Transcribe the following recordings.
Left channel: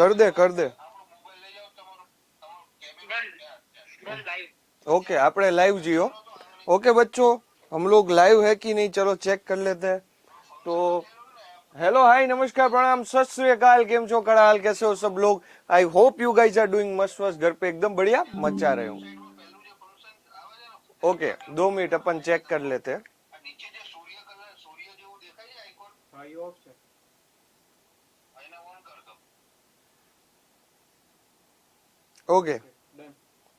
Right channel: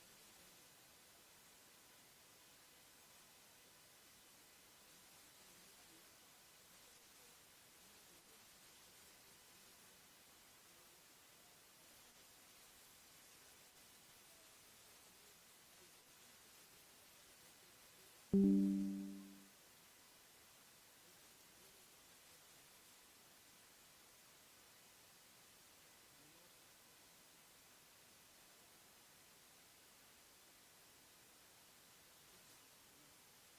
कर दे ओके આપણે live Jio okay बच्चों हम लोग लाइव है कि नहीं चलो चेक कर लेते हैं तो हेलो हाय नमस्कार प्रणाम सत श्री अकाल केम छो कड़ाल कैसे हो सब लोग I hope you guys are doing मस्त मस्त घर पे एकदम बढ़िया मचा रहे हो ओके 2 मिनट अपन चेक कर लेते हैं okay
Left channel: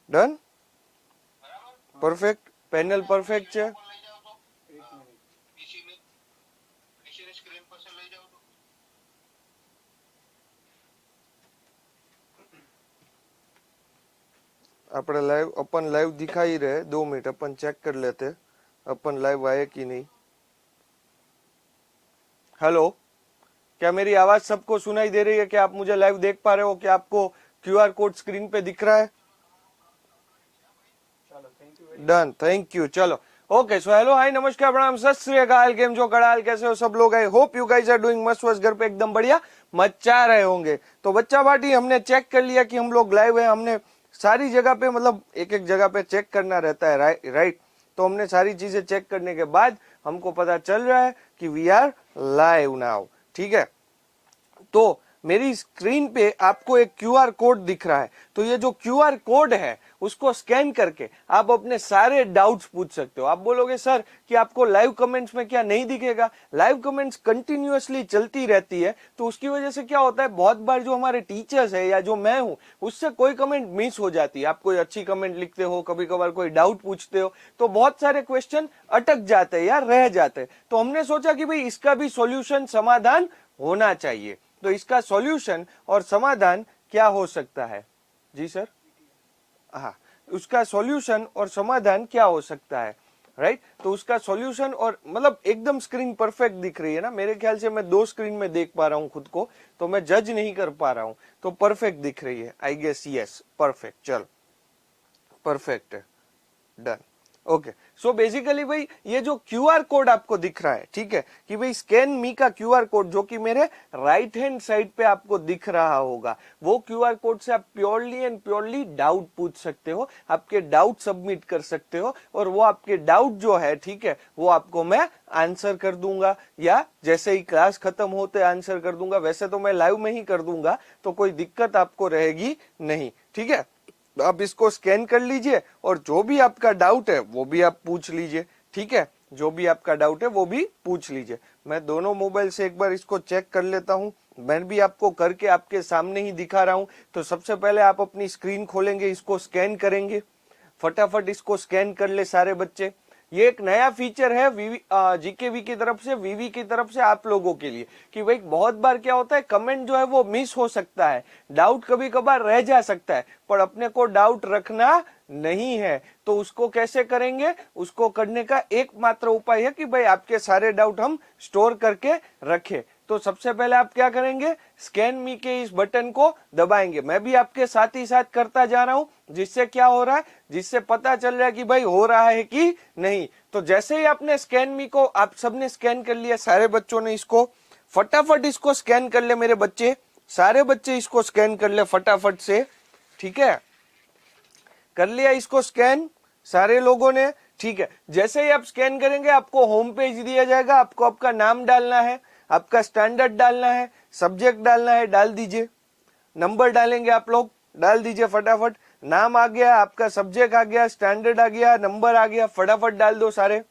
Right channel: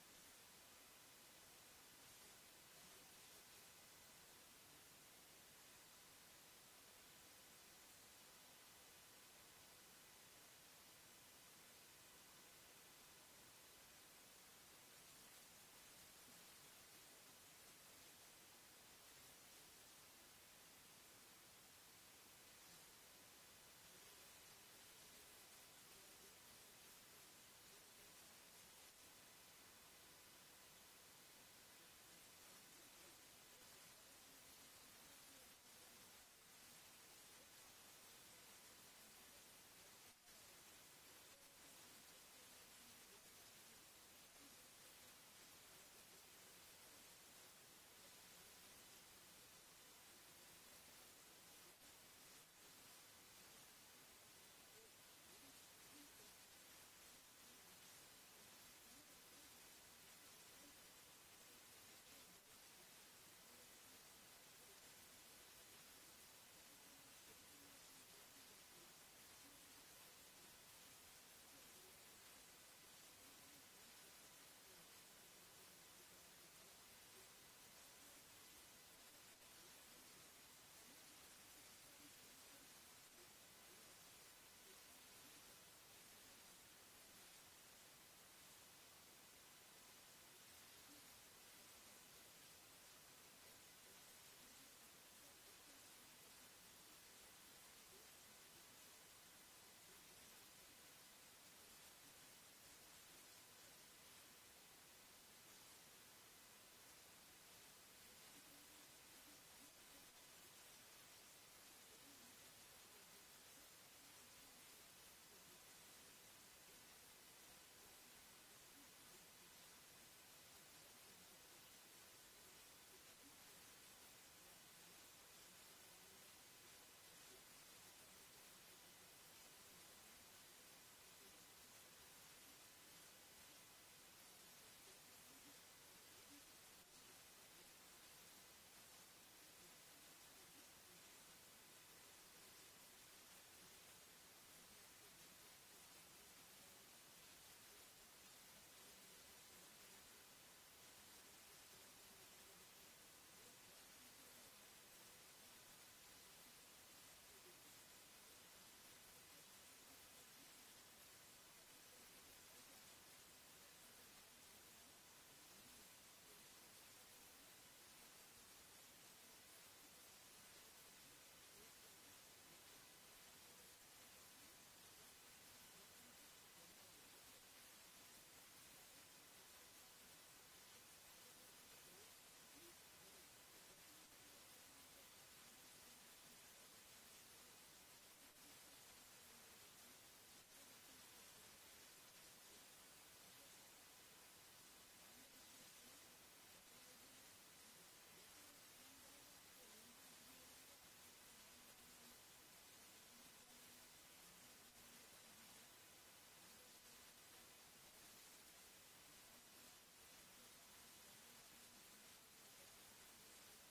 done perfect panel perfect છે આપણે लाइव अपन लाइव दिखाई रहे 2 मिनट अपन चेक कर लेते अपन लाइव आए कि नहीं हेलो क्या मेरी आवाज सबको सुनाई दे रही है क्या आप मुझे लाइव देख पा रहे हो क्या आपको क्यूआर कोड स्क्रीन पे दिख रहा है डन थैंक यू चलो ओके सो हेलो हाय नमस्कार प्रणाम सत श्री अकाल केम जो कड़ाल कैसे हो सब लोग I hope you guys are doing मस्त मस्त घर पे एकदम बढ़िया मचा रहे होंगे तो बच्चा पार्टी हमने चेक कर लिया कि हम लोग लाइव है हमने सारी जगह पे मतलब एक एक जगह पे चेक करना रहता है राइट तो हमने सारी चीजें चेक करने के बाद हमको पता चल रहा है कि वी आर लाइव नाउ ठीक है तो मेरी स्क्रीन पे आपको एक क्यूआर कोड दिख रहा है तो ये जो क्यूआर कोड है उसको स्कैन करके आप अपने सारे डाउट्स पूछ सकते हो आप बोलोगे सर कि आपको लाइव कमेंट्स में क्या नहीं दिखेगा लाइव कमेंट्स कंटिन्यूअसली चलती रहती है तो उसकी वजह से क्या होता है बहुत बार जो हमारे टीचर्स है या जो मैं हूं उससे कोई कमेंट मिस हो जाती है आप कोई अच्छी कमेंट लिखते हो कभी कभार कोई डाउट पूछते हो तो बहुत सारे क्वेश्चन अटक जाते हैं या रह जाते हैं तो हमने सोचा कि भाई इसका भी सॉल्यूशन समाधान होना चाहिए तो इसका सॉल्यूशन और समाधान क्या हो सकता है जी सर हाँ उसका सॉल्यूशन और समाधान क्या हो सकता है राइट तो उसका सॉल्यूशन और मतलब एकदम स्क्रीन परफेक्ट दिख रही है ना मेरे ख्याल से मैं 2 स्क्रीन में देख पा रहा हूँ खुद को तो मैं जज नहीं कर पा रहा हूँ तो परफेक्ट दिख रही है आई गेस यस परफेक्ट चल परफेक्ट है डन ओके सो बेसिकली भाई ये जो क्यूआर कोड आपको दिख रहा है ठीक है कि भाई स्कैन मी का क्यूआर कोड जो कि मेरे राइट हैंड साइड पे आपको दिख रहा होगा वो क्यूआर कोड से आप प्योरली एंड प्योरली डाउट पूछ सकते हो आपके डाउट सबमिट कर सकते हो और वो आपके डाउट जो है ठीक है वो आपको मैं आंसर कर दूंगा या जैसे ही क्लास खत्म होते आंसर कर दूंगा वैसे तो मैं लाइव में ही कर दूंगा तो कोई दिक्कत आपको रहेगी नहीं ठीक है आप इसको स्कैन कर लीजिए और जो भी आपका डाउट है वो भी आप पूछ लीजिए ठीक है जो भी आपका डाउट है वो भी पूछ लीजिए मैं दोनों मोबाइल से एक बार इसको चेक कर लेता हूं मैं भी आपको करके आपके सामने ही दिखा रहा हूं तो सबसे पहले आप अपनी स्क्रीन खोलेंगे इसको स्कैन करेंगे फटाफट इसको स्कैन कर ले सारे बच्चे ये एक नया फीचर है जीकेवी की तरफ से वीवी की तरफ से आप लोगों के लिए कि भाई बहुत बार क्या होता है कमेंट जो है वो मिस हो सकता है डाउट कभी कभार रह जा सकता है पर अपने को डाउट रखना नहीं है तो उसको कैसे करेंगे उसको करने का एकमात्र उपाय है कि भाई आपके सारे डाउट हम स्टोर करके रखें तो सबसे पहले आप क्या करेंगे स्कैन मी के इस बटन को दबाएंगे मैं भी आपके साथ ही साथ करता जा रहा हूं जिससे क्या हो रहा है जिससे पता चल रहा है कि भाई हो रहा है कि नहीं तो जैसे ही आपने स्कैन मी को आप सबने स्कैन कर लिया सारे बच्चों ने इसको फटाफट इसको स्कैन कर ले मेरे बच्चे सारे बच्चे इसको स्कैन कर ले फटाफट से ठीक है कर लिया इसको स्कैन सारे लोगों ने ठीक है जैसे ही आप स्कैन करेंगे आपको होम पेज दिया जाएगा आपको आपका नाम डालना है आपका स्टैंडर्ड डालना है सब्जेक्ट डालना है डाल दीजिए नंबर डालेंगे आप लोग डाल दीजिए फटाफट नाम आ गया आपका सब्जेक्ट आ गया स्टैंडर्ड आ गया नंबर आ गया फटाफट डाल दो सारे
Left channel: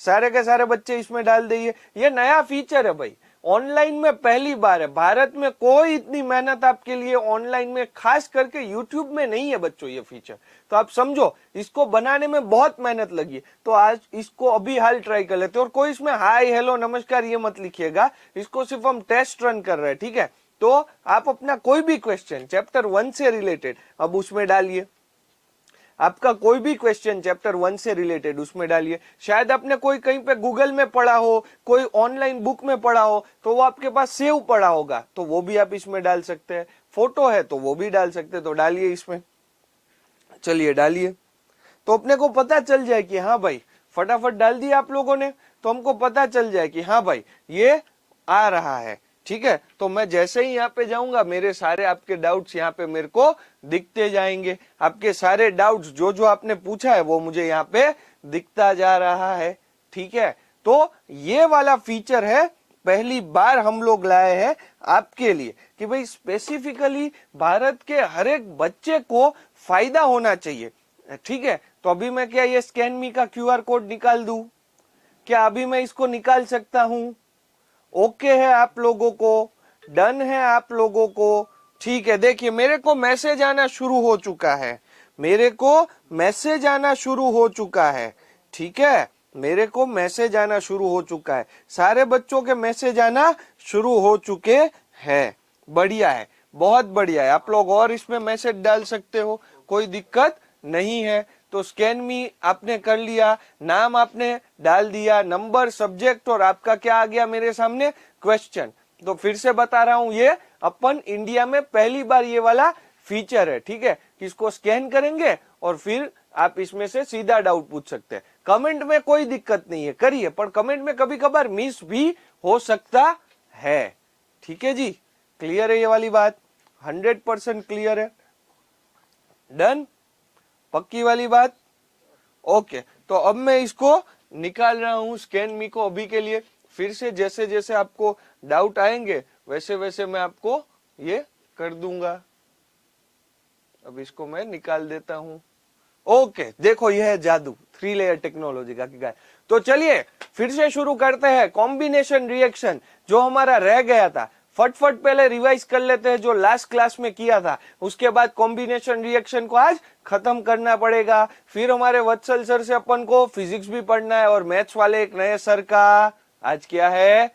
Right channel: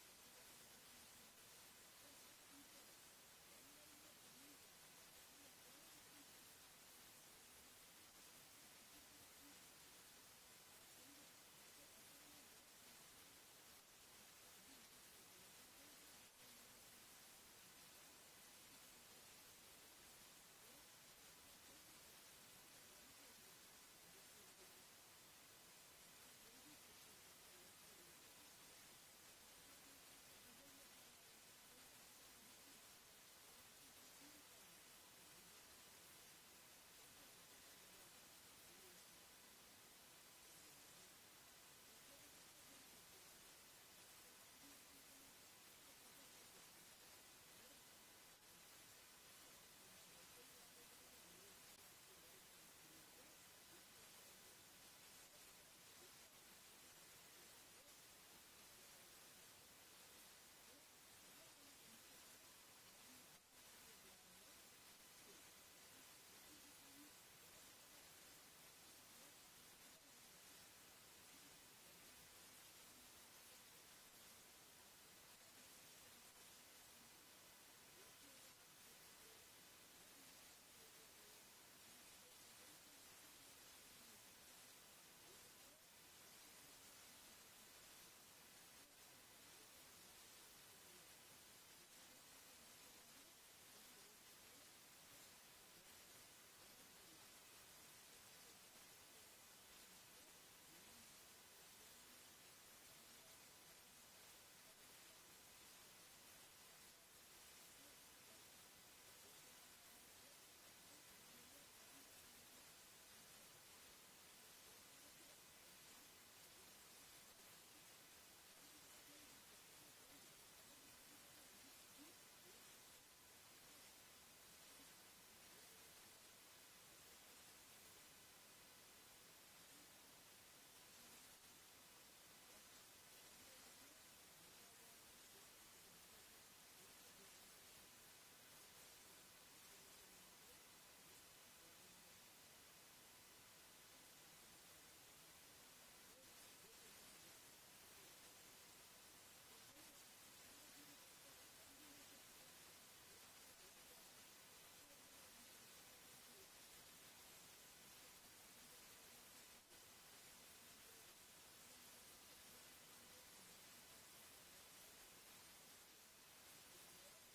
सारे के सारे बच्चे इसमें डाल दीजिए ये नया फीचर है भाई ऑनलाइन में पहली बार है भारत में कोई इतनी मेहनत आपके लिए ऑनलाइन में खास करके यूट्यूब में नहीं है बच्चों ये फीचर तो आप समझो इसको बनाने में बहुत मेहनत लगी तो आज इसको अभी हाल ट्राई कर लेते और कोई इसमें हाय हेलो नमस्कार ये मत लिखिएगा इसको सिर्फ हम टेस्ट रन कर रहे हैं ठीक है तो आप अपना कोई भी क्वेश्चन चैप्टर 1 से रिलेटेड अब उसमें डालिए आपका कोई भी क्वेश्चन चैप्टर 1 से रिलेटेड उसमें डालिए शायद आपने कोई कहीं पे गूगल में पढ़ा हो कोई ऑनलाइन बुक में पढ़ा हो तो वो आपके पास सेव पड़ा होगा तो वो भी आप इसमें डाल सकते हैं फोटो है तो वो भी डाल सकते हैं तो डालिए इसमें चलिए डालिए तो अपने को पता चल जाए कि हाँ भाई फटाफट डाल दिया आप लोगों ने तो हमको पता चल जाए कि हाँ भाई ये आ रहा है ठीक है, तो मैं जैसे ही यहाँ पे जाऊंगा मेरे सारे आपके डाउट्स यहाँ पे मेरे को दिखते जाएंगे। आपके सारे डाउट्स जो जो आपने पूछा है वो मुझे यहाँ पे दिखता जा रहा है। ठीक है, तो ये वाला फीचर है, पहली बार हम लोग लाए हैं आपके लिए कि भाई स्पेसिफिकली भारत के हर एक बच्चे को फायदा होना चाहिए। ठीक है, तो अभी मैं क्या ये स्कैन मी का क्यूआर कोड निकाल दूं? क्या अभी मैं इसको निकाल सकता हूं? ओके है आप लोगों को? डन है आप लोगों को? ठीक है, देखिए मेरे को मैसेज आना शुरू हो चुका है, मेरे को मैसेज आना शुरू हो चुका है। ठीक है, मेरे को मैसेज आना शुरू हो चुका है, सारे बच्चों के मैसेज आना शुरू हो चुके हैं। बढ़िया है, बहुत बढ़िया है। आप लोग और इसमें मैसेज डाल सकते हो, कोई दिक्कत नहीं है। तो स्कैन मी आपने कर लिया, नाम आपने डाल दिया, नंबर, सब्जेक्ट और आपका क्या आ गया मेरे सामने? क्वेश्चन। तो फिर से बता रहा हूं, ये अपन इंडिया में पहली बार ये वाला फीचर है। ठीक है, इसको स्कैन करेंगे और फिर आप इसमें से सीधा डाउट पूछ सकते हैं। कमेंट में कोई दिक्कत नहीं है, करिए, पर कमेंट में कभी कभार मिस भी हो सकता है। ठीक है जी, क्लियर है ये वाली बात? 100% क्लियर है? डन? पक्की वाली बात? ओके, तो अब मैं इसको निकाल रहा हूं स्कैन मी को अभी के लिए। फिर से जैसे जैसे आपको डाउट आएंगे वैसे वैसे मैं आपको ये कर दूंगा। अब इसको मैं निकाल देता हूं। ओके, देखो यह है जादू 3 लेयर टेक्नोलॉजी का की गाय। तो चलिए फिर से शुरू करते हैं कॉम्बिनेशन रिएक्शन जो हमारा रह गया था। फटफट पहले रिवाइज कर लेते हैं जो लास्ट क्लास में किया था, उसके बाद कॉम्बिनेशन रिएक्शन को आज खत्म करना पड़ेगा। फिर हमारे वत्सल सर से अपन को फिजिक्स भी पढ़ना है और मैथ्स वाले एक नए सर का आज क्या है?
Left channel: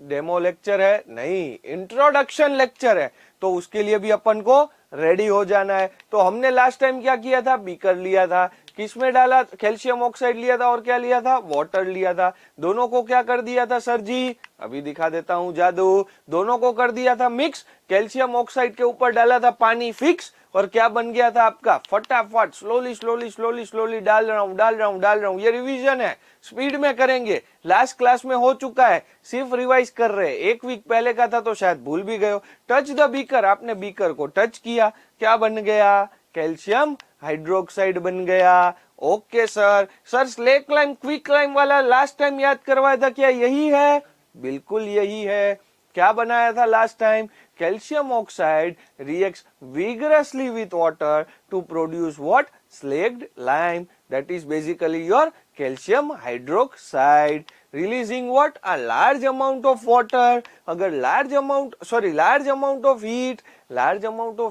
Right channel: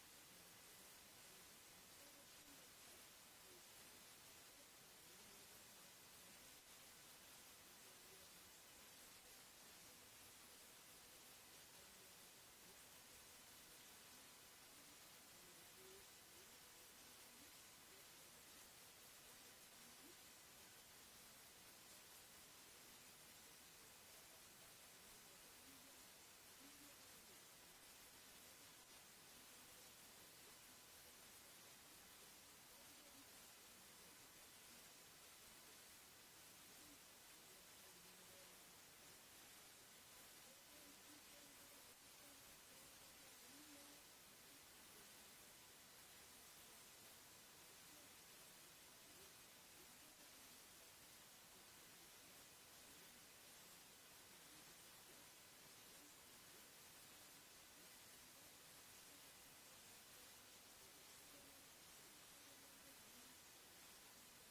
डेमो लेक्चर है? नहीं, इंट्रोडक्शन लेक्चर है। तो उसके लिए भी अपन को रेडी हो जाना है। तो हमने लास्ट टाइम क्या किया था? बीकर लिया था, किसमें डाला? कैल्शियम ऑक्साइड लिया था और क्या लिया था? वाटर लिया था। दोनों को क्या कर दिया था सर जी? अभी दिखा देता हूं जादू। दोनों को कर दिया था मिक्स, कैल्शियम ऑक्साइड के ऊपर डाला था पानी फिक्स, और क्या बन गया था आपका? फटाफट स्लोली स्लोली स्लोली स्लोली डाल रहा हूं डाल रहा हूं डाल रहा हूं। ये रिवीजन है, स्पीड में करेंगे। लास्ट क्लास में हो चुका है, सिर्फ रिवाइज कर रहे हैं। 1 वीक पहले का था तो शायद भूल भी गए हो। टच द बीकर, आपने बीकर को टच किया, क्या बन गया? कैल्शियम हाइड्रोक्साइड बन गया। Okay sir, sir slack lime quick lime वाला लास्ट टाइम याद करवाया था, क्या यही है? बिल्कुल यही है। क्या बनाया था last time? Calcium oxide reacts vigorously with water to produce what? Slaked lime. That is basically your calcium hydroxide. Releasing what? A large amount of water. अगर large amount of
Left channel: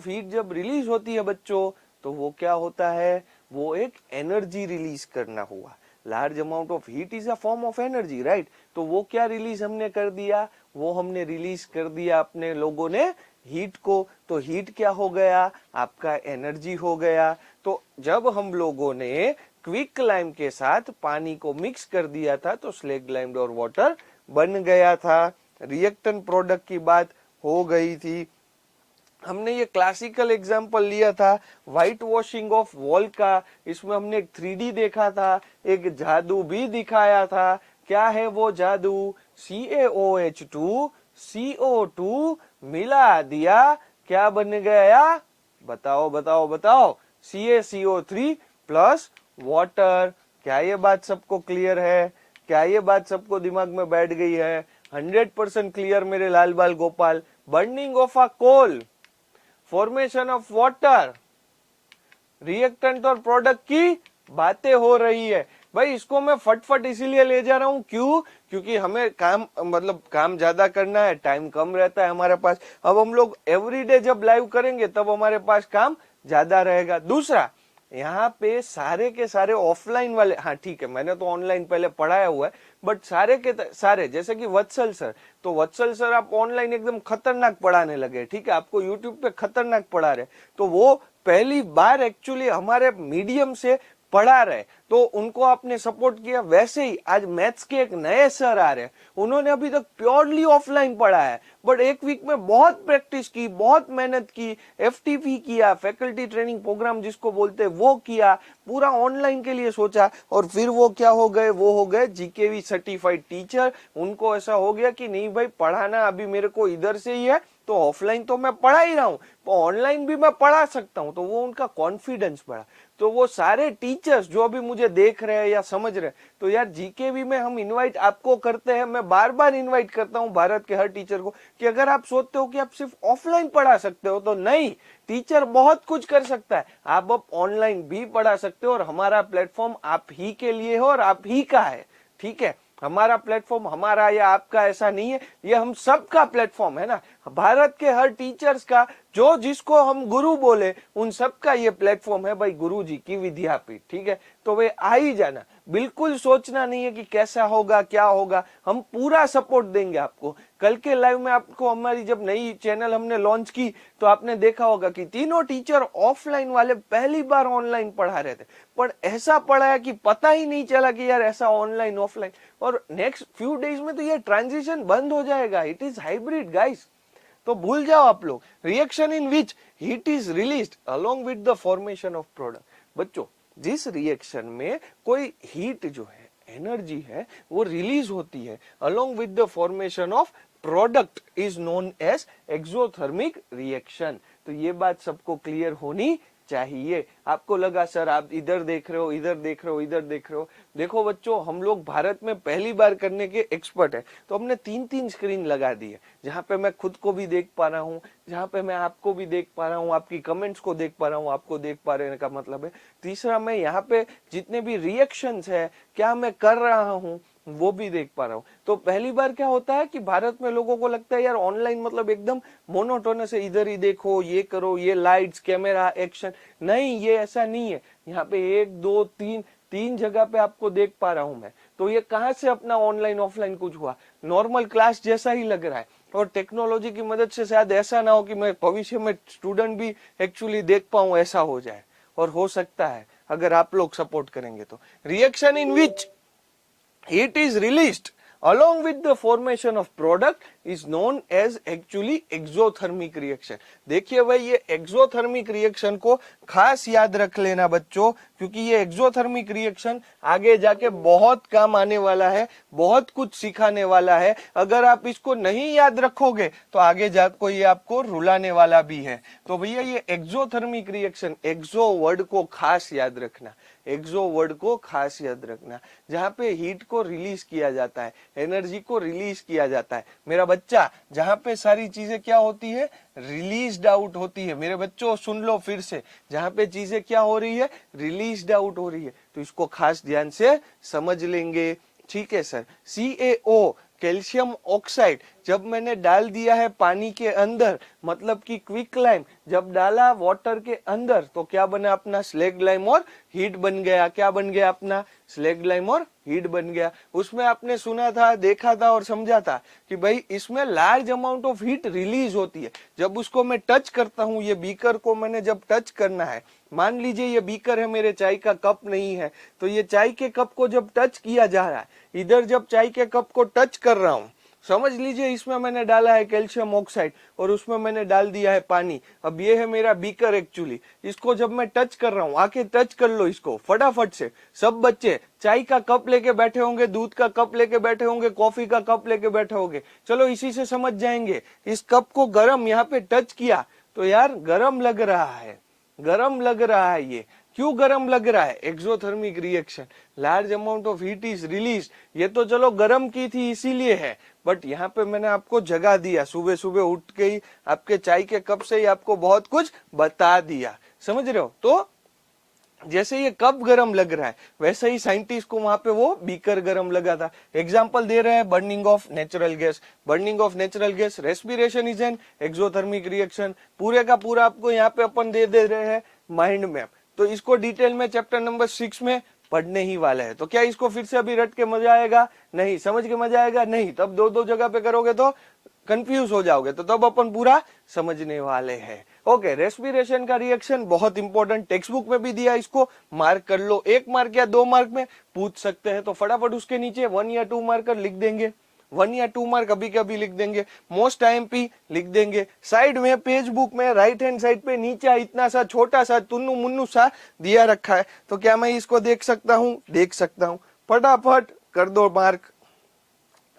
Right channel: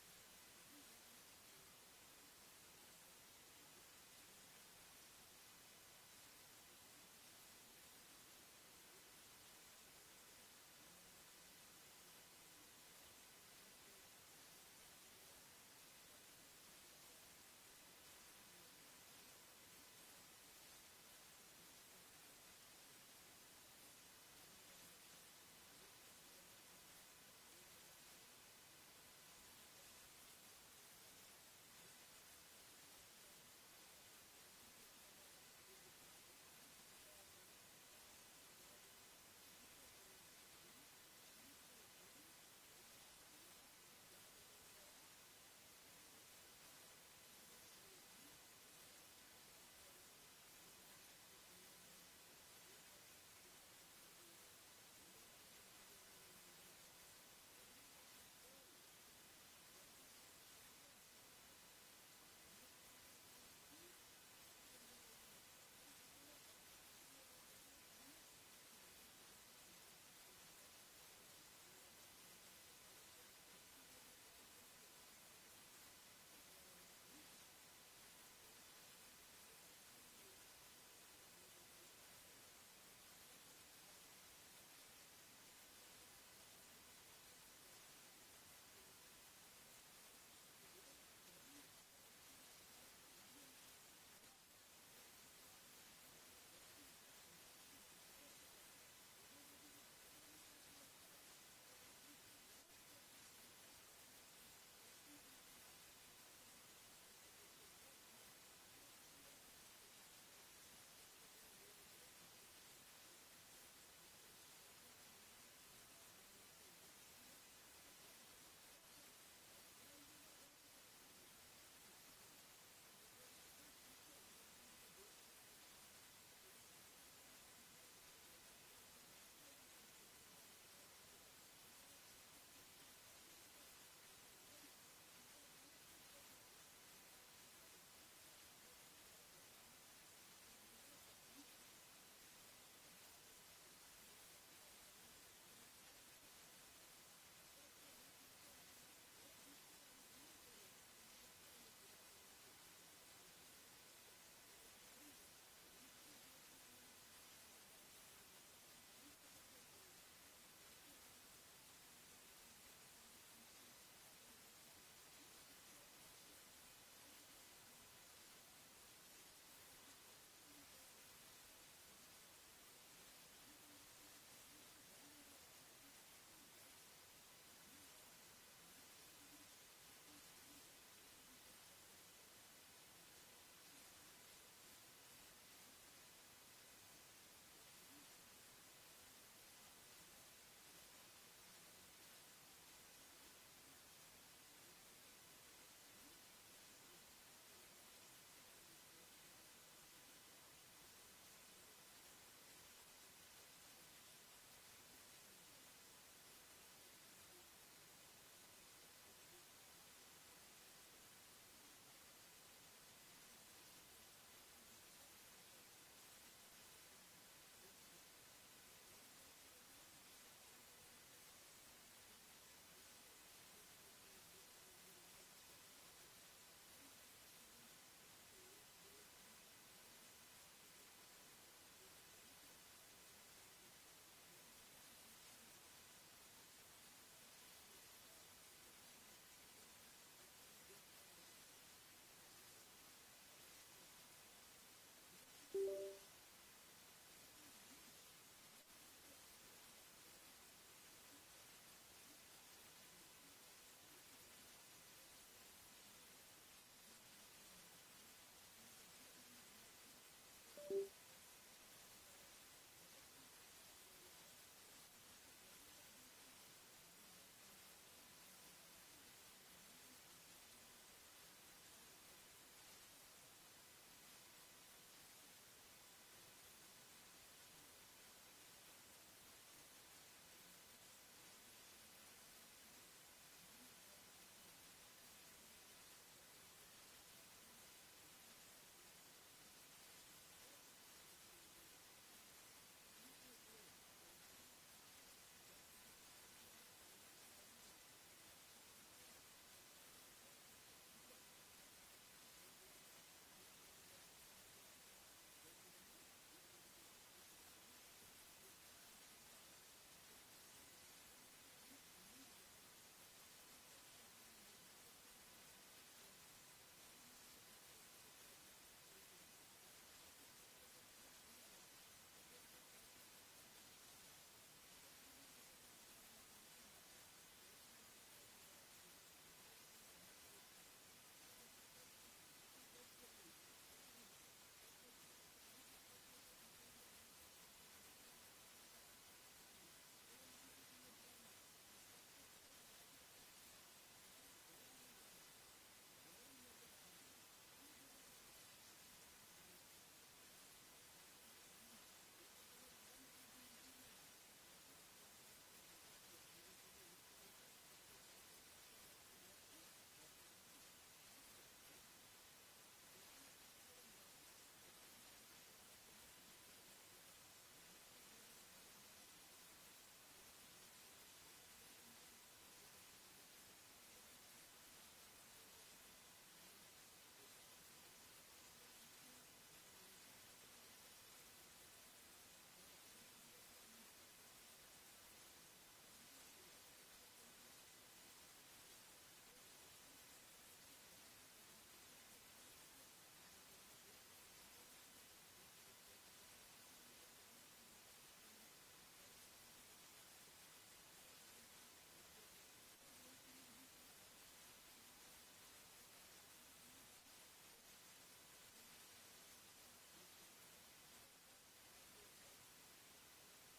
heat जब release होती है बच्चों, तो वो क्या होता है? वो एक energy release करना हुआ। Large amount of heat is a form of energy, right? तो वो क्या रिलीज हमने कर दिया? वो हमने रिलीज कर दिया अपने लोगों ने हीट को। तो हीट क्या हो गया? आपका एनर्जी हो गया। तो जब हम लोगों ने क्विक लाइम के साथ पानी को मिक्स कर दिया था तो स्लेक्ड लाइम और वाटर बन गया था। रिएक्टेंट प्रोडक्ट की बात हो गई थी। हमने ये क्लासिकल एग्जांपल लिया था व्हाइट वॉशिंग ऑफ वॉल का। इसमें हमने एक 3D देखा था, एक जादू भी दिखाया था। क्या है वो जादू? CaOH2 CO2 मिला दिया, क्या बन गया? बताओ बताओ बताओ। CaCO3 plus water. क्या ये बात सबको क्लियर है? क्या ये बात सबको दिमाग में बैठ गई है? 100% क्लियर मेरे लाल बाल गोपाल। Burning of a coal, formation of water, reactant और प्रोडक्ट की बातें हो रही है। भाई इसको मैं फटफट इसीलिए ले जा रहा हूँ, क्यों? क्योंकि हमें काम ज्यादा करना है, टाइम कम रहता है हमारे पास। अब हम लोग एवरीडे जब लाइव करेंगे तब हमारे पास काम ज्यादा रहेगा। दूसरा, यहाँ पे सारे के सारे ऑफलाइन वाले, हाँ ठीक है मैंने तो ऑनलाइन पहले पढ़ाया हुआ है, बट सारे के सारे जैसे कि वत्सल सर, तो वत्सल सर आप ऑनलाइन एकदम खतरनाक पढ़ाने लगे। ठीक है, आपको यूट्यूब पे खतरनाक पढ़ा रहे, तो वो पहली बार एक्चुअली हमारे मीडियम से पढ़ा रहे, तो उनको आपने सपोर्ट किया। वैसे ही आज मैथ्स के एक नए सर आ रहे हैं, उन्होंने अभी तक प्योरली ऑफलाइन पढ़ा है, बट एक वीक में बहुत प्रैक्टिस की, बहुत मेहनत की, एफटीपी किया, फैकल्टी ट्रेनिंग प्रोग्राम जिसको बोलते हैं वो किया, पूरा ऑनलाइन के लिए सोचा, और फिर वो क्या हो गए, वो हो गए जीकेवी सर्टिफाइड टीचर। उनको ऐसा हो गया कि नहीं भाई पढ़ाना अभी मेरे को इधर से ही है, तो ऑफलाइन तो मैं पढ़ा ही रहा हूँ, तो ऑनलाइन भी मैं पढ़ा सकता हूँ। तो वो उनका कॉन्फिडेंस बढ़ा। तो वो सारे टीचर्स जो अभी मुझे देख रहे हैं या समझ रहे हैं, तो यार जीकेवी में हम इनवाइट आपको करते हैं, मैं बार बार इनवाइट करता हूँ भारत के हर टीचर को, कि अगर आप सोचते हो कि आप सिर्फ ऑफलाइन पढ़ा सकते हो, तो नहीं, टीचर बहुत कुछ कर सकता है, आप अब ऑनलाइन भी पढ़ा सकते हो। और हमारा प्लेटफॉर्म आप ही के लिए हो और आप ही का है, ठीक है। हमारा प्लेटफॉर्म हमारा या आपका ऐसा नहीं है, ये हम सबका प्लेटफॉर्म है ना, भारत के हर टीचर्स का, जो जिसको हम गुरु बोले उन सबका ये प्लेटफॉर्म है भाई, गुरु जी की विद्यापीठ, ठीक है। तो वे आ ही जाना, बिल्कुल सोचना नहीं है कि कैसा होगा क्या होगा, हम पूरा सपोर्ट देंगे आपको। कल के लाइव में आपको हमारी जब नई चैनल हमने लॉन्च की, तो आपने देखा होगा कि तीनों टीचर ऑफलाइन वाले पहली बार ऑनलाइन पढ़ा रहे थे, पर ऐसा पढ़ाया कि पता ही नहीं चला कि यार ऐसा ऑनलाइन ऑफलाइन। और नेक्स्ट फ्यू डेज में तो ये ट्रांजिशन बंद हो जाएगा, इट इज हाइब्रिड गाइस, तो भूल जाओ आप लोग। Reaction in which heat is released along with the formation of product. बच्चों, जिस रिएक्शन में कोई हीट जो है, एनर्जी है, वो रिलीज होती है along with the formation of product, is known as exothermic reaction. तो ये बात सबको क्लियर होनी चाहिए। आपको लगा सर आप इधर देख रहे हो, इधर देख रहे हो, इधर देख रहे हो, देखो बच्चों, हम लोग भारत में पहली बार करने के एक्सपर्ट है, तो हमने 3-3 स्क्रीन लगा दी है, जहां पे मैं खुद को भी देख पा रहा हूँ, जहां पे मैं आपको भी देख पा रहा हूँ, आपकी कमेंट्स को देख पा रहा हूँ, आपको देख पा रहे का मतलब है। तीसरा, मैं यहाँ पे जितने भी रिएक्शंस है, क्या मैं कर रहा हूँ, वो भी देख पा रहा हूँ। तो पहली बार क्या होता है कि भारत में लोगों को लगता है यार ऑनलाइन मतलब एकदम मोनोटोनस है, इधर ही देखो, ये करो, ये लाइट्स, कैमरा, एक्शन। नहीं, ये ऐसा नहीं है। यहाँ पे 1 2 3 जगह पे आपको देख पा रहा हूं मैं। तो ये कहाँ से अपना ऑनलाइन ऑफलाइन कुछ हुआ, नॉर्मल क्लास जैसा ही लग रहा है। और टेक्नोलॉजी की मदद से शायद ऐसा ना हो कि मैं भविष्य में स्टूडेंट भी एक्चुअली देख पाऊं, ऐसा हो जाए, और हो सकता है अगर आप लोग सपोर्ट करेंगे तो। Reaction in which heat is released along with the formation of product is known as actually exothermic reaction। देखिए भाई, ये एक्सोथर्मिक रिएक्शन को खास याद रख लेना बच्चों, क्योंकि ये एक्सोथर्मिक रिएक्शन आगे जाके बहुत काम आने वाला है, बहुत कुछ सिखाने वाला है। अगर आप इसको नहीं याद रखोगे तो आगे जाकर ये आपको रुलाने वाला भी है। तो भैया ये एक्सोथर्मिक रिएक्शन, एक्सो वर्ड को खास याद रखना, एक्सो वर्ड को खास याद रखना, जहां पे हीट को रिलीज किया जाता है, एनर्जी को रिलीज किया जाता है मेरा बच्चा, जहां पे सारी चीजें क्या होती है, रिलीज्ड आउट होती है। मेरे बच्चों सुन लो फिर से, जहां पे चीजें क्या हो रही है, रिलीज्ड आउट हो रही है, तो इसको खास ध्यान से समझ लेंगे, ठीक है सर। CaO, कैल्शियम ऑक्साइड, जब मैंने डाल दिया है पानी के अंदर, मतलब कि क्विक लाइम जब डाला वाटर के अंदर, तो क्या बना अपना, स्लैग लाइम और हीट बन गया। क्या बन गया अपना, स्लैग लाइम और हीट बन गया। उसमें आपने सुना था, देखा था और समझा था कि भाई इसमें large amount of heat release होती है। जब उसको मैं टच करता हूँ, ये बीकर को मैंने जब टच करना है, मान लीजिए ये बीकर है, मेरे चाय का कप नहीं है, तो ये चाय के कप को जब टच किया जा रहा है, इधर जब चाय के कप को टच कर रहा हूँ, समझ लीजिए इसमें मैंने डाला है कैल्शियम ऑक्साइड और उसमें मैंने डाल दिया है पानी। अब ये है मेरा बीकर एक्चुअली, इसको जब मैं टच कर रहा हूँ, आके टच कर लो इसको फटाफट से। सब बच्चे चाय का कप लेके बैठे होंगे, दूध का कप लेके बैठे होंगे, कॉफी का कप लेके बैठे होंगे, चलो इसी से समझ जाएंगे। इस कप को गरम यहाँ पे टच किया तो यार गरम लग रहा है, गरम लग रहा है। ये क्यों गरम लग रहा है, exothermic reaction, large amount of heat is release. ये तो चलो गरम की थी इसीलिए है, बट यहाँ पे मैंने आपको जगा दिया, सुबह सुबह उठ के ही आपके चाय के कप से ही आपको बहुत कुछ बता दिया, समझ रहे हो। तो जैसे ये कप गरम लग रहा है, वैसे ही साइंटिस्ट को वहां पे वो बीकर गरम लगा था। एग्जांपल दे रहे हैं, burning of natural gas, burning of natural gas, respiration is an exothermic reaction. पूरे का पूरा आपको यहाँ पे अपन दे रहे हैं माइंड मैप, तो इसको डिटेल में चैप्टर नंबर 6 में पढ़ने ही वाला है। तो क्या इसको फिर से अभी रट के मजा आएगा, नहीं, समझ के मजा आएगा नहीं, तब दो जगह पे करोगे तो कंफ्यूज हो जाओगे, तो तब अपन पूरा समझने वाले हैं। ओके, रेस्पिरेशन का रिएक्शन बहुत इंपॉर्टेंट, टेक्स्ट बुक में भी दिया, इसको मार्क कर लो, 1 मार्क या 2 मार्क में पूछ सकते हैं, तो फटाफट उसके नीचे 1 या 2 मार्कर लिख देंगे। 1 या 2 मार्क अभी कभी लिख देंगे, मोस्ट आईएमपी लिख देंगे, साइड में पेज बुक में राइट हैंड साइड पे नीचे इतना सा छोटा सा टुन्नू मुन्नू सा दिया रखा है, तो क्या मैं इसको देख सकता हूँ? देख सकता हूँ, फटाफट कर दो मार्क।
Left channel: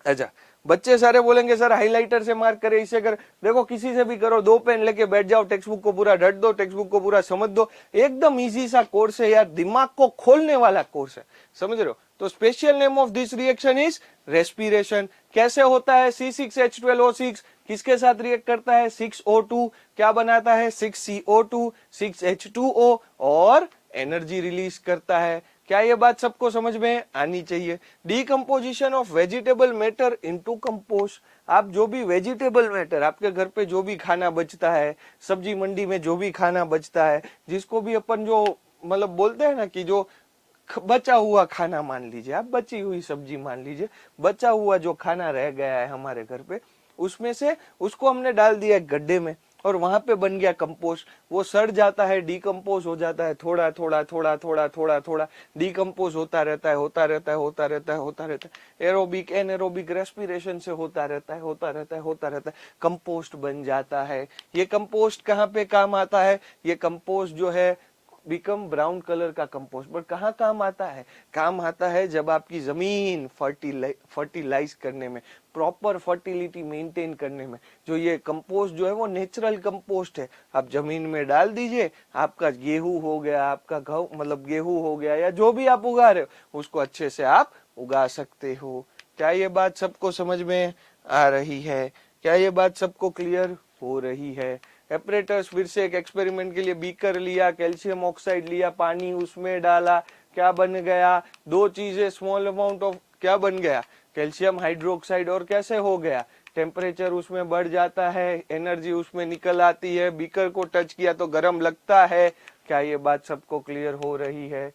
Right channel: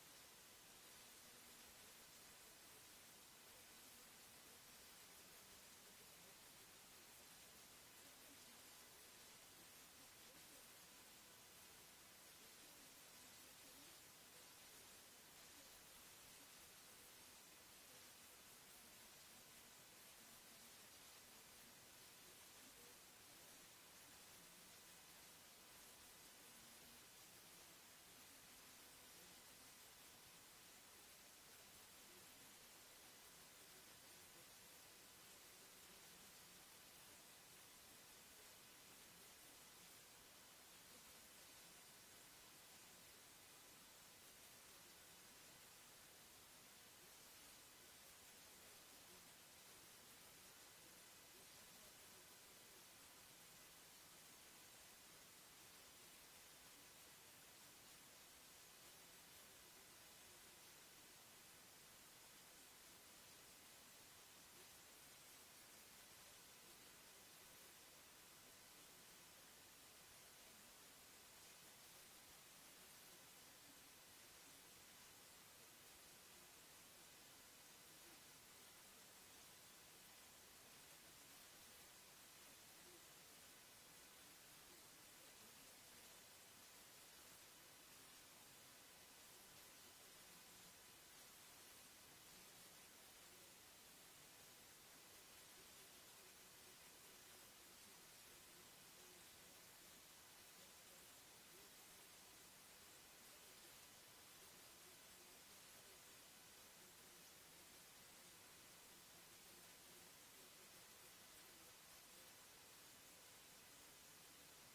अच्छा, बच्चे सारे बोलेंगे सर हाइलाइटर से मार्क करे, इसे कर, देखो किसी से भी करो, 2 पेन लेके बैठ जाओ, टेक्स्ट बुक को पूरा रट दो, टेक्स्ट बुक को पूरा समझ दो, एकदम इजी सा कोर्स है यार, दिमाग को खोलने वाला कोर्स है, समझ रहे हो। तो special name of this reaction is respiration. कैसे होता है? C6H12O6 किसके साथ रिएक्ट करता है? 6O2 क्या बनाता है? 6CO2, 6H2O और एनर्जी रिलीज करता है। क्या ये बात सबको समझ में आनी चाहिए? Decomposition of vegetable matter into compost. आप जो भी वेजिटेबल मैटर, आपके घर पे जो भी खाना बचता है, सब्जी मंडी में जो भी खाना बचता है, जिसको भी अपन जो मतलब बोलते हैं ना कि जो बचा हुआ खाना मान लीजिए, आप बची हुई सब्जी मान लीजिए, बचा हुआ जो खाना रह गया है हमारे घर पे, उसमें से उसको हमने डाल दिया गड्ढे में और वहां पे बन गया कंपोस्ट। वो सड़ जाता है, डीकम्पोज हो जाता है, थोड़ा थोड़ा थोड़ा थोड़ा थोड़ा थोड़ा डीकम्पोज होता रहता है, होता रहता है, होता रहता है, होता रहता है, एरोबिक एनएरोबिक रेस्पिरेशन से होता रहता है, होता रहता है, होता रहता है, कंपोस्ट बन जाता है। ये कंपोस्ट कहाँ पे काम आता है? ये कंपोस्ट जो है बिकम ब्राउन कलर का कंपोस्ट, बट कहाँ काम आता है? काम आता है जब आपकी जमीन फर्टिलाइज करने में, प्रॉपर फर्टिलिटी मेंटेन करने में। जो ये कंपोस्ट जो है वो नेचुरल कंपोस्ट है, आप जमीन में डाल दीजिए, आपका गेहूं हो गया, आपका मतलब गेहूं हो गया, या जो भी आप उगा रहे हो उसको अच्छे से आप उगा सकते हो। क्या ये बात सबको समझ में आ रही है? क्या ये बात सबको क्लियर हो रही है? एपरेटस, फिर से एक एक्सपेरिमेंट के लिए बीकर लिया, कैल्शियम ऑक्साइड लिया, पानी उसमें डाला, क्या बन गया? 2 चीजें, स्मॉल अमाउंट ऑफ क्या बन गया? Calcium hydroxide. और कैसे हो गया? टेम्परेचर उसमें बढ़ जाता है, एनर्जी उसमें निकल आती है, बीकर को टच किया तो गर्म लगता है। क्या ये बात सबको क्लियर हो रही है?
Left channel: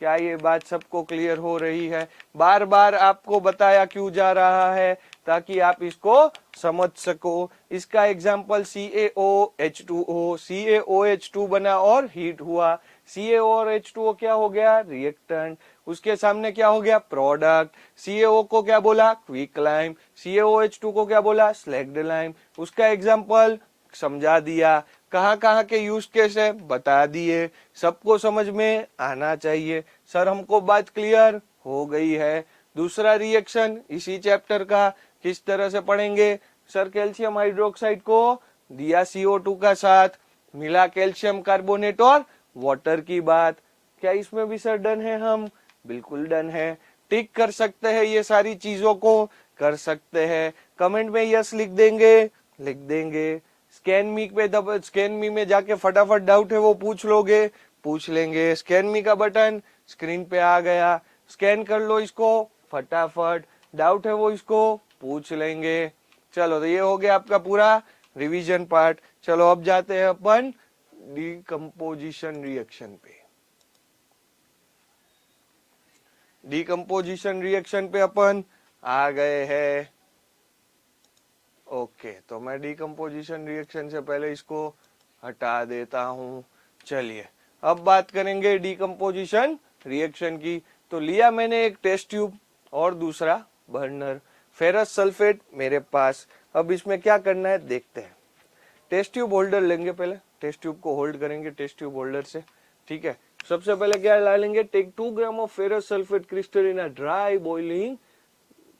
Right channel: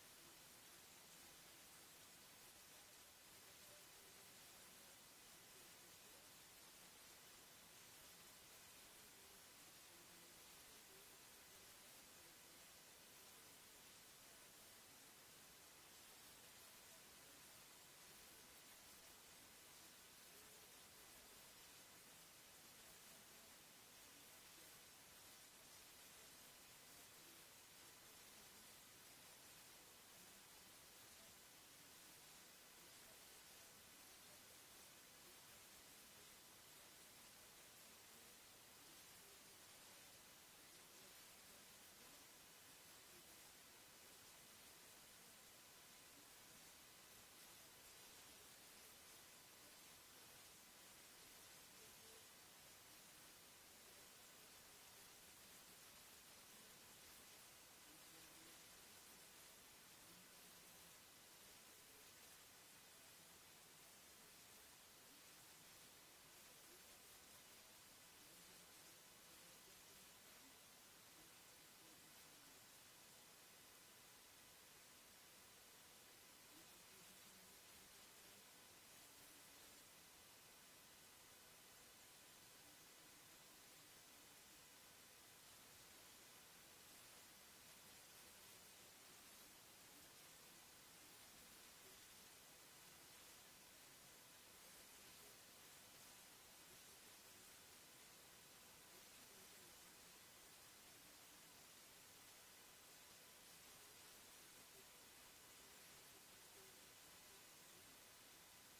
क्या ये बात सबको क्लियर हो रही है? बार बार आपको बताया क्यों जा रहा है? ताकि आप इसको समझ सको। इसका एग्जाम्पल CaOH2O, CaOH2 बना और हीट हुआ, CaO और H2O क्या हो गया? रिएक्टेंट। उसके सामने क्या हो गया? प्रोडक्ट। CaO को क्या बोला? Quick lime. CaOH2 को क्या बोला? Slagged lime. उसका एग्जाम्पल समझा दिया। कहाँ कहाँ के यूज केस है बता दिए, सबको समझ में आना चाहिए। सर हमको बात क्लियर हो गई है। दूसरा रिएक्शन इसी चैप्टर का किस तरह से पढ़ेंगे? सर कैल्शियम हाइड्रोक्साइड को दिया CO2 का साथ, मिला कैल्शियम कार्बोनेट और वाटर की बात। क्या इसमें भी सर डन है हम? बिल्कुल डन है। टिक कर सकते हैं, ये सारी चीजों को कर सकते हैं। कमेंट में यस लिख देंगे, लिख देंगे। स्कैन मी पे स्कैन मी में जाके फटाफट डाउट है वो पूछ लोगे, पूछ लेंगे। स्कैन मी का बटन स्क्रीन पे आ गया, स्कैन कर लो इसको फटाफट, डाउट है वो इसको पूछ लेंगे। चलो, तो ये हो गया आपका पूरा रिवीजन पार्ट। चलो अब जाते हैं अपन डीकम्पोजिशन रिएक्शन पे। डीकम्पोजिशन रिएक्शन पे अपन आ गए हैं। ओके, तो मैं डीकम्पोजिशन रिएक्शन से पहले इसको हटा देता हूं। चलिए अब बात करेंगे डीकम्पोजिशन रिएक्शन की। तो लिया मैंने एक टेस्ट ट्यूब और दूसरा बर्नर, फेरस सल्फेट मेरे पास। अब इसमें क्या करना है देखते हैं। टेस्ट ट्यूब होल्डर लेंगे, पहले टेस्ट ट्यूब को होल्ड करेंगे टेस्ट ट्यूब होल्डर से, ठीक है। सबसे पहले क्या ला लेंगे? Take 2 gram of ferrous sulphate crystal in a dry boiling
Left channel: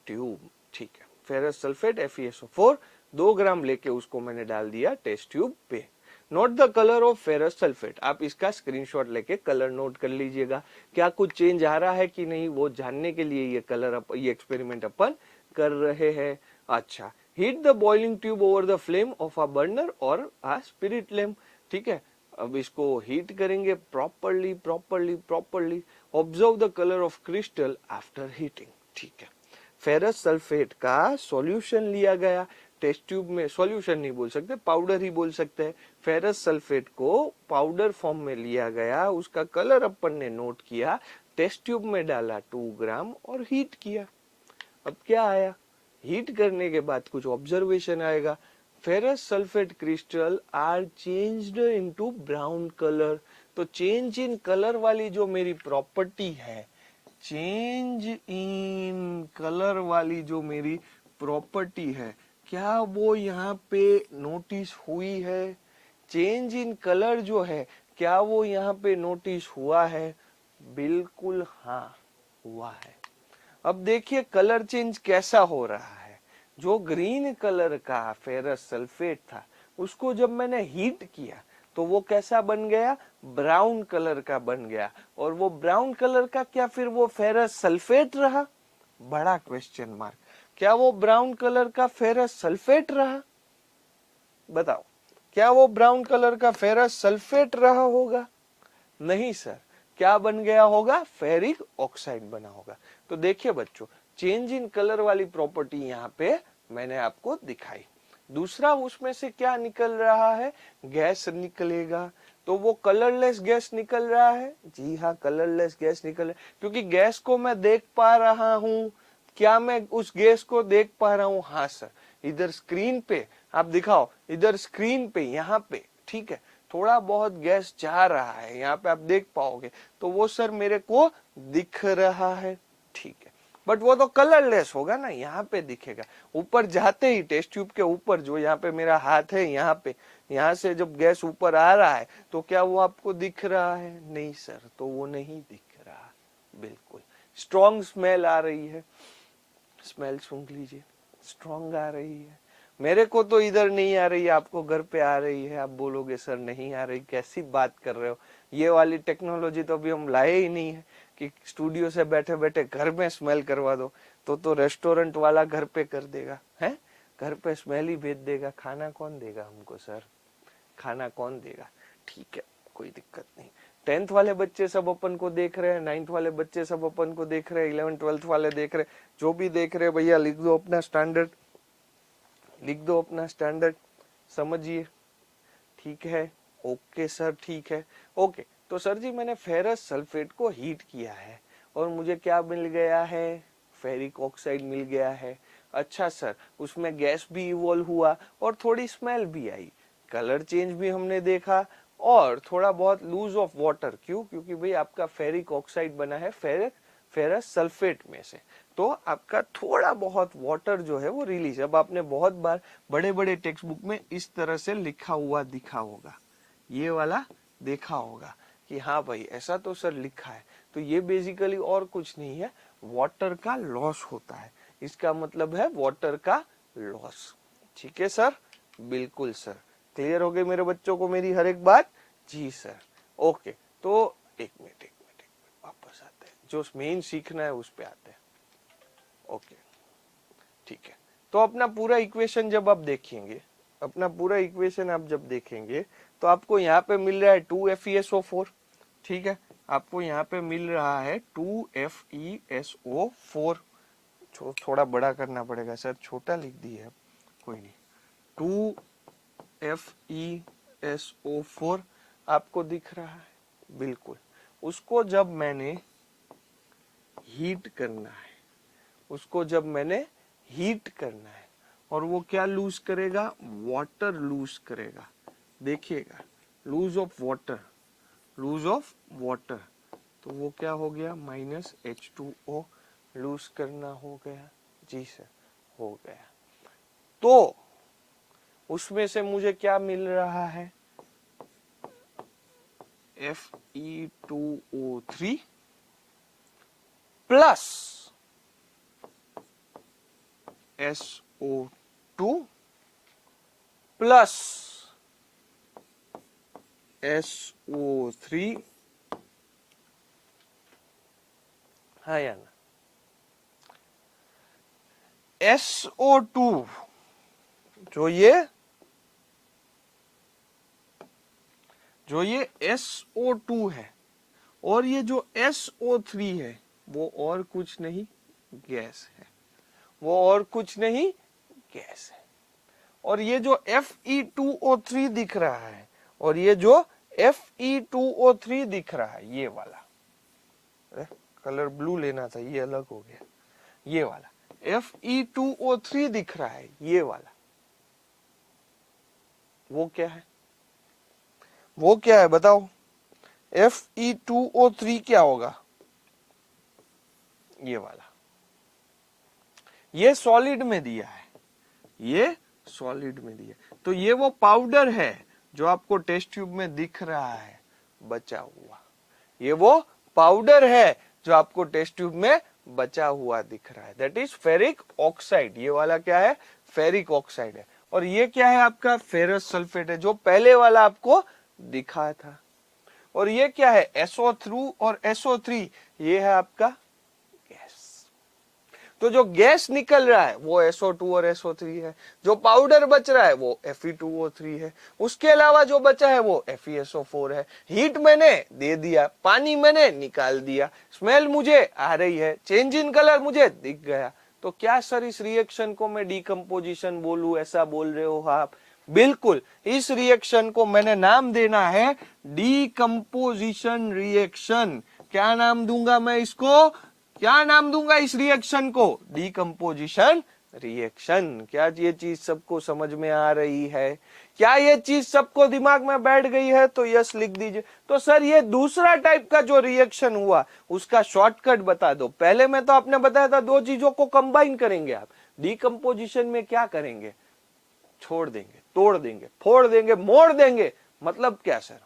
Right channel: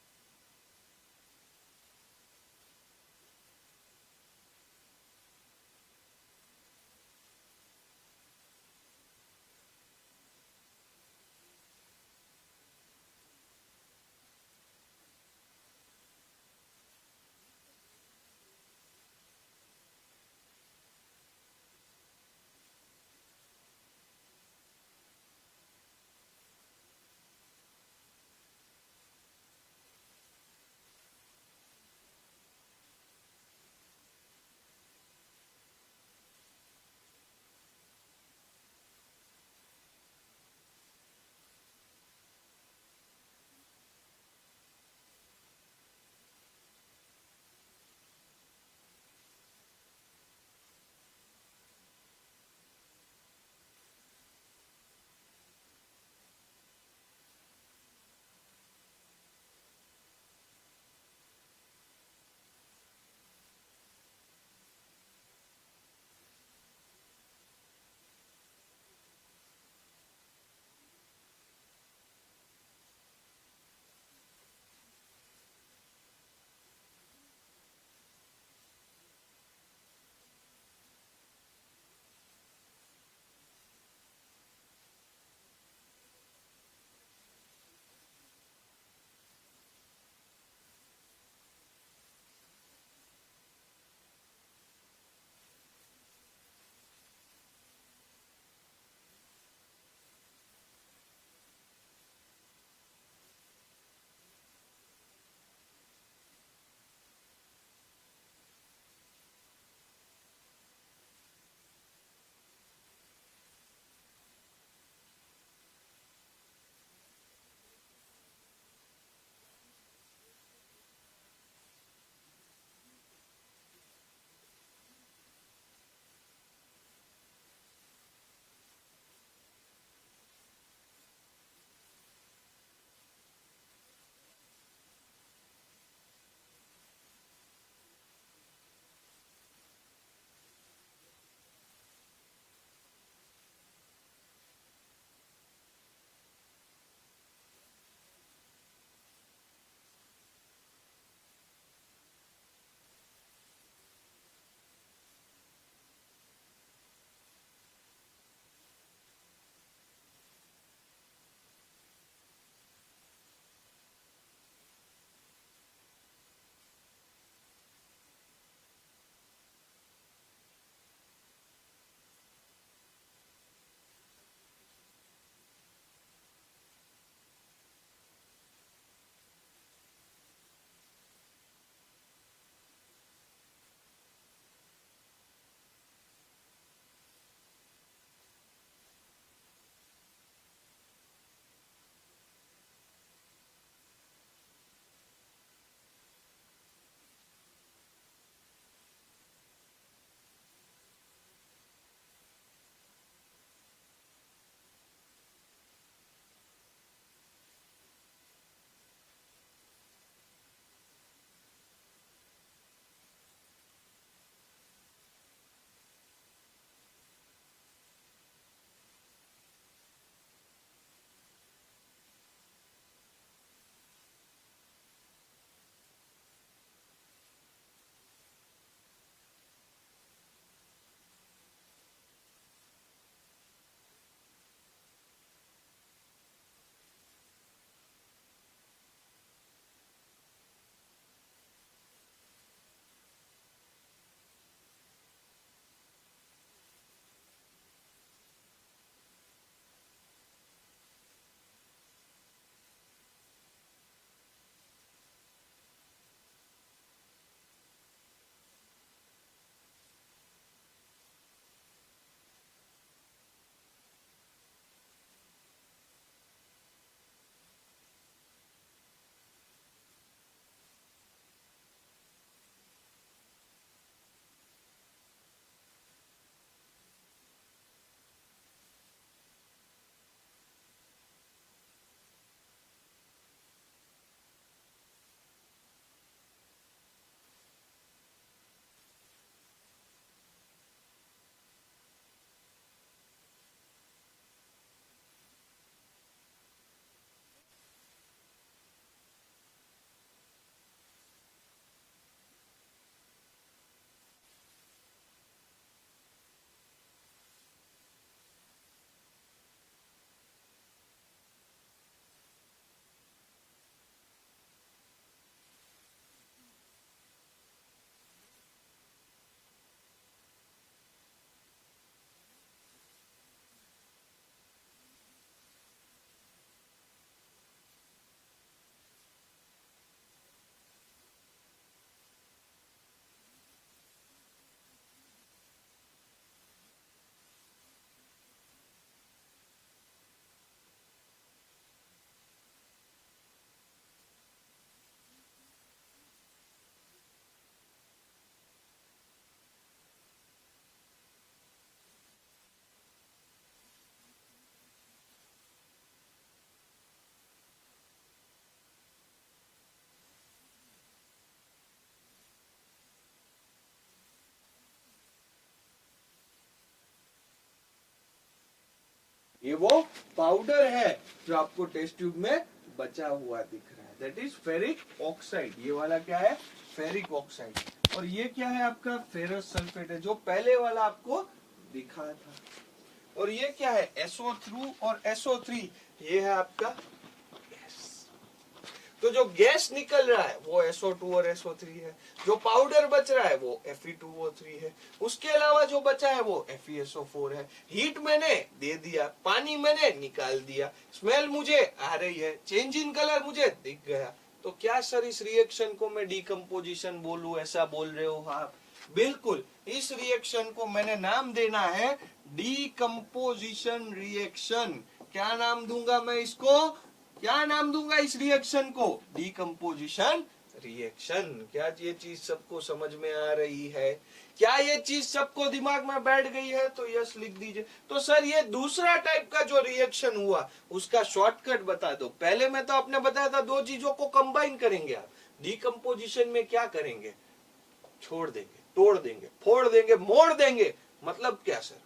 tube, ठीक है। फेरस सल्फेट FeSO4 2 ग्राम लेके उसको मैंने डाल दिया टेस्ट ट्यूब पे। Note the colour of ferrous sulphate, आप इसका स्क्रीनशॉट लेके कलर नोट कर लीजिएगा। क्या कुछ चेंज आ रहा है कि नहीं वो जानने के लिए ये एक्सपेरिमेंट अपन कर रहे हैं। अच्छा, heat the boiling tube over the flame of a burner और अ स्पिरिट लैम्प, ठीक है। अब इसको हीट करेंगे properly properly properly. Observe the colour of crystal after heating, ठीक है। फेरस सल्फेट का सॉल्यूशन लिया गया टेस्ट ट्यूब में, सॉल्यूशन नहीं बोल सकते, पाउडर ही बोल सकते हैं। फेरस सल्फेट को पाउडर फॉर्म में लिया गया, उसका कलर अपन ने नोट किया, टेस्ट ट्यूब में डाला 2 ग्राम और हीट किया। अब क्या आया? हीट करने के बाद कुछ ऑब्जर्वेशन आएगा। Ferrous sulphate crystal are changed into brown colour. तो चेंज इन कलर वाली जो मेरी प्रॉपर्टी है, चेंज इन कलर वाली जो मेरी प्रॉपर्टी है, क्या वो यहाँ पे नोटिस हुई है? चेंज इन कलर जो है, क्या वो यहाँ पे नोटिस हुआ है? बिल्कुल हाँ, हुआ है। अब देखिए कलर चेंज कैसा हो रहा है। जो ग्रीन कलर का फेरस सल्फेट था, उसको जब मैंने हीट किया तो वो कैसा बन गया? ब्राउन कलर का बन गया। और वो ब्राउन कलर का क्या फिर वो फेरस सल्फेट रहा? बड़ा क्वेश्चन मार्क। क्या वो ब्राउन कलर का फेरस सल्फेट रहा? बताओ, क्या वो ब्राउन कलर का फेरस सल्फेट रहा होगा? नहीं सर। क्या बन गया होगा? फेरिक ऑक्साइड बना होगा। तो देखिए बच्चों, चेंज इन कलर वाली प्रॉपर्टी यहाँ पे मैंने आपको दिखाई। दूसरा, उसमें से क्या निकल रहा है? गैस निकलेगा। तो वो कलरलेस गैस निकल रहा है। जी हाँ, कलरलेस गैस निकल रहा है, क्योंकि गैस को मैं देख पा रहा हूँ। क्या मैं उस गैस को देख पा रहा हूँ? हाँ सर। इधर स्क्रीन पे आप दिखाओ, इधर स्क्रीन पे, यहाँ पे, ठीक है, थोड़ा बहुत गैस जा रहा है, यहाँ पे आप देख पाओगे। तो वो सर मेरे को दिख रहा है, ठीक है, बट वो तो कलरलेस होगा ना, यहाँ पे दिखेगा। ऊपर जाते ही टेस्ट ट्यूब के ऊपर, जो यहाँ पे मेरा हाथ है, यहाँ पे, यहाँ से जब गैस ऊपर आ रहा है, तो क्या वो आपको दिख रहा है? नहीं सर, तो वो नहीं दिख रहा। बिल्कुल। स्ट्रॉन्ग स्मेल आ रही है, स्मेल सूंघ लीजिए, स्ट्रॉन्ग आ रही है। मेरे को तो इधर नहीं आ रही है, आपको घर पे आ रही है। आप बोलोगे सर नहीं आ रही, कैसी बात कर रहे हो? ये वाली टेक्नोलॉजी तो अभी हम लाए ही नहीं है कि स्टूडियो से बैठे बैठे घर में स्मेल करवा दो। तो रेस्टोरेंट वाला घर पे कर देगा, है, घर पे स्मेल ही भेज देगा। खाना कौन देगा हमको सर? खाना कौन देगा? ठीक है, कोई दिक्कत नहीं। 10th वाले बच्चे सब अपन को देख रहे हैं, 9th वाले बच्चे सब अपन को देख रहे हैं, 11th 12th वाले देख रहे हैं, जो भी देख रहे हैं भैया लिख दो अपना स्टैंडर्ड, लिख दो अपना स्टैंडर्ड, समझिए। ठीक है, ओके सर, ठीक है, ओके। तो सर जी मैंने फेरस सल्फेट को हीट किया है और मुझे क्या मिल गया है? फेरिक ऑक्साइड मिल गया है। अच्छा सर, उसमें गैस भी इवॉल्व हुआ और थोड़ी स्मेल भी आई, कलर चेंज भी हमने देखा, और थोड़ा बहुत लूज ऑफ वाटर। क्यों? क्योंकि भाई आपका फेरिक ऑक्साइड बना है फेरस सल्फेट में से, तो आपका थोड़ा बहुत वाटर जो है वो रिलीज। अब आपने बहुत बार बड़े बड़े टेक्स्ट बुक में इस तरह से लिखा हुआ दिखा होगा, ये वाला देखा होगा कि हाँ भाई ऐसा तो सर लिखा है। तो ये बेसिकली और कुछ नहीं है, वाटर का लॉस होता है। इसका मतलब है वाटर का लॉस। ठीक है सर? बिल्कुल सर। क्लियर हो गई मेरे बच्चों को मेरी हर एक बात? जी सर। ओके, तो एक मिनट वापस आते हैं, जो मेन सीखना है उस पे आते हैं। ओके, ठीक है। तो अपना पूरा इक्वेशन जब आप देखेंगे, अपना पूरा इक्वेशन आप जब देखेंगे, तो आपको यहाँ पे मिल रहा है 2FeSO4, ठीक है, आपको यहाँ पे मिल रहा है 2FeSO4। थोड़ा बड़ा करना पड़ेगा सर, छोटा लिख दिए है, कोई नहीं। 2FeSO4 आपको दिख रहा है, बिल्कुल। उसको जब मैंने हीट करना है, उसको जब मैंने हीट करना है, और वो क्या लूज करेगा? वाटर लूज करेगा। देखिएगा, lose of water, lose of water, तो वो क्या हो गया? -H2O लूज करना हो गया। जी सर, हो गया। तो उसमें से मुझे क्या मिल रहा है? Fe2O3 plus SO2 plus SO3, हाँ या ना? SO2 जो ये SO2 है, और ये जो SO3 है वो और कुछ नहीं गैस है, वो और कुछ नहीं गैस है। और ये जो Fe2O3 दिख रहा है, और ये जो Fe2O3 दिख रहा है, ये वाला, कलर ब्लू लेना था, ये अलग हो गया, ये वाला Fe2O3 दिख रहा है, ये वाला, वो क्या है? वो क्या है बताओ? Fe2O3 क्या होगा? ये वाला। ये सॉलिड में दिया है, ये सॉलिड में दिया, तो ये वो पाउडर है जो आपको टेस्ट ट्यूब में दिख रहा है बचा हुआ, ये वो पाउडर है जो आपको टेस्ट ट्यूब में बचा हुआ दिख रहा है, दैट इज फेरिक ऑक्साइड। ये वाला क्या है, फेरिक ऑक्साइड है। और ये क्या है आपका, फेरस सल्फेट है, जो पहले वाला आपको दिखा था। और ये क्या है, SO2 और SO3, ये है आपका गैस। तो जो गैस निकल रहा है वो SO2 और SO3 है, जो पाउडर बच रहा है वो Fe2O3 है, उसके अलावा जो बचा है वो FeSO4 है। हीट मैंने दे दिया, पानी मैंने निकाल दिया, स्मेल मुझे आ रही है, चेंज इन कलर मुझे दिख गया। तो क्या सर इस रिएक्शन को मैं डीकम्पोजिशन बोलूं, ऐसा बोल रहे हो आप? बिल्कुल, इस रिएक्शन को मैंने नाम देना है डीकम्पोजिशन रिएक्शन। क्या नाम दूंगा मैं इसको, क्या नाम दूंगा इस रिएक्शन को, डीकम्पोजिशन रिएक्शन। क्या ये चीज सबको समझ में आ रही है? क्या ये चीज सबको दिमाग में बैठ गई है? तो यस लिख दीजिए। तो सर ये दूसरा टाइप का जो रिएक्शन हुआ उसका शॉर्टकट बता दो। पहले में तो आपने बताया था दो चीजों को कंबाइन करेंगे आप, डीकम्पोजिशन में क्या करेंगे, छोड़ देंगे, तोड़ देंगे, फोड़ देंगे, मोड़ देंगे। मतलब क्या सर,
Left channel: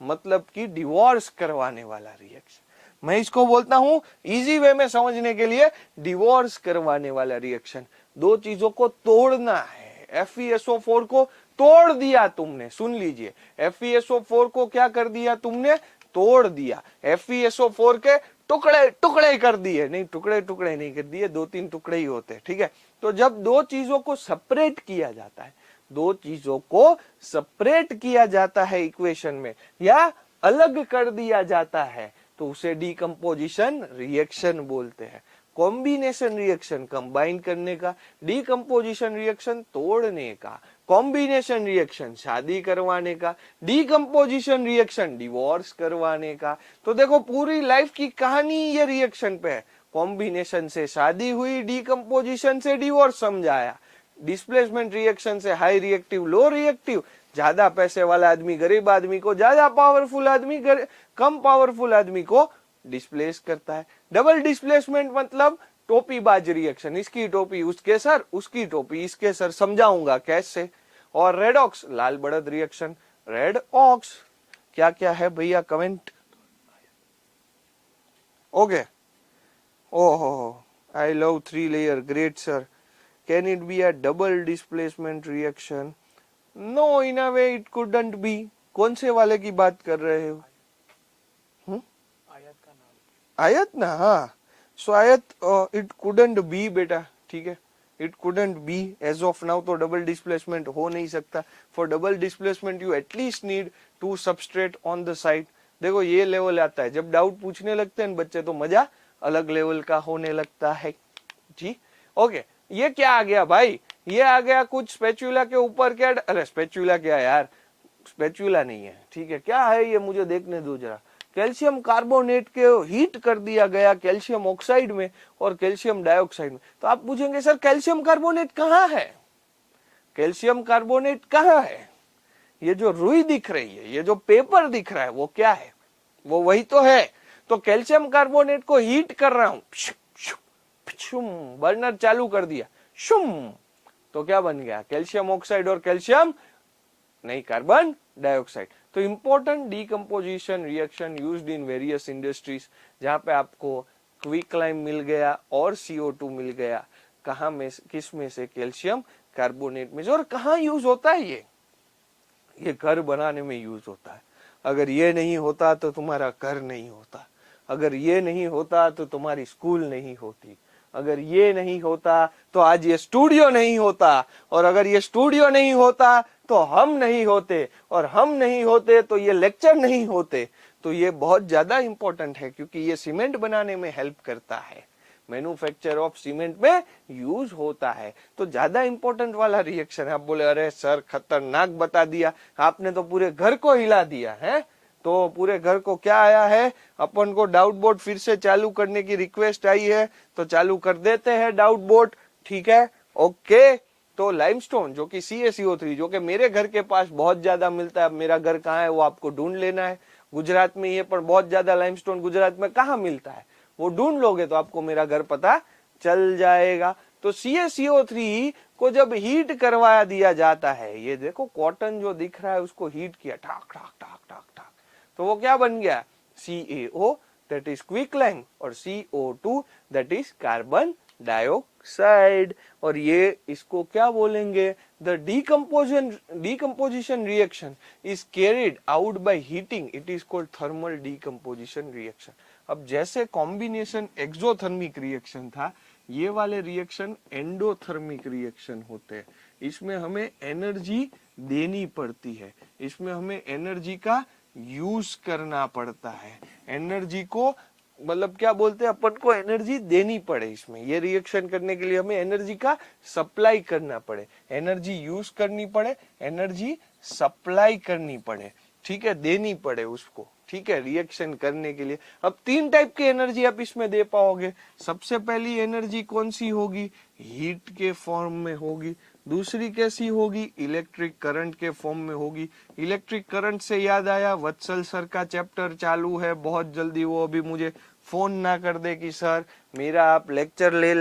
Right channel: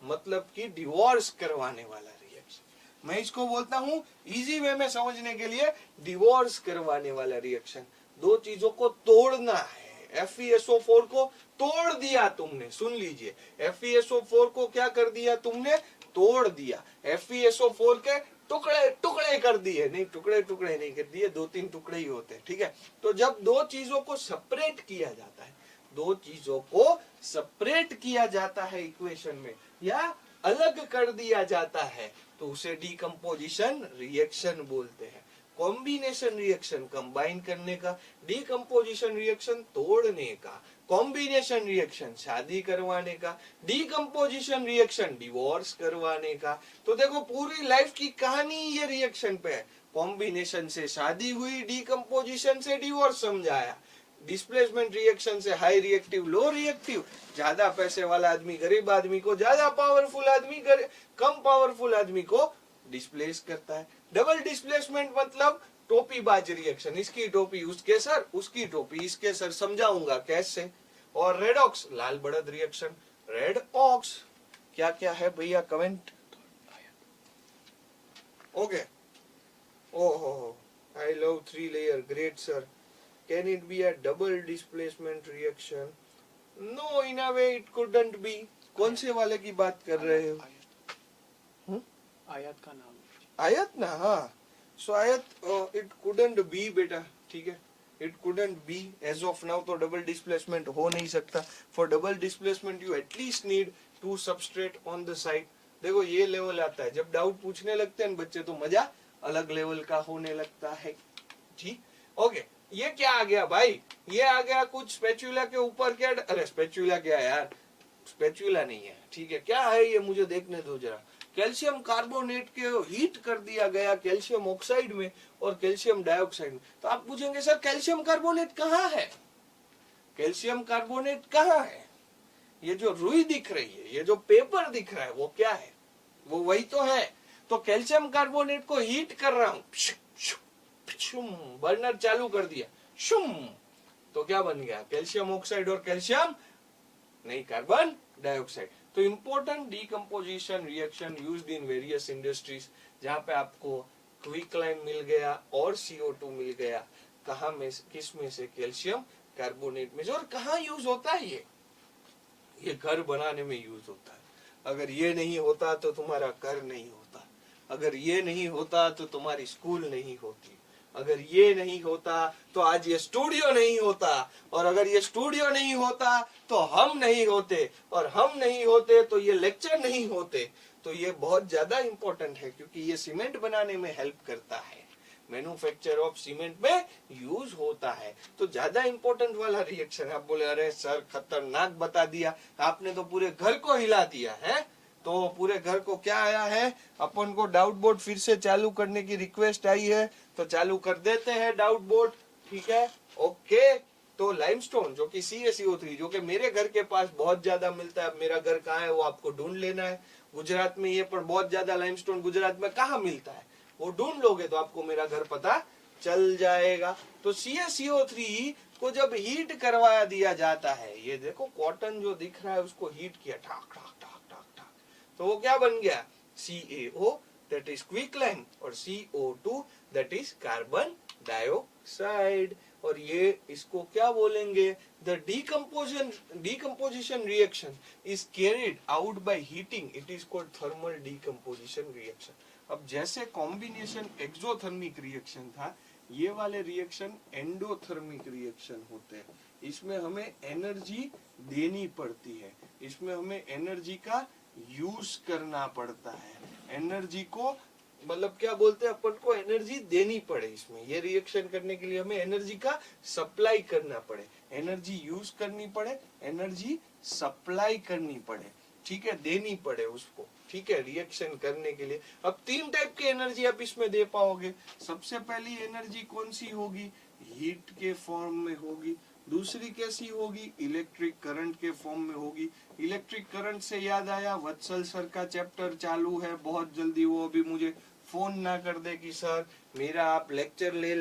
मतलब कि डिवोर्स करवाने वाला रिएक्शन। मैं इसको बोलता हूं इजी वे में समझने के लिए, डिवोर्स करवाने वाला रिएक्शन। दो चीजों को तोड़ना है। FeSO4 को तोड़ दिया तुमने, सुन लीजिए, FeSO4 को क्या कर दिया तुमने, तोड़ दिया। FeSO4 के टुकड़े टुकड़े कर दिए, नहीं टुकड़े टुकड़े नहीं कर दिए, दो तीन टुकड़े ही होते हैं, ठीक है। तो जब दो चीजों को सेपरेट किया जाता है, दो चीजों को सेपरेट किया जाता है इक्वेशन में, या अलग कर दिया जाता है, तो उसे डीकम्पोजिशन रिएक्शन बोलते हैं। कॉम्बिनेशन रिएक्शन कंबाइन करने का, डीकम्पोजिशन रिएक्शन तोड़ने का, कॉम्बिनेशन रिएक्शन शादी करवाने का, डीकम्पोजिशन रिएक्शन डिवोर्स करवाने का। तो देखो पूरी लाइफ की कहानी ये रिएक्शन पे है। कॉम्बिनेशन से शादी हुई, डीकम्पोजिशन से डिवोर्स समझाया, डिस्प्लेसमेंट रिएक्शन से हाई रिएक्टिव लो रिएक्टिव, ज्यादा पैसे वाला आदमी गरीब आदमी को, ज्यादा पावरफुल आदमी कम पावरफुल आदमी को डिस्प्लेस करता है। डबल डिस्प्लेसमेंट मतलब टोपी बाज रिएक्शन, इसकी टोपी उसके सर, उसकी टोपी इसके सर, समझाऊंगा कैसे। और रेडॉक्स लाल बढ़त रिएक्शन, रेड ऑक्स। क्या क्या है भैया कमेंट? ओके, ओहो, I love 3 layer, great sir. Can it be a double displacement reaction? No, in a way it couldn't be. कौन से वाले की बात कर रहे हो? आयत का नाम, आयत ना, हाँ। सो आयत, it couldn't be बेटा, ठीक है, it couldn't be as of now। तो डबल डिस्प्लेसमेंट हो नहीं सकता। For double displacement you at least need 2 substrate on the side। देखो ये लेवल आता है, जब डाउट पूछने लगते हैं बच्चे तो मजा अलग लेवल का होने लगता है जी। ओके, ये क्या आ गया भाई, ये आ गया कुछ स्पेचुला के ऊपर, क्या, अरे स्पेचुला क्या यार, स्पेचुला नहीं है, ठीक है। क्या है ये मुझे देखने दो जरा। कैल्शियम कार्बोनेट के हीट कर दिया गया कैल्शियम ऑक्साइड में और कैल्शियम डाइऑक्साइड में। तो आप पूछेंगे सर कैल्शियम कार्बोनेट कहाँ है, कैल्शियम कार्बोनेट कहाँ है? ये जो रुई दिख रही है, ये जो पेपर दिख रहा है, वो क्या है, वो वही तो है। तो कैल्शियम कार्बोनेट को हीट कर रहा हूं, बर्नर चालू कर दिया, शुम, तो क्या बन गया, कैल्शियम ऑक्साइड और कैल्शियम नहीं, कार्बन डाइऑक्साइड। तो important decomposition reaction used in various industries, जहां पे आपको क्विकलाइम मिल गया और CO2 मिल गया, कहां में, किस में से, कैल्शियम कार्बोनेट में। और कहां यूज होता है ये घर बनाने में यूज होता है। अगर ये नहीं होता तो तुम्हारा घर नहीं होता, अगर ये नहीं होता तो तुम्हारी स्कूल नहीं होती, अगर ये नहीं होता तो आज ये स्टूडियो नहीं होता, और अगर ये स्टूडियो नहीं होता तो हम नहीं होते, और हम नहीं होते तो ये लेक्चर नहीं होते। तो ये बहुत ज्यादा इंपॉर्टेंट है, क्योंकि ये सीमेंट बनाने में हेल्प करता है, मैन्युफैक्चर ऑफ सीमेंट में यूज होता है। तो ज्यादा इंपॉर्टेंट वाला रिएक्शन है। आप बोले अरे सर खतरनाक बता दिया आपने, तो पूरे घर को हिला दिया है। तो पूरे घर को क्या आया है, अपन को डाउट बोर्ड फिर से चालू करने की रिक्वेस्ट आई है, तो चालू कर देते हैं डाउट बोर्ड, ठीक है। ओके, तो लाइमस्टोन जो कि CaCO3, जो कि मेरे घर के पास बहुत ज्यादा मिलता है, मेरा घर कहाँ है वो आपको ढूंढ लेना है। गुजरात में ये पर बहुत ज्यादा लाइमस्टोन गुजरात में कहाँ मिलता है वो ढूंढ लोगे तो आपको मेरा घर पता चल जाएगा। तो तो CaCO3 को जब हीट करवा दिया जाता है, ये देखो कॉटन जो दिख रहा है उसको हीट किया, ठाक ठाक ठाक ठाक ठाक, तो वो क्या बन गया, CaO दैट इज क्विकलैंग, और CO2 that is carbon dioxide. और ये इसको क्या बोलेंगे, the decomposition reaction is carried out by heating, it is called thermal decomposition reaction। अब जैसे कॉम्बिनेशन एक्सोथर्मिक रिएक्शन था, ये वाले रिएक्शन एंडोथर्मिक रिएक्शन होते हैं। इसमें हमें एनर्जी देनी पड़ती है, इसमें हमें एनर्जी का यूज करना पड़ता है, एनर्जी को मतलब क्या बोलते हैं, अपन को एनर्जी देनी पड़े। इसमें ये रिएक्शन करने के लिए हमें एनर्जी का सप्लाई करना पड़े, एनर्जी यूज करनी पड़े, एनर्जी सप्लाई करनी पड़े, ठीक है, देनी पड़े उसको, ठीक है, रिएक्शन करने के लिए। अब 3 टाइप की एनर्जी आप इसमें दे पाओगे। सबसे पहली एनर्जी कौन सी होगी, हीट के फॉर्म में होगी। दूसरी कैसी होगी, इलेक्ट्रिक करंट के फॉर्म में होगी। इलेक्ट्रिक करंट से याद आया, वत्सल सर का चैप्टर चालू है बहुत जल्दी, वो अभी मुझे फोन ना कर दे कि सर मेरा आप लेक्चर ले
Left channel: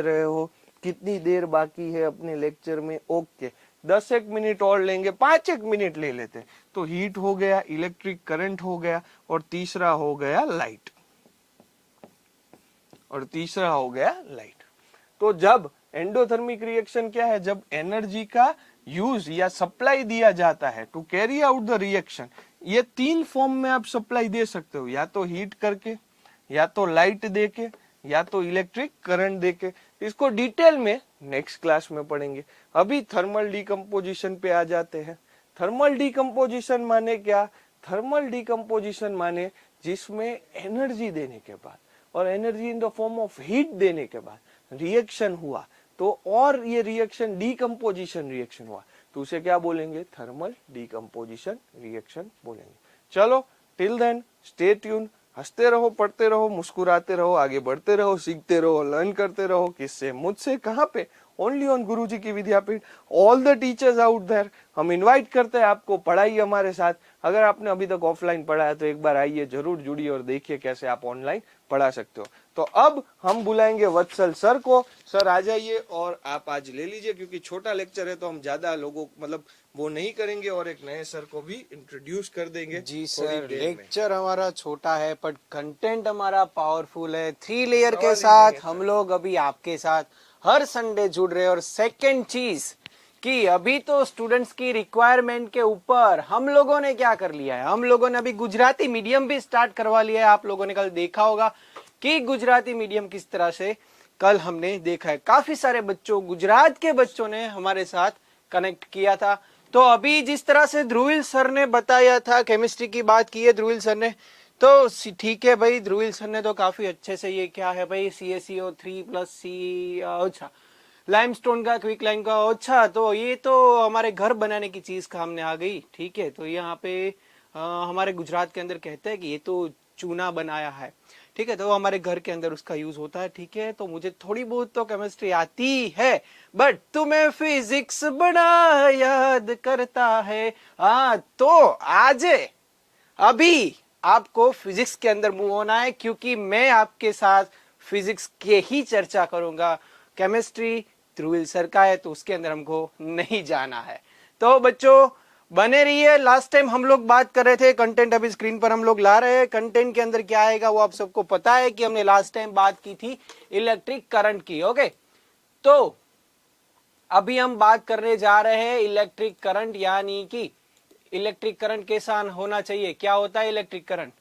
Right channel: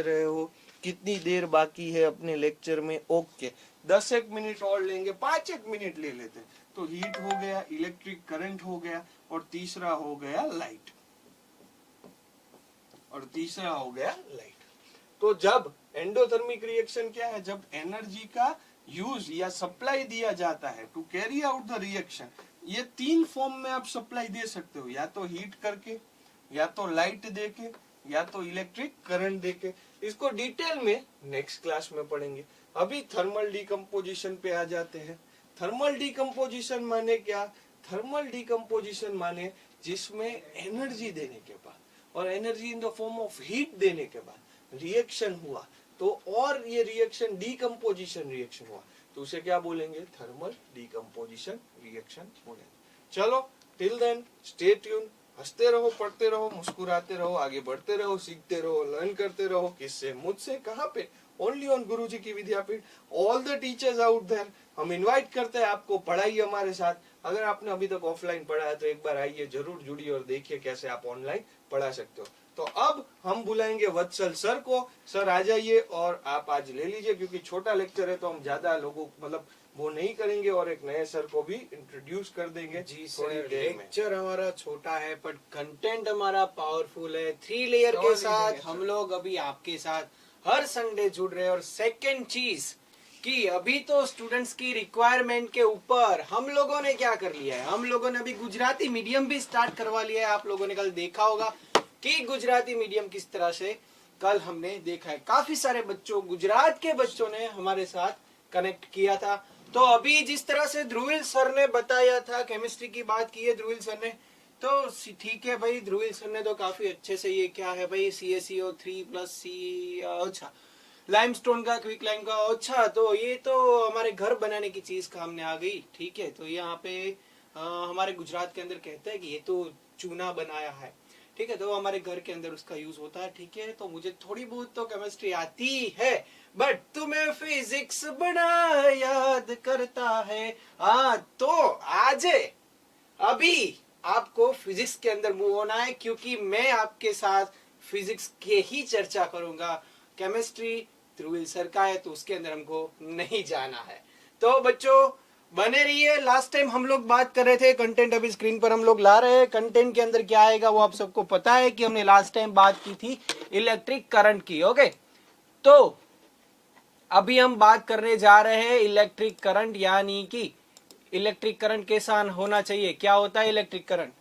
रहे हो, कितनी देर बाकी है अपने लेक्चर में। ओके, 10 मिनट और लेंगे, 5 मिनट ले लेते। तो हीट हो गया, इलेक्ट्रिक करंट हो गया, और तीसरा हो गया लाइट, तो जब एंडोथर्मिक रिएक्शन क्या है, जब एनर्जी का यूज या सप्लाई दिया जाता है to carry out the reaction, ये 3 फॉर्म में आप सप्लाई दे सकते हो, या तो हीट करके, या तो लाइट देके, या तो इलेक्ट्रिक करंट देके। इसको डिटेल में नेक्स्ट क्लास में पढ़ेंगे। अभी थर्मल डिकम्पोजिशन पे आ जाते हैं। थर्मल डिकम्पोजिशन माने क्या, थर्मल डिकम्पोजिशन माने जिसमें एनर्जी देने के बाद और energy in the form of heat देने के बाद रिएक्शन हुआ, तो और ये रिएक्शन डिकम्पोजिशन रिएक्शन हुआ, तो उसे क्या बोलेंगे, थर्मल डिकम्पोजिशन रिएक्शन बोलेंगे। चलो, टिल देन स्टे ट्यून, हंसते रहो, पढ़ते रहो, मुस्कुराते रहो, आगे बढ़ते रहो, सीखते रहो, लर्न करते रहो। किससे, मुझसे। कहाँ पे, ओनली ऑन गुरुजी की Vidyapeeth. All the teachers out there, हम इनवाइट करते हैं आपको, पढ़ाइए हमारे साथ। अगर आपने अभी तक ऑफलाइन पढ़ा है तो एक बार आइए, जरूर जुड़िए और देखिए कैसे आप ऑनलाइन पढ़ा सकते हो। तो अब हम बुलाएंगे वत्सल सर को। सर आ जाइए, और आप आज ले लीजिए, क्योंकि छोटा लेक्चर है तो हम ज्यादा लोगों मतलब वो नहीं करेंगे, और एक नए सर को भी इंट्रोड्यूस कर देंगे। जी सर, लेक्चर हमारा छोटा है पर कंटेंट हमारा पावरफुल है। 3 लेयर के साथ हम लोग अभी आपके साथ हर संडे जुड़ रहे हैं। और सेकंड चीज कि अभी तो स्टूडेंट्स की रिक्वायरमेंट के ऊपर हम लोगों ने क्या कर लिया है, हम लोगों ने अभी गुजराती मीडियम भी स्टार्ट करवा लिया है। आप लोगों ने कल देखा होगा कि गुजराती मीडियम किस तरह से कल हमने देखा है। काफी सारे बच्चों, गुजरात के बच्चों ने हमारे साथ कनेक्ट किया था। तो अभी जिस तरह से ध्रुविल सर ने बताया था, केमिस्ट्री की बात की है ध्रुविल सर ने, तो ठीक है भाई, ध्रुविल सर ने तो काफी अच्छे से, ये क्या है भाई, CaCO3 प्लस C, अच्छा लाइमस्टोन का, क्विक लाइम का, अच्छा तो ये तो हमारे घर बनाने की चीज कामने आ गई। ठीक है, तो यहाँ पे हमारे गुजरात के अंदर कहते हैं कि ये तो चूना बनाया है। ठीक है, तो हमारे घर के अंदर उसका यूज होता है। ठीक है, तो मुझे थोड़ी बहुत तो केमिस्ट्री आती है, बट तुम्हें फिजिक्स बड़ा याद करता है। हाँ, तो आज अभी आपको फिजिक्स के अंदर मूव होना है, क्योंकि मैं आपके साथ फिजिक्स के ही चर्चा करूंगा। केमिस्ट्री ध्रुविल सर का है तो उसके अंदर हमको नहीं जाना है। तो बच्चों बने रहिए। लास्ट टाइम हम लोग बात कर रहे थे कंटेंट, अभी स्क्रीन पर हम लोग ला रहे हैं। कंटेंट के अंदर क्या आएगा वो आप सबको पता है कि हमने लास्ट टाइम बात की थी इलेक्ट्रिक करंट की। ओके, तो अभी हम बात करने जा रहे हैं इलेक्ट्रिक करंट, यानी कि इलेक्ट्रिक करंट कैसा होना चाहिए, क्या होता है electric current.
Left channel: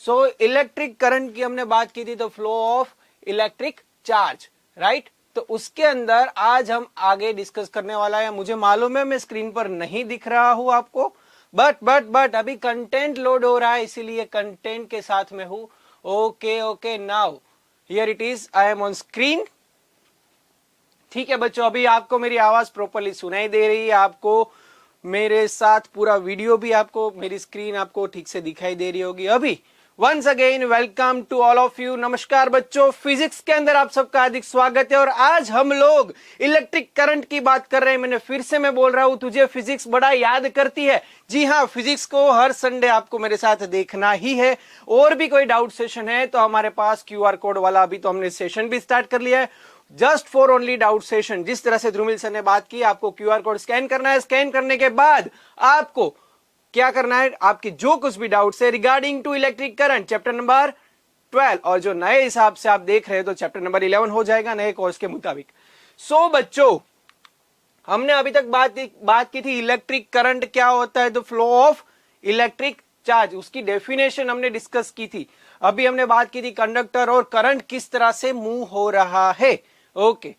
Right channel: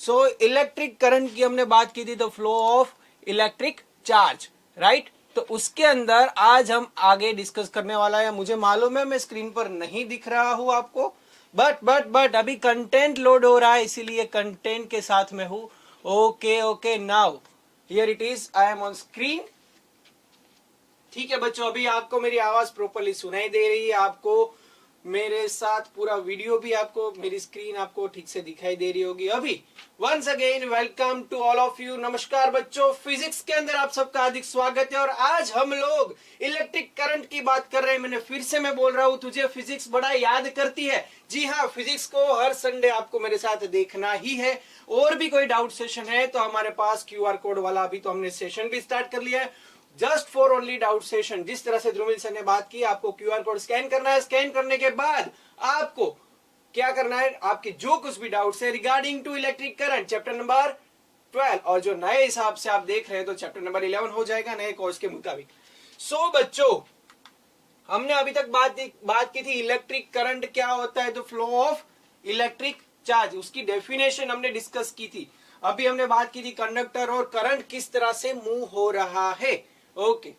So electric current की हमने बात की थी, the flow of electric charge, right. तो उसके अंदर आज हम आगे डिस्कस करने वाला है। मुझे मालूम है मैं स्क्रीन पर नहीं दिख रहा हूं आपको, बट अभी कंटेंट लोड हो रहा है, इसीलिए कंटेंट के साथ में हूं। Okay, now here it is, I am on screen. ठीक है बच्चों, अभी आपको मेरी आवाज प्रॉपर्ली सुनाई दे रही है, आपको मेरे साथ पूरा वीडियो भी, आपको मेरी स्क्रीन आपको ठीक से दिखाई दे रही होगी। अभी once again welcome to all of you. नमस्कार बच्चों, फिजिक्स के अंदर आप सबका हार्दिक स्वागत है। और आज हम लोग इलेक्ट्रिक करंट की बात कर रहे हैं। मैंने फिर से मैं बोल रहा हूं, तुझे फिजिक्स बड़ा याद करती है। जी हाँ, फिजिक्स को हर संडे आपको मेरे साथ देखना ही है। और भी कोई डाउट सेशन है तो हमारे पास QR कोड वाला अभी तो हमने सेशन भी स्टार्ट कर लिया है, just for only doubt session, जिस तरह से ध्रुमिल सर ने बात की, आपको क्यूआर कोड स्कैन करना है। स्कैन करने के बाद आपको क्या करना है, आपके जो कुछ भी डाउट्स है regarding to electric current chapter number 12, और जो नए हिसाब से आप देख रहे हैं तो चैप्टर नंबर 11 हो जाएगा नए कोर्स के मुताबिक। सो बच्चों, हमने अभी तक बात की थी इलेक्ट्रिक करंट क्या होता है, the flow of electric charge, उसकी डेफिनेशन हमने डिस्कस की थी। अभी हमने बात की थी कंडक्टर और करंट किस तरह से मूव हो रहा है। ओके,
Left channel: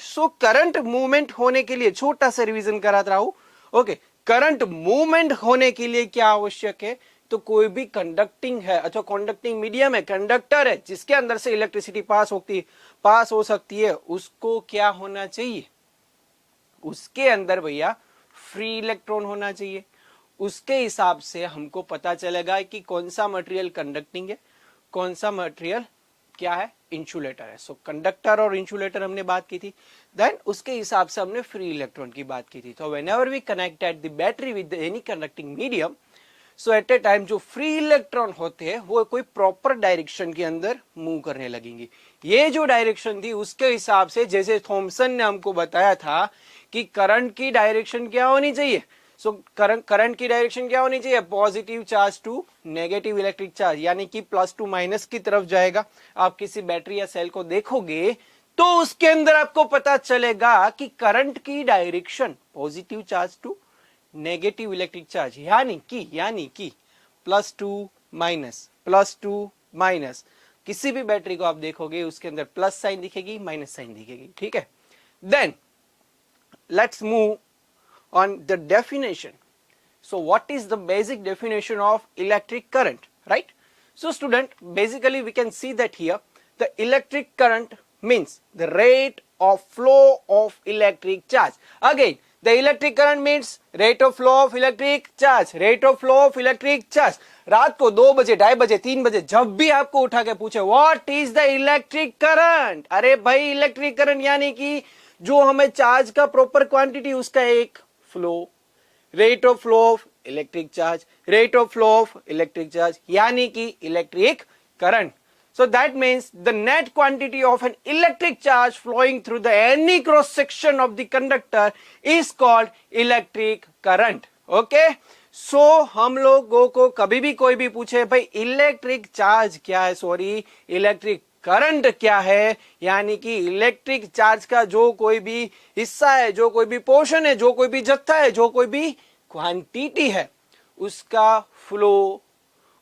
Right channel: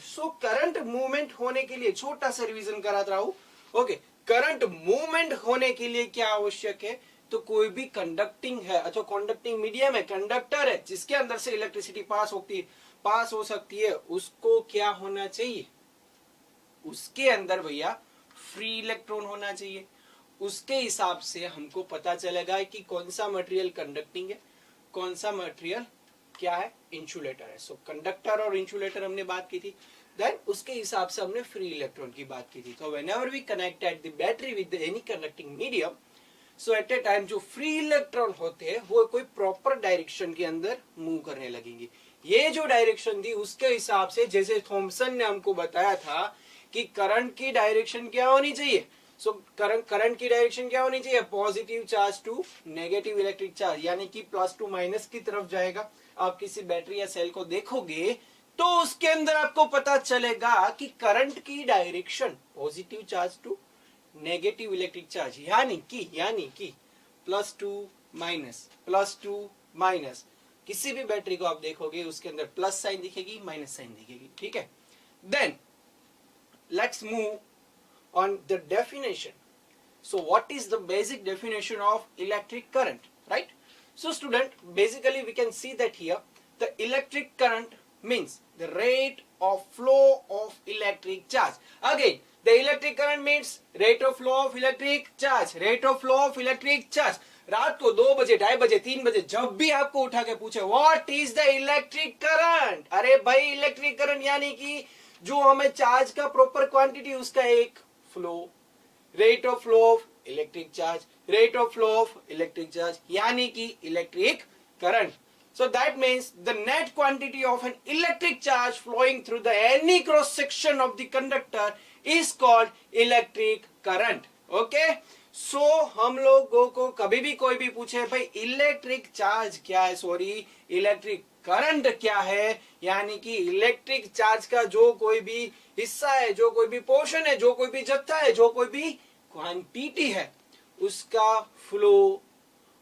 सो करंट मूवमेंट होने के लिए छोटा सा रिवीजन कराता रहा हूं। ओके, करंट मूवमेंट होने के लिए क्या आवश्यक है, तो कोई भी कंडक्टिंग है अथवा कंडक्टिंग मीडियम है, कंडक्टर है जिसके अंदर से इलेक्ट्रिसिटी पास हो सकती है, उसको क्या होना चाहिए, उसके अंदर भैया फ्री इलेक्ट्रॉन होना चाहिए। उसके हिसाब से हमको पता चलेगा कि कौन सा मटेरियल कंडक्टिंग है, कौन सा मटेरियल क्या है, इंसुलेटर है। सो कंडक्टर और इंसुलेटर हमने बात की थी, देन उसके हिसाब से हमने फ्री इलेक्ट्रॉन की बात की थी। तो whenever we connected the battery with any conducting medium, so at a time जो फ्री इलेक्ट्रॉन होते हैं वो कोई प्रॉपर डायरेक्शन के अंदर मूव करने लगेंगे। ये जो डायरेक्शन थी उसके हिसाब से, जैसे थॉमसन ने हमको बताया था कि करंट की डायरेक्शन क्या होनी चाहिए, सो करंट की डायरेक्शन क्या होनी चाहिए, positive charge to negative electric charge, यानी कि प्लस टू माइनस की तरफ जाएगा। आप किसी बैटरी या सेल को देखोगे तो उसके अंदर आपको पता चलेगा कि करंट की direction positive charge to negative electric charge, यानी कि प्लस टू माइनस। किसी भी बैटरी को आप देखोगे उसके अंदर प्लस साइन दिखेगी, माइनस साइन दिखेगी, ठीक है। Then let's move on the definition. So what is the basic definition of electric current, right? So student, basically we can see that here the electric current means the rate of flow of electric charge. Again, the electric current means rate of flow of electric charge, rate of flow of electric charge. रात को 2 बजे, 2:30 बजे, 3 बजे जब भी आपको उठा के पूछे what is the electric current, अरे भाई इलेक्ट्रिक करंट यानी कि जो हमें चार्ज का प्रॉपर क्वांटिटी, उसका एक flow, rate of flow of electric charge, rate of flow of electric charge यानी कि electric current. So that means the net quantity of an electric charge flowing through the any cross section of the conductor is called electric current. Okay? So हम लोगों को कभी भी कोई भी पूछे भाई इलेक्ट्रिक चार्ज क्या है, सॉरी इलेक्ट्रिक करंट क्या है, यानी कि इलेक्ट्रिक चार्ज का जो कोई भी हिस्सा है, जो कोई भी पोर्शन है, जो कोई भी जत्था है, जो कोई भी क्वांटिटी है, उसका फ्लो,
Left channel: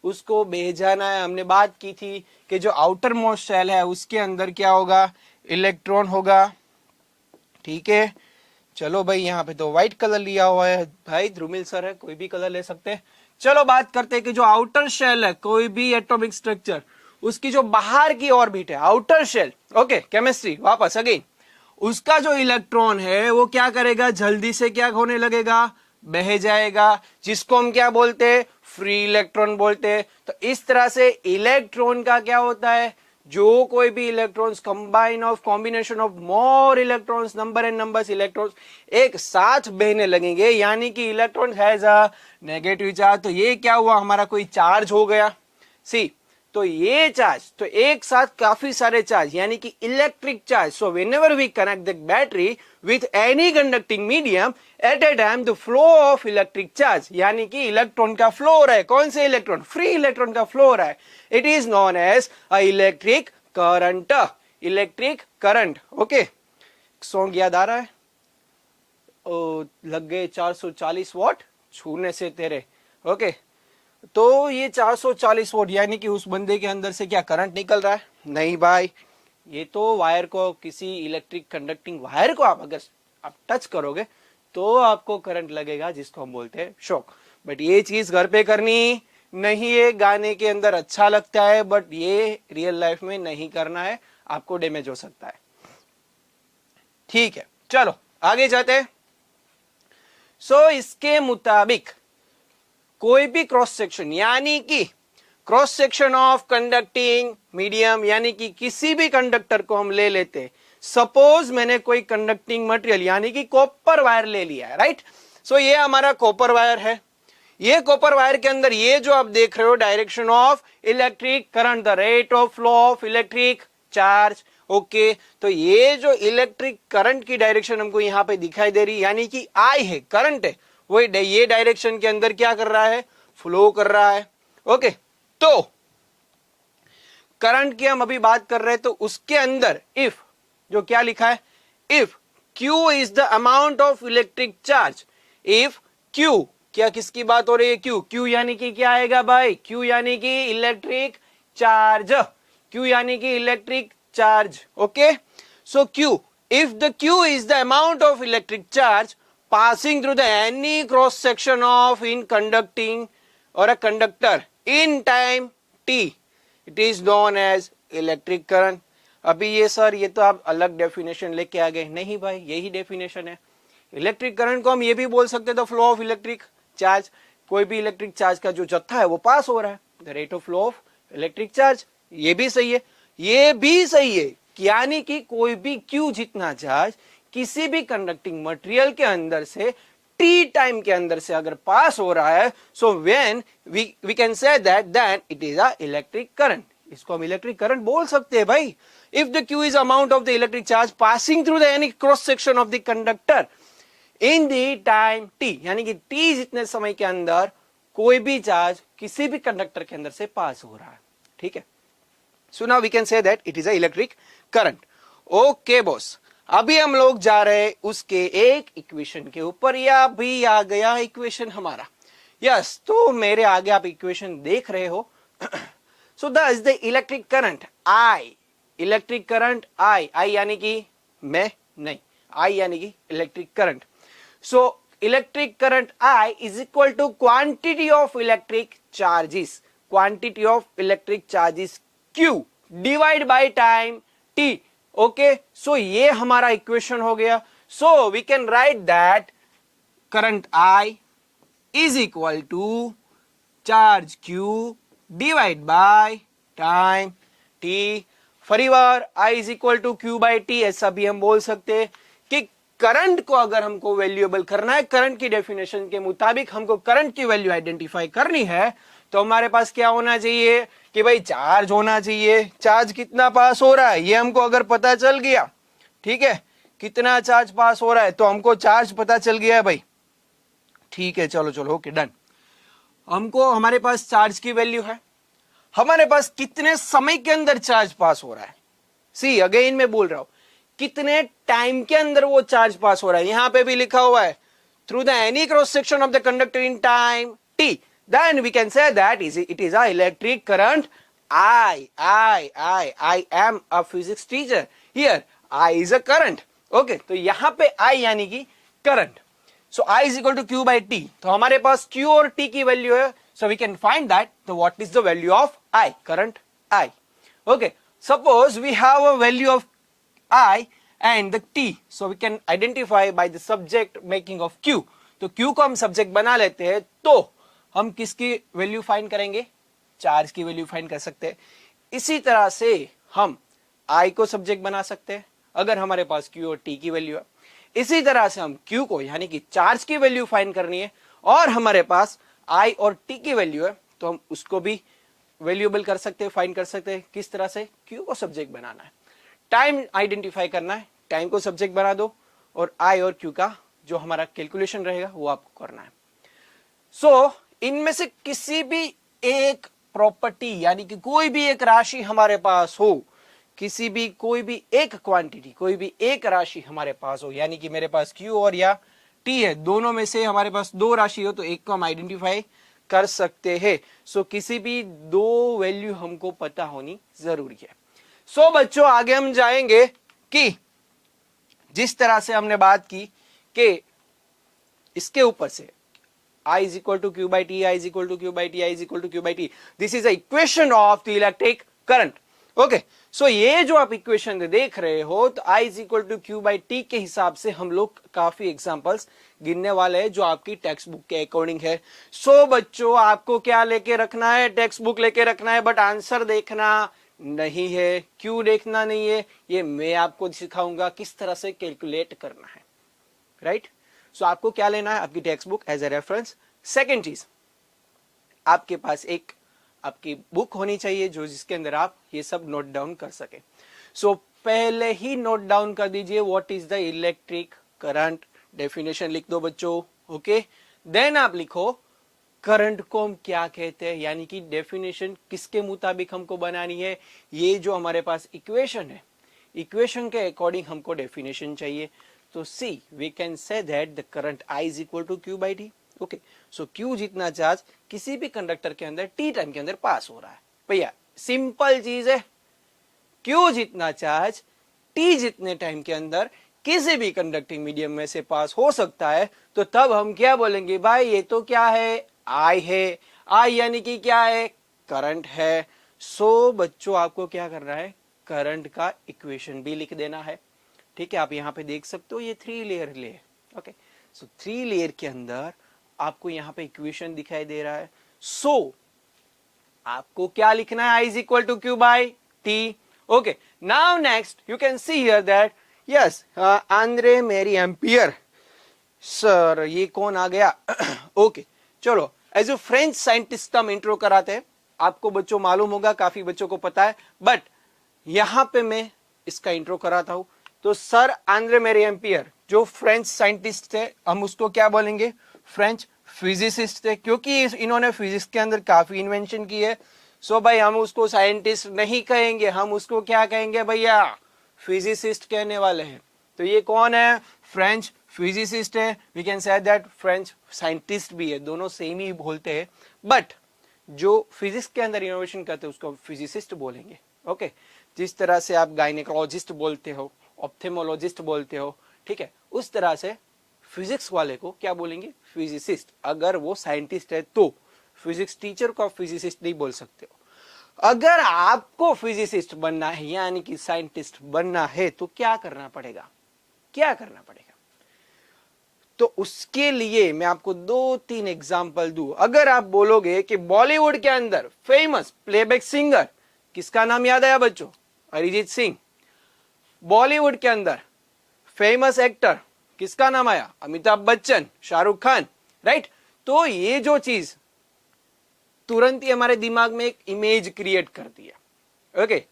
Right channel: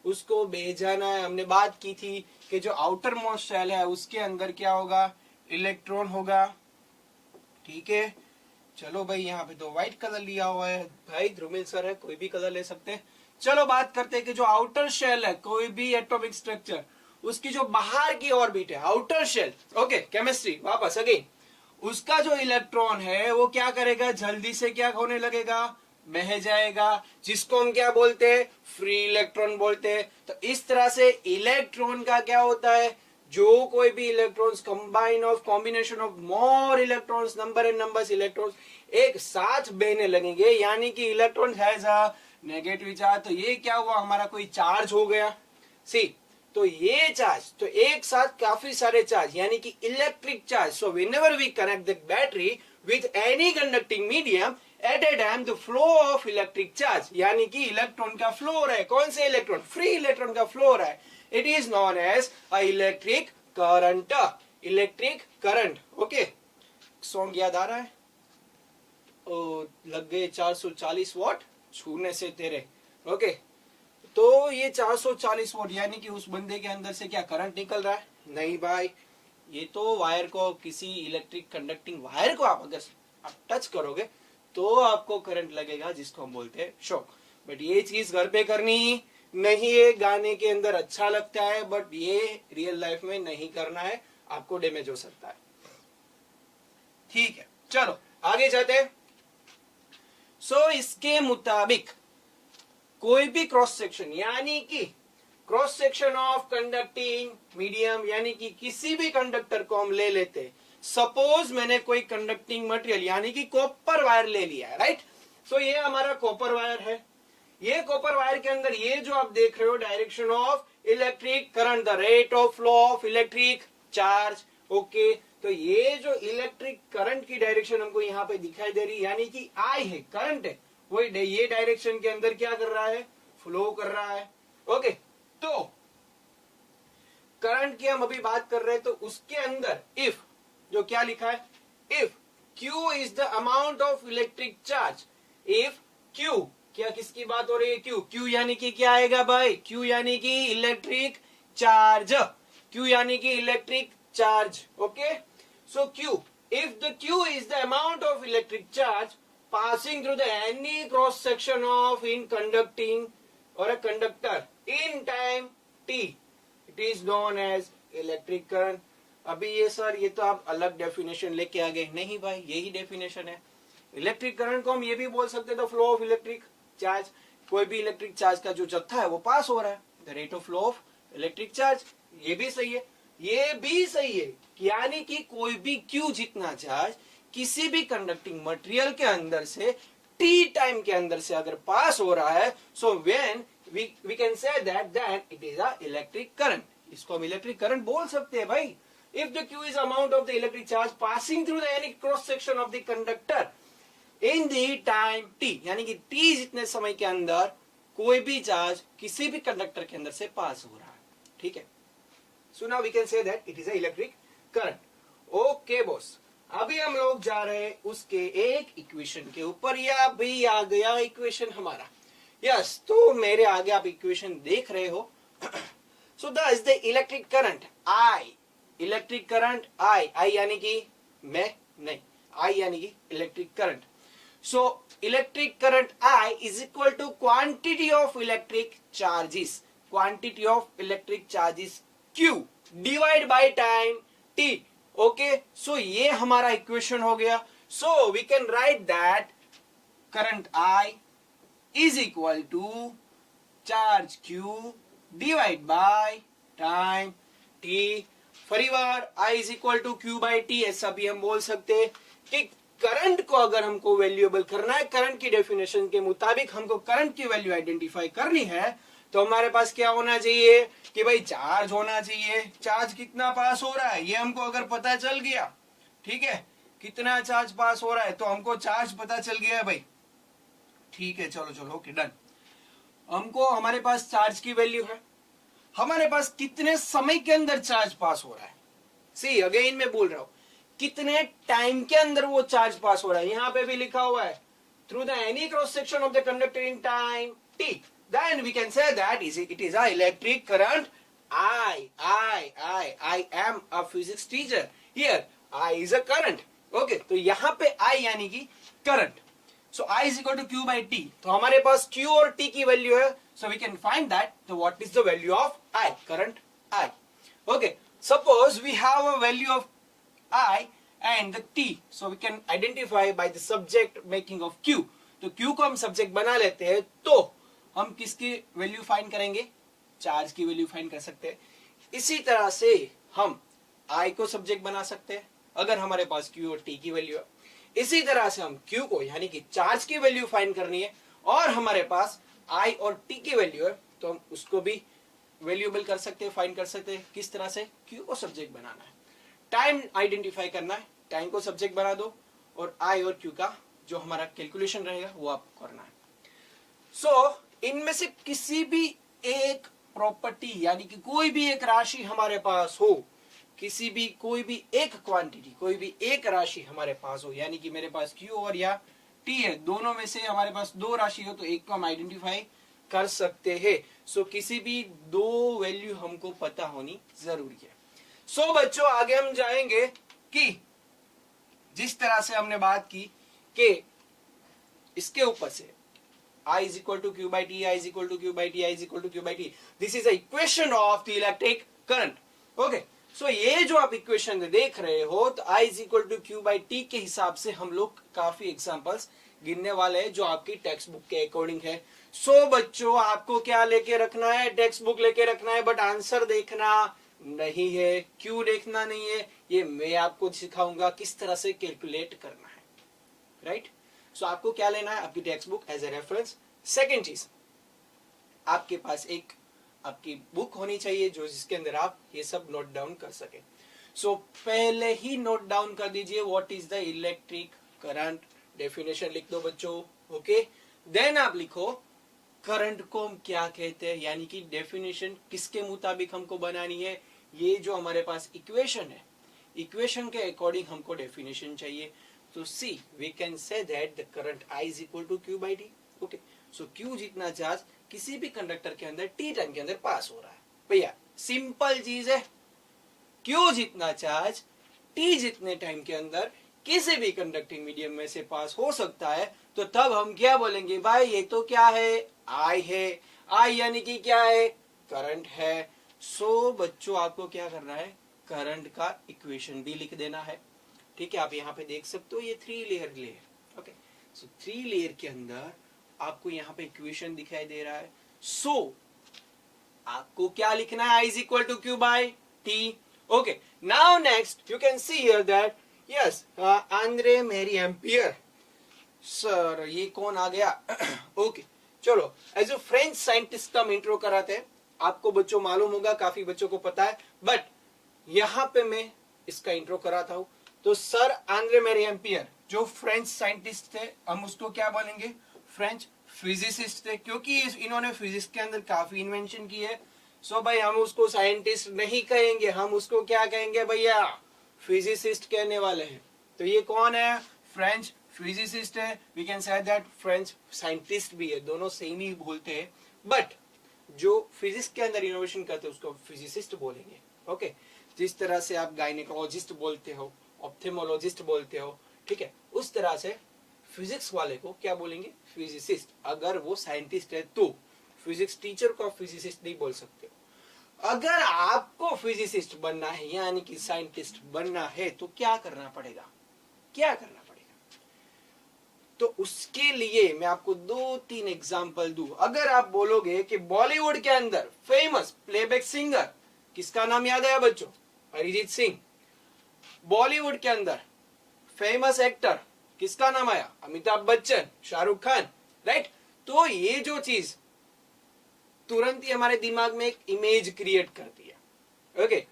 उसको भेजाना है। हमने बात की थी कि जो आउटर मोस्ट शेल है उसके अंदर क्या होगा, इलेक्ट्रॉन होगा, ठीक है। चलो भाई, यहाँ पे तो व्हाइट कलर लिया हुआ है, भाई ध्रुमिल सर है, कोई भी कलर ले सकते हैं। चलो बात करते हैं कि जो आउटर शेल है कोई भी एटॉमिक स्ट्रक्चर, उसकी जो बाहर की ऑर्बिट है, आउटर शेल, ओके केमिस्ट्री वापस अगेन, उसका जो इलेक्ट्रॉन है वो क्या करेगा, जल्दी से क्या होने लगेगा, बह जाएगा, जिसको हम क्या बोलते हैं, फ्री इलेक्ट्रॉन बोलते हैं। तो इस तरह से इलेक्ट्रॉन का क्या होता है, जो कोई भी electrons combination of more electrons, number and numbers electrons एक साथ बहने लगेंगे, यानी कि electron has a negative charge. तो ये क्या हुआ, हमारा कोई चार्ज हो गया, सी, तो ये चार्ज, तो एक साथ काफी सारे चार्ज यानी कि electric charge. So whenever we connect the battery with any conducting medium at a time the flow of electric charge, यानी कि इलेक्ट्रॉन का फ्लो हो रहा है, कौन से इलेक्ट्रॉन, फ्री इलेक्ट्रॉन का फ्लो हो रहा है, it is known as a electric current, electric current. Okay, song याद आ रहा है, ओ लग गए 440 वॉट छूने से तेरे, ओके। तो ये 440 वोल्ट यानी कि उस बंदे के अंदर से क्या करंट निकल रहा है, नहीं भाई, ये तो वायर को, किसी इलेक्ट्रिक कंडक्टिंग वायर को आप अगर आप टच करोगे तो आपको करंट लगेगा, जिसको हम बोलते हैं शॉक। बट ये चीज घर पे करनी नहीं है, गाने के अंदर अच्छा लगता है बट ये रियल लाइफ में नहीं करना है, आपको डैमेज हो सकता है, ठीक है। चलो आगे जाते हैं। सो इसके मुताबिक कोई भी क्रॉस सेक्शन, यानी कि cross section of conducting medium, यानी कि किसी भी कंडक्टर को हम ले लेते, सपोज मैंने कोई कंडक्टिंग मटेरियल यानी कि कॉपर वायर ले लिया है, राइट। सो ये हमारा कॉपर वायर है, ये कॉपर वायर के अंदर ये जो आप देख रहे हो direction of electric current, the rate of flow of electric charge, okay. तो ये जो इलेक्ट्रिक करंट की डायरेक्शन हमको यहाँ पे दिखाई दे रही है, यानी कि आई है, करंट है, वही ये डायरेक्शन के अंदर क्या कर रहा है, फ्लो कर रहा है। ओके, तो करंट की हम अभी बात कर रहे हैं, तो उसके अंदर इफ जो क्या लिखा है, if Q is the amount of electric charge, if Q, क्या किसकी बात हो रही है, Q यानी कि क्या आएगा भाई, Q यानी कि इलेक्ट्रिक चार्ज, Q यानी कि electric charge. Okay, so Q, if the Q is the amount of electric charge passing through the any cross section of in conducting or a conductor in time t, it is known as electric current। अभी ये sir ये तो आप अलग definition लेके आ गए, नहीं भाई यही डेफिनेशन है। इलेक्ट्रिक करंट को हम ये भी बोल सकते थे फ्लो ऑफ इलेक्ट्रिक चार्ज, कोई भी इलेक्ट्रिक चार्ज का जो जत्था है वो पास हो रहा है, the rate of flow of electric charge. ये भी सही है, ये भी सही है, यानी कि कोई भी Q जितना चार्ज किसी भी कंडक्टिंग मटेरियल के अंदर से टी टाइम के अंदर से अगर पास हो रहा है, so when we can say that then it is a electric current. इसको हम इलेक्ट्रिक करंट बोल सकते हैं भाई। If the Q is amount of the electric charge passing through the any cross section of the conductor in the time t, यानी कि t जितने समय के अंदर कोई भी चार्ज किसी भी कंडक्टर के अंदर से पास हो रहा है, ठीक है। So now we can say that it is a electric current. Okay boss, अभी हम लोग जा रहे हैं उसके एक इक्वेशन के ऊपर, या अभी आ गया इक्वेशन हमारा, यस तो मेरे आगे आप इक्वेशन देख रहे हो। So that is the electric current I, electric current I, I यानी कि मैं नहीं, आई यानी कि electric current. So electric current I is equal to quantity of electric charges, quantity of electric charges Q divide by time T। Okay, so ये हमारा equation हो गया। So we can write that current I is equal to charge Q divide by time T। फरीवार I is equal to Q by T, ऐसा भी हम बोल सकते हैं कि करंट को अगर हमको वैल्यूएबल करना है, करंट की डेफिनेशन के मुताबिक हमको करंट की वैल्यू आइडेंटिफाई करनी है, तो हमारे पास क्या होना चाहिए कि भाई चार्ज होना चाहिए। चार्ज कितना पास हो रहा है ये हमको अगर पता चल गया, ठीक है, कितना चार्ज पास हो रहा है, तो हमको चार्ज पता चल गया है भाई, ठीक है, चलो चलो ओके डन। हमको हमारे पास चार्ज की वैल्यू है, हमारे पास कितने समय के अंदर चार्ज पास हो रहा है, सी अगेन मैं बोल रहा हूं कितने टाइम के अंदर वो चार्ज पास हो रहा है। यहां पे भी लिखा हुआ है through the any cross section of the conductor in time t, then we can say that it is a electric current I am a physics teacher, here I is a current। okay, तो यहां पे I यानी कि current, so I is equal to Q by T, तो हमारे पास Q और T की value है, so we can find that the what is the value of I, current I। okay, suppose we have a value of I and the T, so we can identify by the subject making of Q। तो Q को हम subject बना लेते हैं, तो हम किसकी value find करेंगे, चार्ज की वैल्यू फाइंड कर सकते हैं। इसी तरह से हम I को सब्जेक्ट बना सकते हैं अगर हमारे पास Q और T की वैल्यू है। इसी तरह से हम Q को यानी कि चार्ज की वैल्यू फाइंड करनी है, और हमारे पास I और T की वैल्यू है, तो हम उसको भी वैल्यूएबल कर सकते हैं, फाइंड कर सकते हैं। किस तरह से, Q को सब्जेक्ट बनाना है, टाइम आइडेंटिफाई करना है, टाइम को सब्जेक्ट बना दो, और I और Q का जो हमारा कैलकुलेशन रहेगा वो आपको करना है। सो इनमें से किसी भी एक प्रॉपर्टी यानी कि कोई भी एक राशि हमारे पास हो, किसी भी कोई भी एक क्वांटिटी, कोई भी एक राशि हमारे पास हो, यानी कि मेरे पास Q और या T है, दोनों में से हमारे पास दो राशि हो, तो एक को हम आइडेंटिफाई कर सकते हैं। सो किसी भी दो वैल्यू हमको पता होनी जरूरी है। सो बच्चों आगे हम जाएंगे कि जिस तरह से हमने बात की कि इसके ऊपर से I is equal to Q by T, I is equal to Q by T, I is equal to Q by T, this is a equation of the electric current। okay, so ये जो आप equation देख रहे हो, तो I is equal to Q by T के हिसाब से हम लोग काफी एग्जांपल्स गिनने वाले हैं जो आपकी टेक्स्ट बुक के अकॉर्डिंग है। सो बच्चों आपको क्या लेके रखना है, टेक्स्ट बुक लेके रखना है, बट आंसर देखना नहीं है, क्यों देखना नहीं है, ये मैं आपको सिखाऊंगा किस तरह से कैलकुलेट करना है, राइट। सो आपको क्या लेना है, आपकी text book as a reference. Second चीज, आपके पास एक आपकी बुक होनी चाहिए जो जिसके अंदर आप ये सब नोट डाउन कर सके। सो पहले ही नोट डाउन कर दीजिए what is the electric current, definition लिख दो बच्चों, ओके। देन आप लिखो करंट को हम क्या कहते हैं, यानी कि डेफिनेशन किसके मुताबिक हमको बनानी है, ये जो हमारे पास इक्वेशन है, इक्वेशन के अकॉर्डिंग हमको डेफिनेशन चाहिए। तो see we can say that the current I is equal to Q by T, okay. So Q जितना चार्ज किसी भी कंडक्टर के अंदर T टाइम के अंदर पास हो रहा है, भैया सिंपल चीज है, Q जितना चार्ज T जितने टाइम के अंदर किसी भी कंडक्टिंग मीडियम में से पास हो सकता है, तो तब हम क्या बोलेंगे, भाई ये तो क्या है, I है, I यानी कि क्या है, करंट है। सो बच्चों आपको क्या करना है, करंट का इक्वेशन भी लिख देना है, ठीक है। आप यहाँ पे देख सकते हो ये 3 लेयर ले, ओके। सो 3 लेयर के अंदर आपको यहाँ पे इक्वेशन दिखाई दे रहा है। सो आपको क्या लिखना है, I is equal to Q by T, okay. Now next you can see here that yes Andre Marie Ampere, sir ये कौन आ गया, ओके चलो। एज ए फ्रेंच साइंटिस्ट हम इंट्रो कराते हैं, आपको बच्चों मालूम होगा, काफी बच्चों को पता है, बट यहां पे मैं इसका इंट्रो कराता हूं। तो सर आंद्रे मेरी एम्पियर जो फ्रेंच साइंटिस्ट थे, हम उसको क्या बोलेंगे, फ्रेंच फिजिसिस्ट थे, क्योंकि इन्होंने फिजिक्स के अंदर काफी इन्वेंशन की है। सो भाई हम उसको साइंटिस्ट नहीं कहेंगे, हम उसको क्या कहेंगे भैया, फिजिसिस्ट कहने वाले हैं। तो ये कौन है, फ्रेंच फिजिसिस्ट है, we can say that French scientist भी है, दोनों सेम ही बोलते हैं, बट जो फिजिक्स के अंदर इनोवेशन करते हैं उसको फिजिसिस्ट बोलेंगे, ओके। जिस तरह से आप गायनेकोलॉजिस्ट बोलते हो, ऑप्थेमोलॉजिस्ट बोलते हो, ठीक है, उस तरह से फिजिक्स वाले को क्या बोलेंगे, फिजिसिस्ट। अगर वो साइंटिस्ट है तो फिजिक्स टीचर को आप फिजिसिस्ट नहीं बोल सकते हो। अगर आपको फिजिसिस्ट बनना है यानी कि साइंटिस्ट बनना है तो क्या करना पड़ेगा, क्या करना पड़ेगा, तो उसके लिए मैं आपको 2-3 एग्जांपल दूं। अगर आप बोलोगे कि बॉलीवुड के अंदर फेमस प्लेबैक सिंगर, किसका नाम याद आया बच्चों, अरिजीत सिंह। बॉलीवुड के अंदर फेमस एक्टर, किसका नाम आया, अमिताभ बच्चन, शाहरुख खान, राइट। तो ये जो चीज तुरंत ही हमारे दिमाग में एक इमेज क्रिएट करती है, ओके।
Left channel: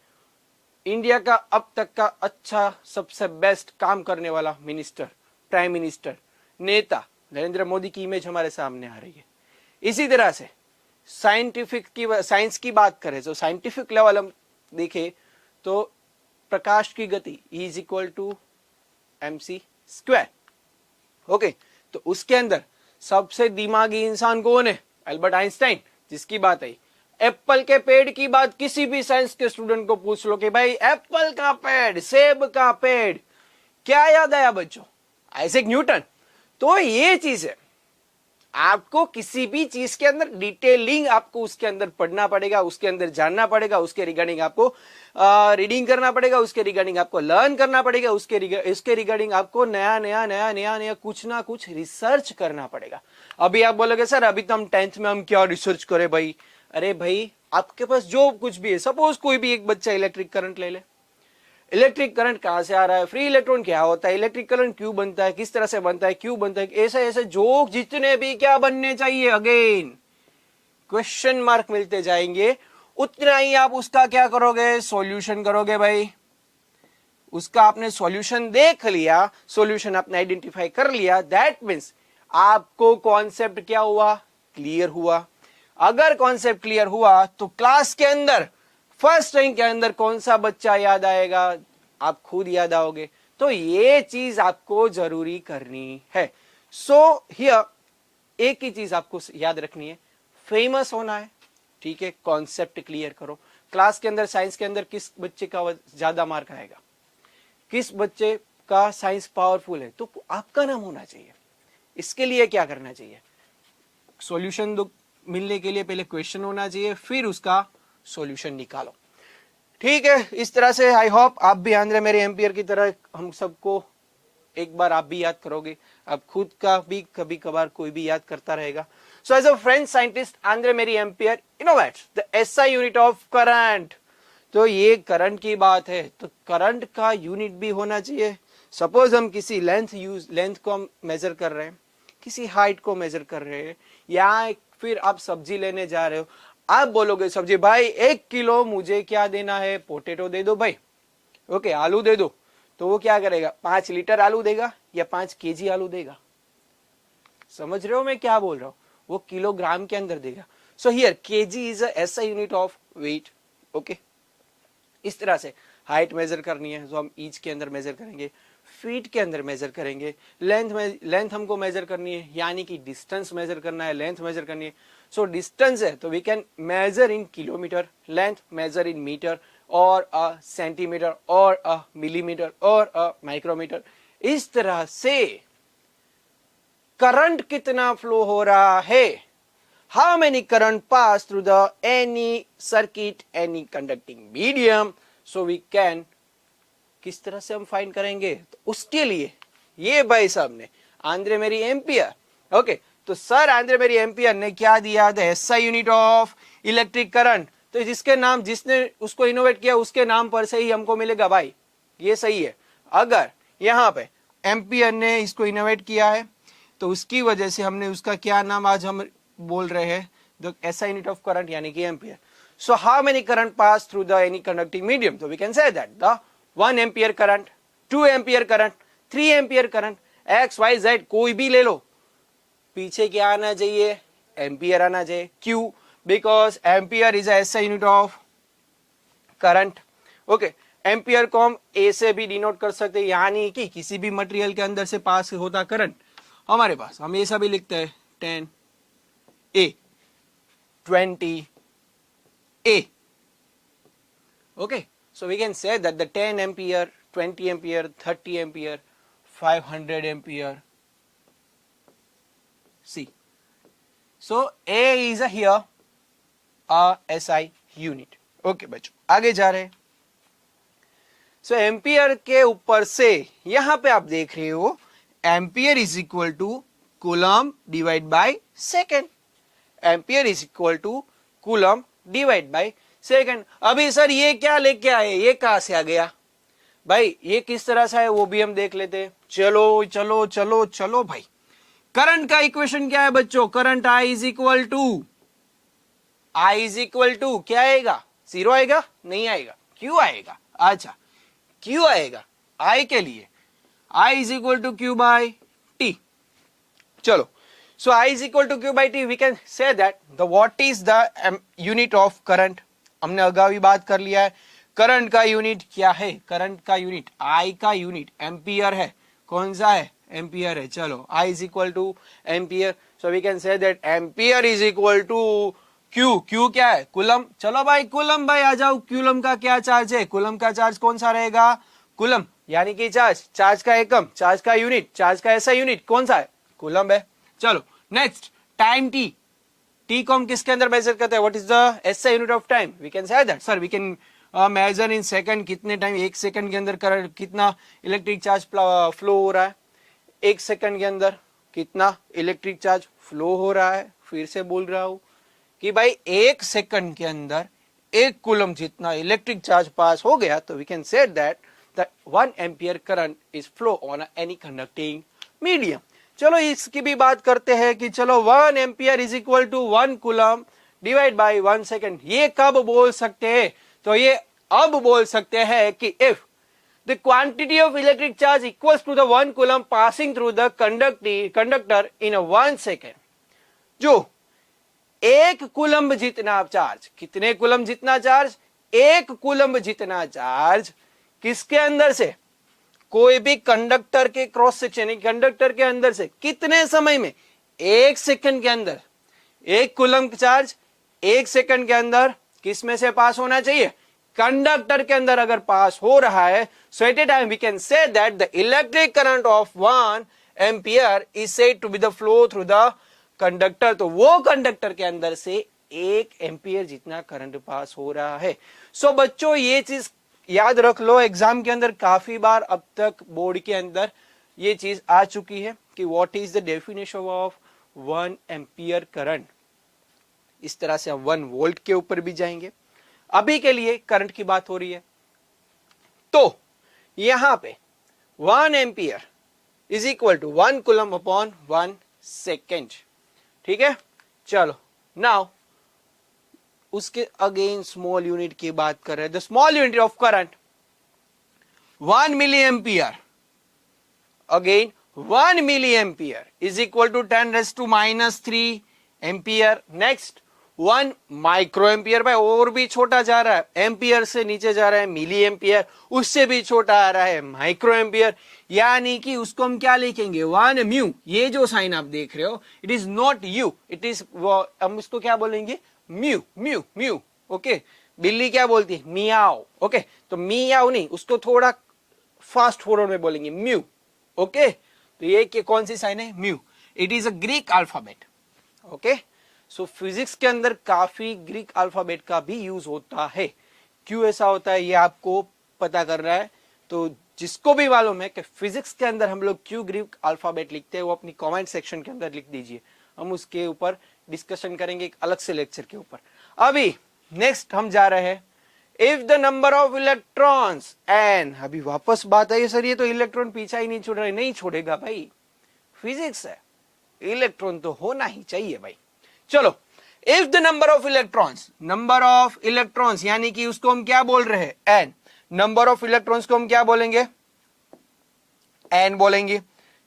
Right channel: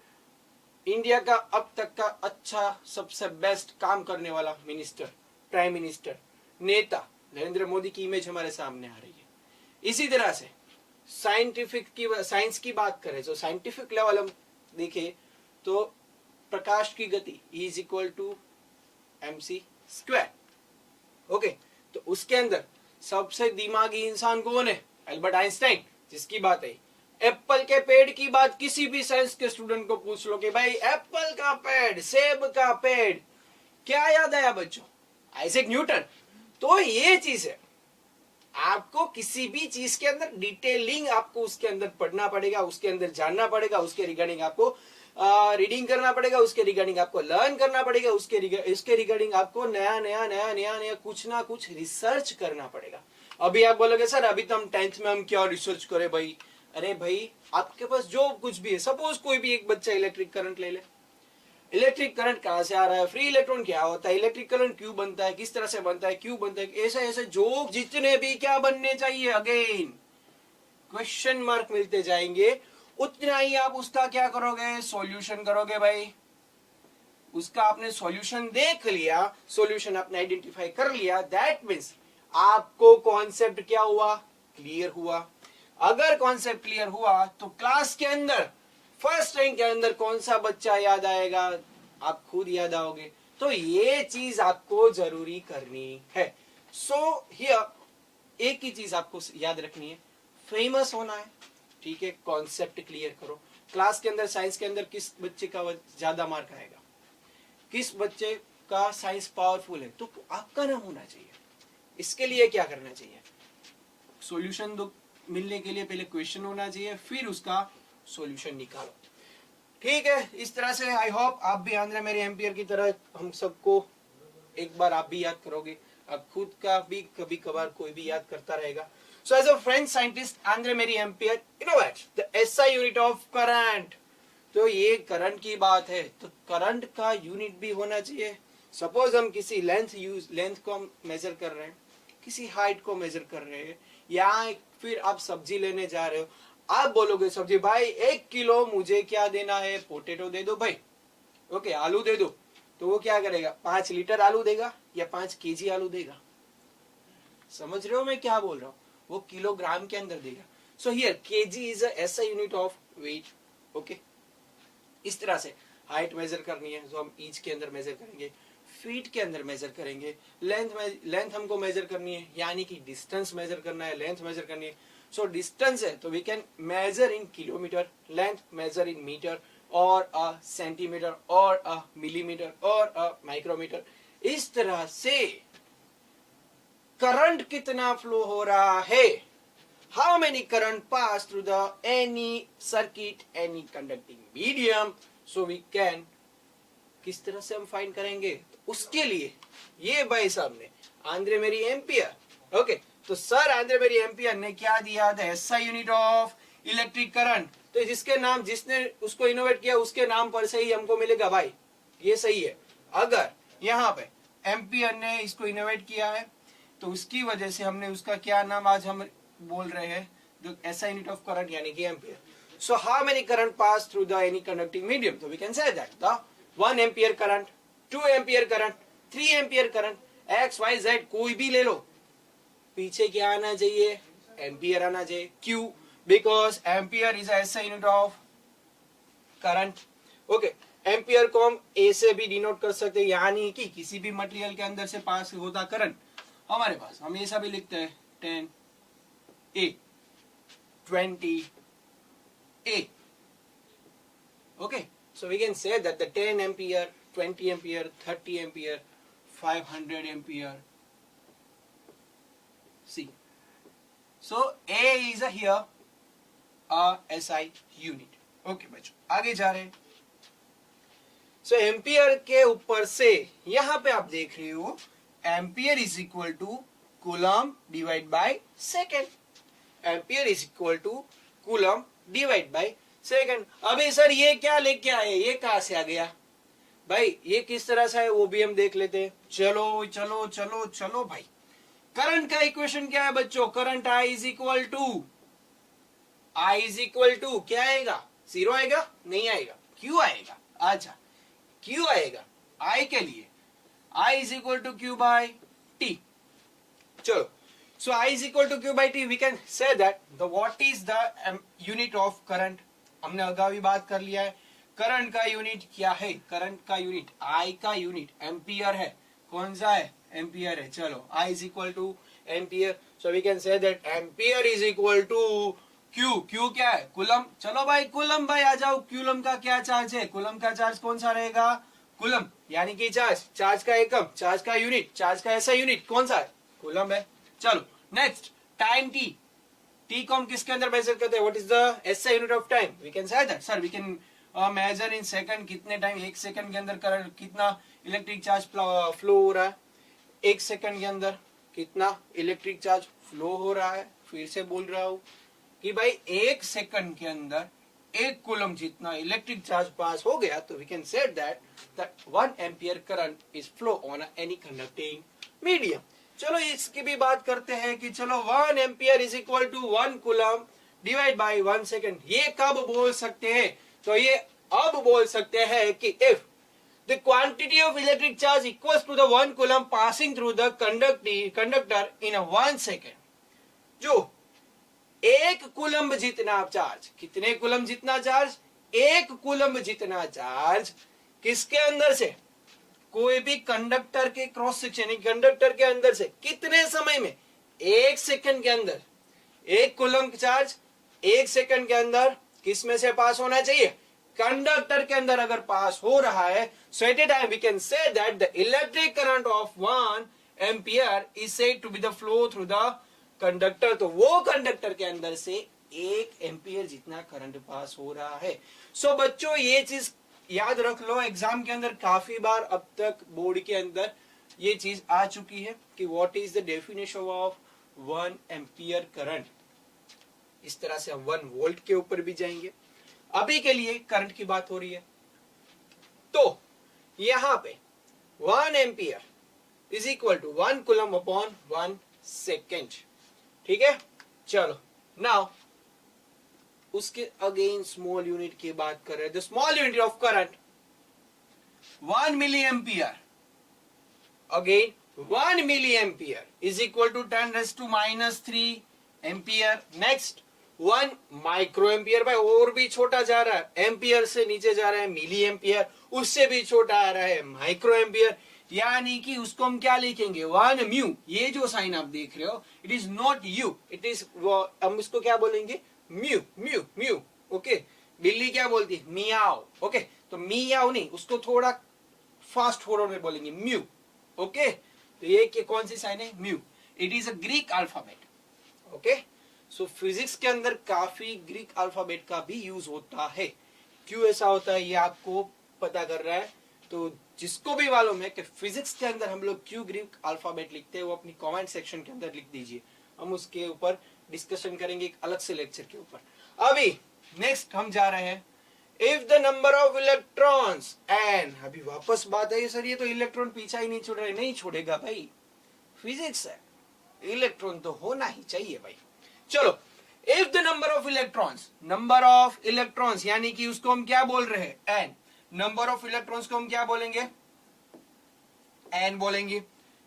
इंडिया का अब तक का अच्छा सबसे बेस्ट काम करने वाला मिनिस्टर, प्राइम मिनिस्टर, नेता नरेंद्र मोदी की इमेज हमारे सामने आ रही है। इसी तरह से साइंस की बात करें तो साइंटिफिक लेवल हम देखें तो प्रकाश की गति E is equal to mc square, okay. तो उसके अंदर सबसे दिमागी इंसान कौन है, अल्बर्ट आइंस्टाइन, जिसकी बात है। एप्पल के पेड़ की बात किसी भी साइंस के स्टूडेंट को पूछ लो कि भाई एप्पल का पेड़, सेब का पेड़, क्या याद आया बच्चों, आइजैक न्यूटन। तो ये चीज है, आपको किसी भी चीज के अंदर डिटेलिंग आपको उसके अंदर पढ़ना पड़ेगा, उसके अंदर जानना पड़ेगा, उसके रिगार्डिंग आपको रीडिंग करना पड़ेगा, उसके रिगार्डिंग आपको लर्न करना पड़ेगा, उसके रिगार्डिंग आपको नया कुछ ना कुछ रिसर्च करना पड़ेगा। अभी आप बोलोगे सर अभी तो हम 10th में हम क्या रिसर्च करें भाई, अरे भाई आपके पास जो कुछ भी है, सपोज कोई भी एक बच्चा इलेक्ट्रिक करंट ले ले, इलेक्ट्रिक करंट कहां से आ रहा है, फ्री इलेक्ट्रॉन क्या होता है, इलेक्ट्रिक करंट क्यों बनता है, किस तरह से बनता है, क्यों बनता है, ऐसे ऐसे जो जितने भी क्या बनने चाहिए, अगेन क्वेश्चन मार्क मिलते जाएंगे, उतना ही आप उसका क्या करोगे, सॉल्यूशन करोगे भाई। उसका आपने सॉल्यूशन देख लिया, सॉल्यूशन आपने आइडेंटिफाई कर लिया, दैट मीन्स आपको कॉन्सेप्ट क्या हुआ, क्लियर हुआ। अगर कॉन्सेप्ट क्लियर हुआ तो क्लास के अंदर फर्स्ट रैंक के अंदर कौन सा बच्चा याद आएगा, आप खुद याद आओगे। तो ये चीज आपको जरूरी करनी है। सो हियर एक ही चीज आपको याद रखनी है, फेमस होना है, ठीक है, कॉन्सेप्ट क्लियर करो। क्लास के अंदर साइंस के अंदर किस बच्चे का ज्यादा मार्क आएगा, किस बच्चे का साइंस पावरफुल है, तो आपका नाम होना चाहिए। इसके लिए क्या करना चाहिए, सॉल्यूशन दो, मिलने के लिए पहले क्वेश्चन होना चाहिए, फिर उसका सॉल्यूशन निकालो, ठीक है। इस तरह से आई होप आप भी आंद्रे मेरे एम्पियर की तरह हम सबको एक बार आप भी याद करोगे, आप खुद का भी कभी कभार कोई भी याद करता रहेगा। So as a French scientist, Andre Marie Ampere innovates the SI unit of current. तो ये करंट की बात है, तो करंट का यूनिट भी होना चाहिए। सपोज हम किसी लेंथ को मेजर कर रहे हैं, किसी हाइट को मेजर कर रहे हैं, या फिर आप सब्जी लेने जा रहे हो, आप बोलोगे सब्जी भाई 1 किलो मुझे क्या देना है, पोटेटो दे दो भाई, ओके, आलू दे दो तो वो क्या करेगा, 5 लीटर आलू देगा या 5 केजी आलू देगा? समझ रहे हो मैं क्या बोल रहा हूं? वो किलोग्राम के अंदर देगा. So here KG is a SI unit of weight. Okay, इस तरह से हाइट मेजर करनी है, जो हम इंच के अंदर मेजर करेंगे, फीट के अंदर मेजर करेंगे, लेंथ हमको मेजर करनी है, यानी कि डिस्टेंस मेजर करना है, लेंथ मेजर करनी है. सो डिस्टेंस है तो we can measure in kilometre, length measure in metre और अ सेंटीमीटर और अ मिलीमीटर और अ माइक्रोमीटर. इस तरह से करंट कितना फ्लो हो रहा है, how many current pass through the any circuit, any conducting medium. So we can, किस तरह से हम फाइंड करेंगे, तो उसके लिए ये भाई साहब ने आंद्रे मेरी एम्पियर. ओके, तो सर आंद्रे मेरी एम्पियर ने क्या दिया, the SI unit of electric current. तो जिसके नाम, जिसने उसको इनोवेट किया उसके नाम पर से ही हमको मिलेगा भाई, ये सही है. अगर यहाँ पे एम्पियर ने इसको इनोवेट किया है तो उसकी वजह से हमने उसका क्या नाम आज हम बोल रहे हैं, the SI unit of current, यानी कि ampere. So how many current pass through the any conducting medium, तो we can say that the 1 ampere current, 2 ampere current, 3 ampere current, XYZ कोई भी ले लो, पीछे क्या आना चाहिए, एम्पियर आना चाहिए. क्यों? Because ampere is SI unit of current. Okay, ampere को हम ए से भी डिनोट कर सकते हैं, यानी कि किसी भी मटेरियल के अंदर से पास होता करंट हमारे पास हम ऐसा भी लिखते हैं 10A, 20A. Okay, so we can say that the 10 ampere, 20 ampere, 30 ampere, 500 ampere. See, so A is a here a SI unit. Okay बच्चों, आगे जा रहे हैं. So एम्पियर के ऊपर से यहां पे आप देख रहे हो ampere is equal to coulomb divide by second. Ampere is equal to coulomb divide by second. अभी सर ये क्या लेके आए, ये कहां से आ गया भाई, ये किस तरह से है वो भी हम देख लेते हैं. चलो चलो चलो चलो भाई, करंट का इक्वेशन क्या है बच्चों, current I is equal to क्या आएगा, 0 आएगा, नहीं आएगा, क्यों आएगा, अच्छा क्यों आएगा, I के लिए I is equal to Q by T. चलो, so I is equal to Q by T, we can say that the what is the unit of current. हमने अगाऊ ही बात कर लिया है, करंट का यूनिट क्या है, करंट का यूनिट I का यूनिट एम्पियर है. कौन सा है, एम्पियर है. चलो, I is equal to ampere, so we can say that ampere is equal to Q. Q क्या है, कूलम. चलो भाई कूलम भाई आ जाओ, कूलम का क्या चार्ज है, कूलम का चार्ज कौन सा रहेगा, कूलम, यानी कि चार्ज, चार्ज का एकम, चार्ज का यूनिट, चार्ज का ऐसा यूनिट कौन सा है, कूलम है. चलो नेक्स्ट, टाइम टी. टी को हम किसके अंदर मेजर करते हैं, what is the SI unit of time. We can say that sir we can measure in second, कितने टाइम, 1 सेकंड के अंदर करंट, कितना इलेक्ट्रिक चार्ज फ्लो हो रहा है, 1 सेकंड के अंदर कितना इलेक्ट्रिक चार्ज फ्लो हो रहा है. फिर से बोल रहा हूं कि भाई 1 सेकंड के अंदर 1 कूलम जितना इलेक्ट्रिक चार्ज पास हो गया, तो we can say that the 1 ampere current is flow on any conducting medium. चलो इसकी भी बात करते हैं कि चलो 1 ampere is equal to 1 coulomb divide by 1 second. ये कब बोल सकते हैं, तो ये अब बोल सकते हैं कि if the quantity of electric charge equals to the 1 coulomb passing through the conductor in 1 second. जो 1 कूलम जितना चार्ज, कितने कूलम जितना चार्ज, 1 कूलम जितना चार्ज किसके अंदर से, कोई भी कंडक्टर के क्रॉस सेक्शन, कंडक्टर के अंदर से कितने समय में, 1 सेकंड के अंदर 1 कूलम चार्ज 1 सेकंड के अंदर किस में से पास होना चाहिए, कंडक्टर के अंदर अगर पास हो रहा है, so at a time we can say that the electric current of 1 ampere is said to be the flow through the conductor. तो वो कंडक्टर के अंदर से 1 एम्पियर जितना करंट पास हो रहा है. सो बच्चों ये चीज याद रख लो, एग्जाम के अंदर काफी बार अब तक बोर्ड के अंदर ये चीज आ चुकी है कि what is the definition of 1 ampere current. इस तरह से हम 1 वोल्ट के ऊपर भी जाएंगे. अभी के लिए करंट की बात हो रही है, तो यहां पे 1 ampere is equal to 1 coulomb upon 1 second. ठीक है, चलो नाउ उसके अगेन स्मॉल यूनिट की बात कर रहे हैं. The small unit of current 1 milliampere. Again 1 milliampere is equal to 10 raised to minus 3 ampere. Next 1 microampere. भाई और भी छोटा जा रहा है, एम्पियर से नीचे जा रहा है मिली एम्पियर, उससे भी छोटा आ रहा है माइक्रोएम्पियर. यानी कि उसको हम क्या लिखेंगे 1 म्यू. ये जो साइन आप देख रहे हो it is not you, it is, हम इसको क्या बोलेंगे म्यू म्यू म्यू. ओके, बिल्ली क्या बोलती है मियाओ. ओके, तो मियाओ नहीं, उसको थोड़ा फास्ट फॉरवर्ड में बोलेंगे म्यू. ओके, तो ये कौन सी साइन है mu. It is a Greek alphabet. Okay, so physics के अंदर काफी ग्रीक अल्फाबेट का भी यूज होता है. क्यों ऐसा होता है ये आपको पता कर रहा है, तो जिसको भी मालूम है कि फिजिक्स के अंदर हम लोग क्यों ग्रीक अल्फाबेट लिखते हैं वो अपनी कमेंट सेक्शन के अंदर लिख दीजिए. हम उसके ऊपर डिस्कशन करेंगे एक अलग से लेक्चर के ऊपर. अभी नेक्स्ट हम जा रहे हैं if the number of electrons N. अभी वापस बात आई सर ये तो इलेक्ट्रॉन पीछा ही नहीं छोड़ रहा है. नहीं छोड़ेगा भाई, फिजिक्स है, इलेक्ट्रॉन तो होना ही चाहिए भाई. चलो, if the number of electrons यानी कि उसको हम क्या बोल रहे हैं एन. नंबर ऑफ इलेक्ट्रॉन्स को हम क्या बोलेंगे एन बोलेंगे.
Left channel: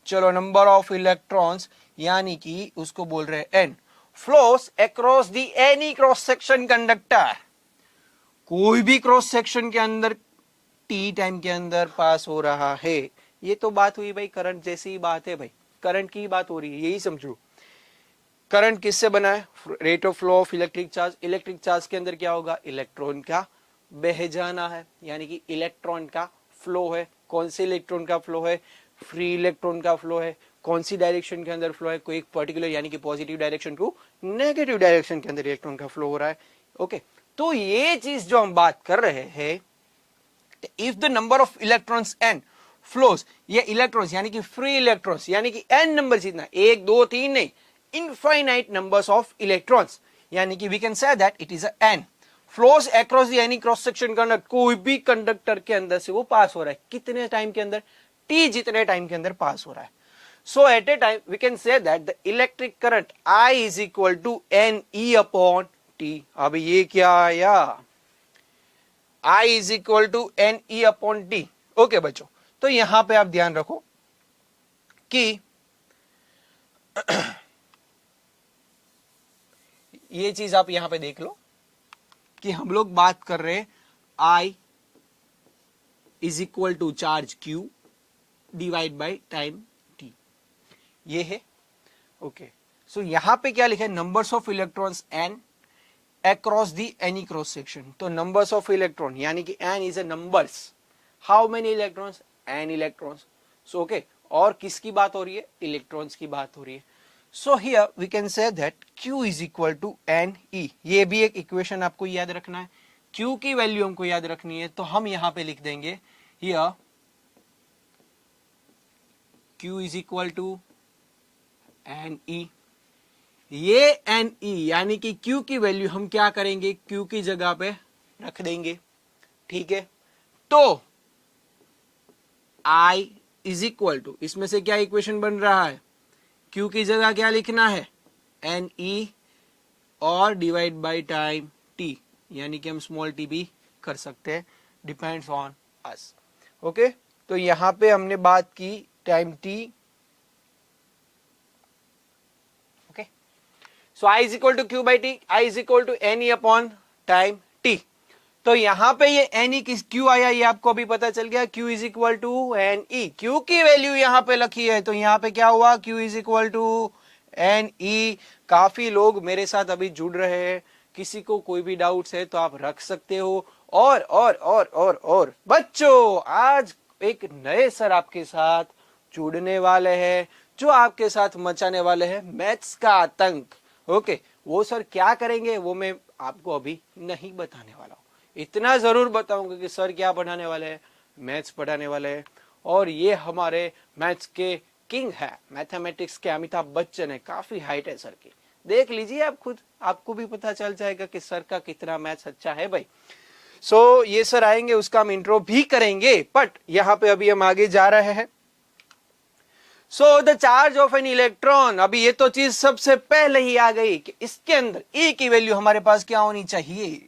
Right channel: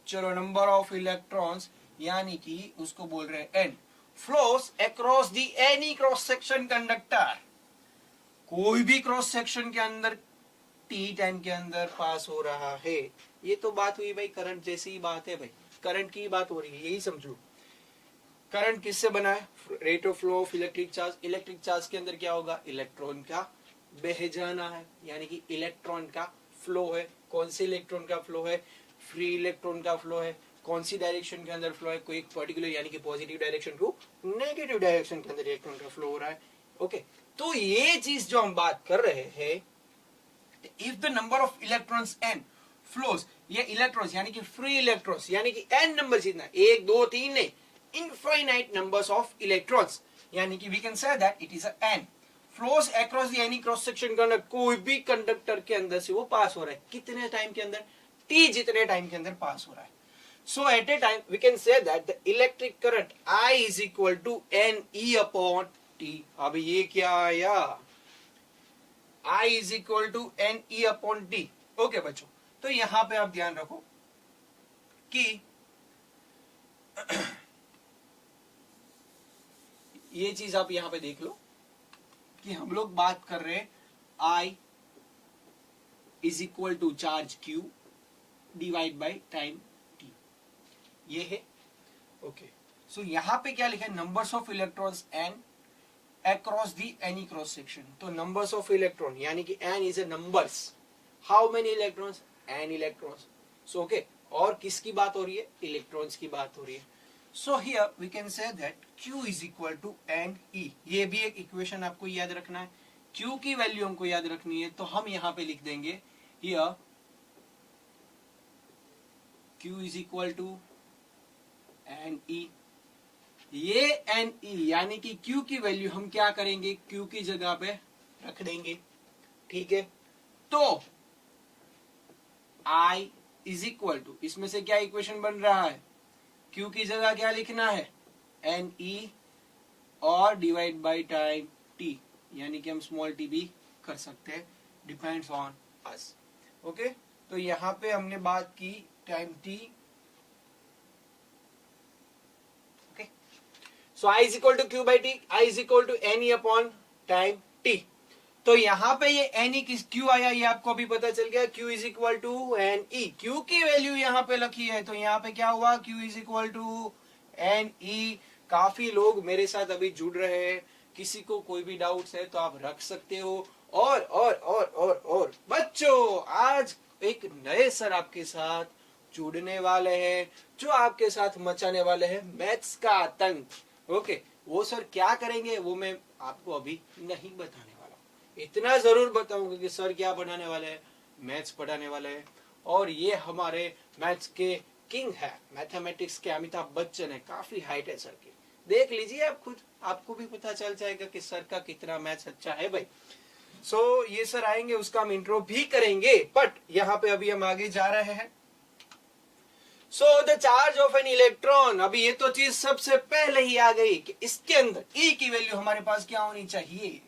चलो, नंबर ऑफ इलेक्ट्रॉन्स यानी कि उसको बोल रहे हैं N. Flows across the any cross section conductor. कोई भी क्रॉस सेक्शन के अंदर टी टाइम के अंदर पास हो रहा है. ये तो बात हुई भाई करंट जैसी ही बात है भाई, करंट की बात हो रही है, यही समझो. करंट किससे बना है, rate of flow of electric charge. Electric charge के अंदर क्या होगा, इलेक्ट्रॉन का बह जाना है, यानी कि इलेक्ट्रॉन का फ्लो है. कौन से इलेक्ट्रॉन का फ्लो है, फ्री इलेक्ट्रॉन का फ्लो है. कौन सी डायरेक्शन के अंदर फ्लो है, कोई एक पर्टिकुलर यानी कि positive direction to negative direction के अंदर इलेक्ट्रॉन का फ्लो हो रहा है. ओके, तो ये चीज जो हम बात कर रहे हैं, if the number of electrons N flows, ये इलेक्ट्रॉन्स यानी कि फ्री इलेक्ट्रॉन्स यानी कि एन नंबर जितना, 1 2 3 नहीं, इनफाइनाइट नंबर्स ऑफ इलेक्ट्रॉन्स, यानी कि we can say that it is N flows across the any cross section conductor. कोई भी कंडक्टर के अंदर से वो पास हो रहा है. कितने टाइम के अंदर, टी जितने टाइम के अंदर पास हो रहा है. So at a time we can say that the electric current I is equal to N E upon T. अब ये क्या आया, I is equal to N E upon T. Okay बच्चों, तो यहां पे आप ध्यान रखो कि ये चीज आप यहां पे देख लो कि हम लोग बात कर रहे हैं I is equal to charge Q divide by time T. ये है. ओके, सो यहां पे क्या लिखा है, numbers of electrons n across the any cross section. तो नंबर्स ऑफ इलेक्ट्रॉन यानी कि n is a numbers. How many electrons, n electrons. So okay, और किसकी बात हो रही है, इलेक्ट्रॉन्स की बात हो रही है. So here we can say that Q is equal to N E. ये भी एक इक्वेशन आपको याद रखना है. Q की वैल्यू हमको याद रखनी है, तो हम यहां पे लिख देंगे here Q is equal to N E. ये एन ई यानी कि Q की वैल्यू हम क्या करेंगे, Q की जगह पे रख देंगे. ठीक है, तो I इज इक्वल टू, इसमें से क्या इक्वेशन बन रहा है, Q की जगह क्या लिखना है एन ई और डिवाइड बाई टाइम T, यानी कि हम स्मॉल t भी कर सकते हैं, डिपेंड्स ऑन अस. ओके, तो यहां पे हमने बात की time T. Okay, so I is equal to Q by T, I is equal to N E upon time T. तो यहां पे ये एन ई किस क्यू आया, ये आपको अभी पता चल गया. Q is equal to N E. Q की वैल्यू यहां पे लिखी है, तो यहां पे क्या हुआ, Q is equal to N E. काफी लोग मेरे साथ अभी जुड़ रहे हैं, किसी को कोई भी डाउट्स है तो आप रख सकते हो. और बच्चों, आज एक नए सर आपके साथ जुड़ने वाले हैं, जो आपके साथ मचाने वाले हैं मैथ्स का आतंक. ओके, वो सर क्या करेंगे वो मैं आपको अभी नहीं बताने वाला हूं. इतना जरूर बताऊंगा कि सर क्या पढ़ाने वाले हैं, मैथ्स पढ़ाने वाले हैं. और ये हमारे मैथ्स के किंग है, मैथमेटिक्स के अमिताभ बच्चन है. काफी हाइट है सर की, देख लीजिए आप खुद, आपको भी पता चल जाएगा कि सर का कितना मैथ्स अच्छा है भाई. सो ये सर आएंगे, उसका हम इंट्रो भी करेंगे, बट यहाँ पे अभी हम आगे जा रहे हैं. So the charge of an electron. अभी ये तो चीज सबसे पहले ही आ गई कि इसके अंदर E की वैल्यू हमारे पास क्या होनी चाहिए,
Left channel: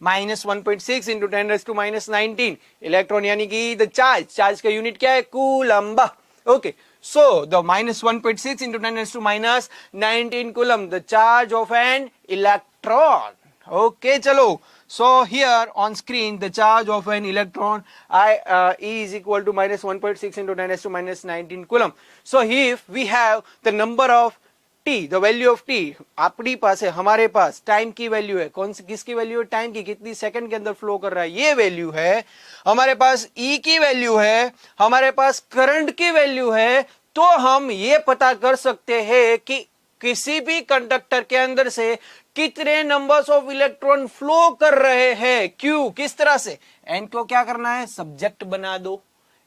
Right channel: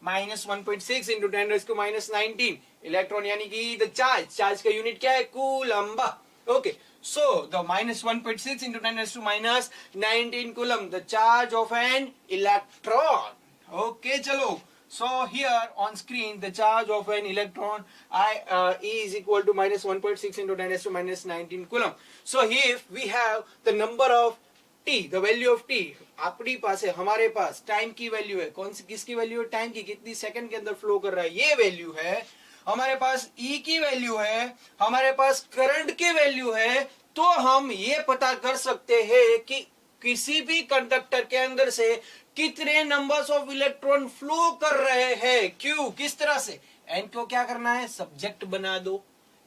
-1.6 into 10⁻⁻19 इलेक्ट्रॉन, यानी कि द चार्ज का यूनिट क्या है, coulomb. Okay, so the -1.6 into 10⁻⁻19 coulomb, the charge of an electron. Okay, chalo. So here on screen the charge of an electron is equal to -1.6 into 10⁻⁻19 coulomb. So if we have the number of t, the value of t, अपनी पास है, हमारे पास time की value है, कौन सी, किसकी value है, time की, कितनी सेकंड के अंदर फ्लो कर रहा है, ये वैल्यू है. हमारे पास E की वैल्यू है, हमारे पास करंट की वैल्यू है, तो हम ये पता कर सकते हैं कि किसी भी कंडक्टर के अंदर से कितने नंबर्स ऑफ इलेक्ट्रॉन फ्लो कर रहे हैं. क्यों, किस तरह से, एन को क्या करना है, सब्जेक्ट बना दो,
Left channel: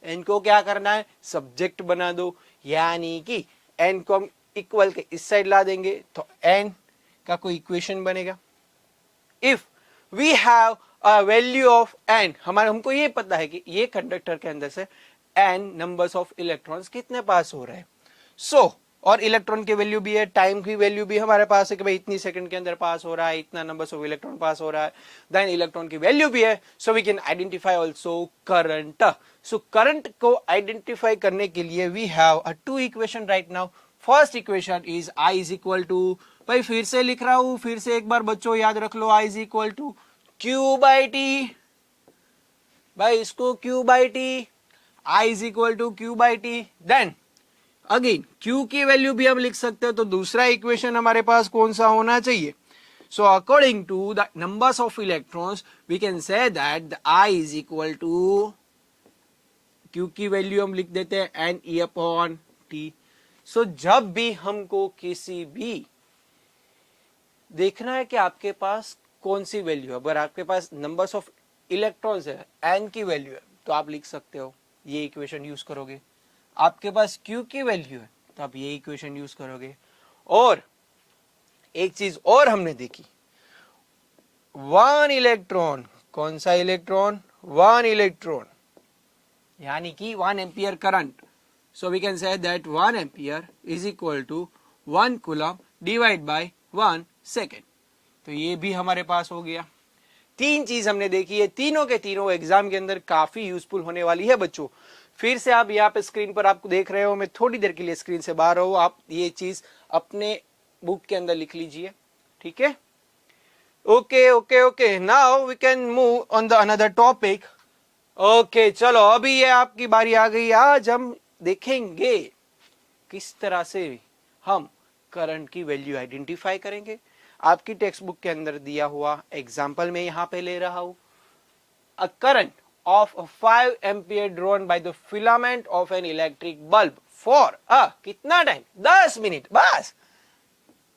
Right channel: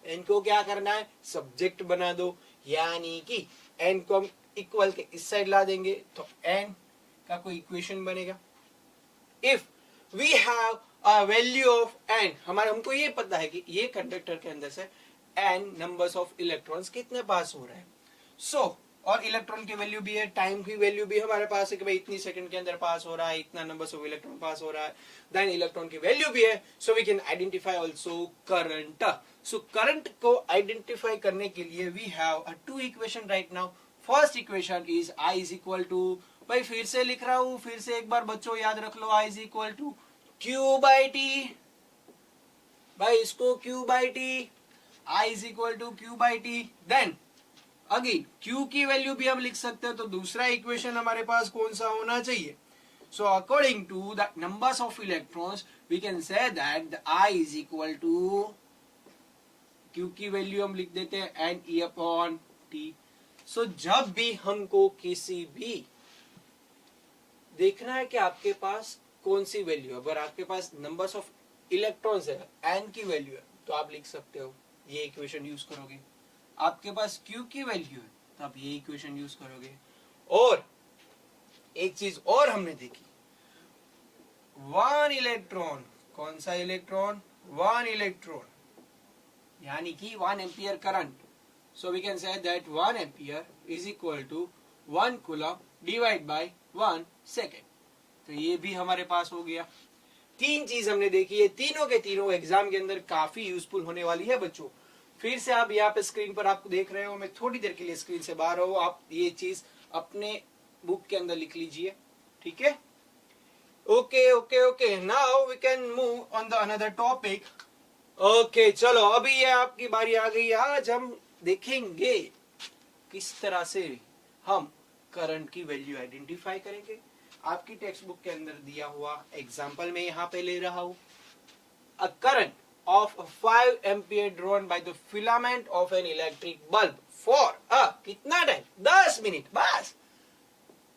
एन को क्या करना है, सब्जेक्ट बना दो, यानी कि एन को हम इक्वल के इस साइड ला देंगे तो एन का कोई इक्वेशन बनेगा. If we have a value of N, हमारे, हमको ये पता है कि ये कंडक्टर के अंदर से एन नंबर्स ऑफ इलेक्ट्रॉन्स कितने पास हो रहे हैं. सो और इलेक्ट्रॉन की वैल्यू भी है, टाइम की वैल्यू भी हमारे पास है कि भाई इतनी सेकंड के अंदर पास हो रहा है, इतना नंबर्स ऑफ इलेक्ट्रॉन पास हो रहा है. देन इलेक्ट्रॉन की वैल्यू भी है, so we can identify also current. So current को आइडेंटिफाई करने के लिए we have a two equation right now. First equation is I is equal to, भाई फिर से लिख रहा हूं, फिर से एक बार बच्चों याद रख लो, I is equal to Q by T. भाई इसको Q by T, I is equal to Q by T. Then again Q की वैल्यू भी हम लिख सकते हैं, तो दूसरा इक्वेशन हमारे पास कौन सा होना चाहिए. So according to the numbers of electrons we can say that I is equal to, Q की वैल्यू हम लिख देते हैं NE अपॉन T. सो जब भी हमको किसी भी देखना है कि आपके पास कौन सी वैल्यू है, अगर आपके पास नंबर्स ऑफ इलेक्ट्रॉन्स है, एन की वैल्यू है, तो आप लिख सकते हो, ये इक्वेशन यूज करोगे. आपके पास क्यू की वैल्यू है तो आप ये इक्वेशन यूज करोगे. और एक चीज और हमने देखी, वन इलेक्ट्रॉन, कौन सा इलेक्ट्रॉन, वन इलेक्ट्रॉन, यानी कि 1 ampere current. So we can say that 1 ampere is equal to 1 coulomb divided by 1 second. तो ये भी हमारे पास हो गया. तीन चीज हमने देखी है, तीनों के तीनों एग्जाम के अंदर काफी यूजफुल होने वाली है बच्चों. फिर से आप यहाँ पे स्क्रीन पर आपको देख रहे हो, मैं थोड़ी देर के लिए स्क्रीन से बाहर हूं, आप ये चीज अपने बुक के अंदर लिख लीजिए, ठीक है. Okay okay okay, now we can move on the another topic. Okay चलो, अभी ये आपकी बारी आ गई. आज हम देखेंगे किस तरह से हम करंट की वैल्यू आइडेंटिफाई करेंगे. आपकी टेक्स्ट बुक के अंदर दिया हुआ एग्जांपल में यहां पे ले रहा हूं. A current of 5 ampere drawn by the filament of an electric bulb for कितना टाइम, 10 मिनट, बस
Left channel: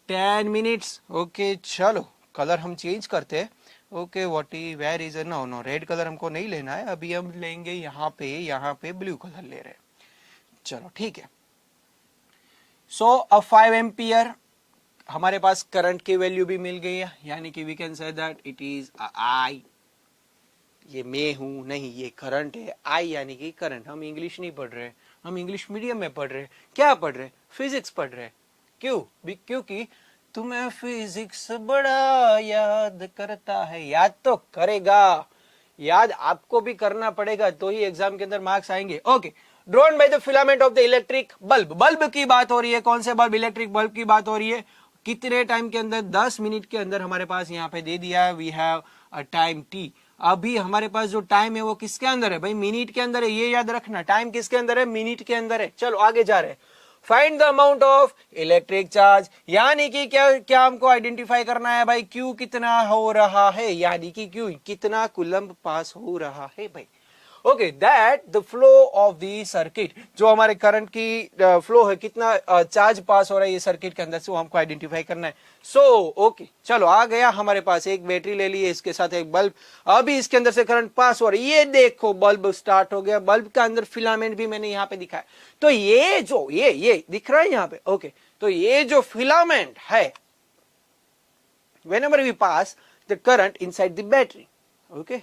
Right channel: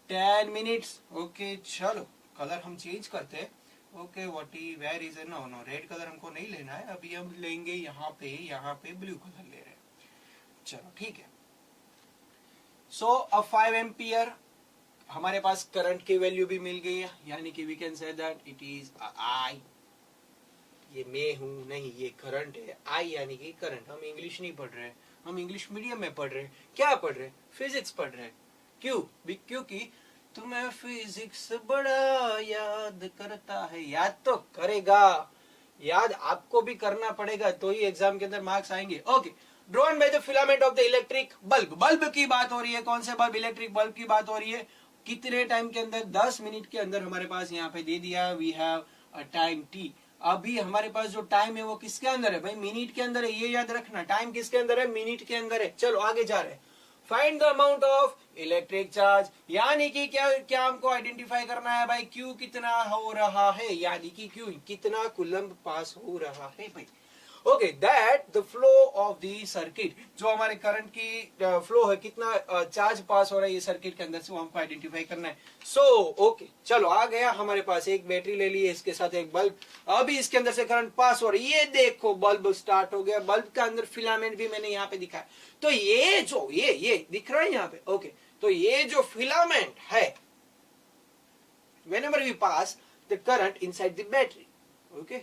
10 मिनट्स. ओके चलो, कलर हम चेंज करते हैं. Okay where is no red colour हमको नहीं लेना है, अभी हम लेंगे यहाँ पे ब्लू कलर ले रहे हैं. चलो ठीक है. सो अब 5 एम्पियर हमारे पास करंट की वैल्यू भी मिल गई है, यानी कि we can say that it is I. ये मैं हूं नहीं, ये करंट है. I यानी कि करंट. हम इंग्लिश नहीं पढ़ रहे, हम इंग्लिश मीडियम में पढ़ रहे. क्या पढ़ रहे, फिजिक्स पढ़ रहे. क्यों, क्योंकि तुम्हें फिजिक्स बड़ा याद करता है. याद तो करेगा, याद आपको भी करना पड़ेगा, तो ही एग्जाम के अंदर मार्क्स आएंगे. Okay, drawn by the filament of the electric bulb. Bulb की बात हो रही है, कौन से बल्ब, इलेक्ट्रिक बल्ब की बात हो रही है. कितने टाइम के अंदर, 10 मिनट के अंदर हमारे पास यहाँ पे दे दिया है, we have a time T. अभी हमारे पास जो टाइम है वो किसके अंदर है, भाई मिनट के अंदर है, ये याद रखना. टाइम किसके अंदर है, मिनट के अंदर है. चलो आगे जा रहे हैं. Find the amount of electric charge, यानी कि क्या हमको आइडेंटिफाई करना है भाई, क्यू कितना हो रहा है, यानी कि क्यू कितना कूलम्ब पास हो रहा है भाई. Okay, that the flow of the circuit, जो हमारे करंट की फ्लो है, कितना चार्ज पास हो रहा है ये सर्किट के अंदर से, वो हमको आइडेंटिफाई करना है. सो ओके चलो, आ गया हमारे पास, एक बैटरी ले ली है, इसके साथ एक बल्ब. अभी इसके अंदर से करंट पास हो रहा है, ये देखो बल्ब स्टार्ट हो गया. बल्ब के अंदर फिलामेंट भी मैंने यहाँ पे दिखाया. तो ये जो ये दिख रहा है यहाँ पे. ओके, तो ये जो फिलामेंट है, whenever we pass the current inside the battery, okay,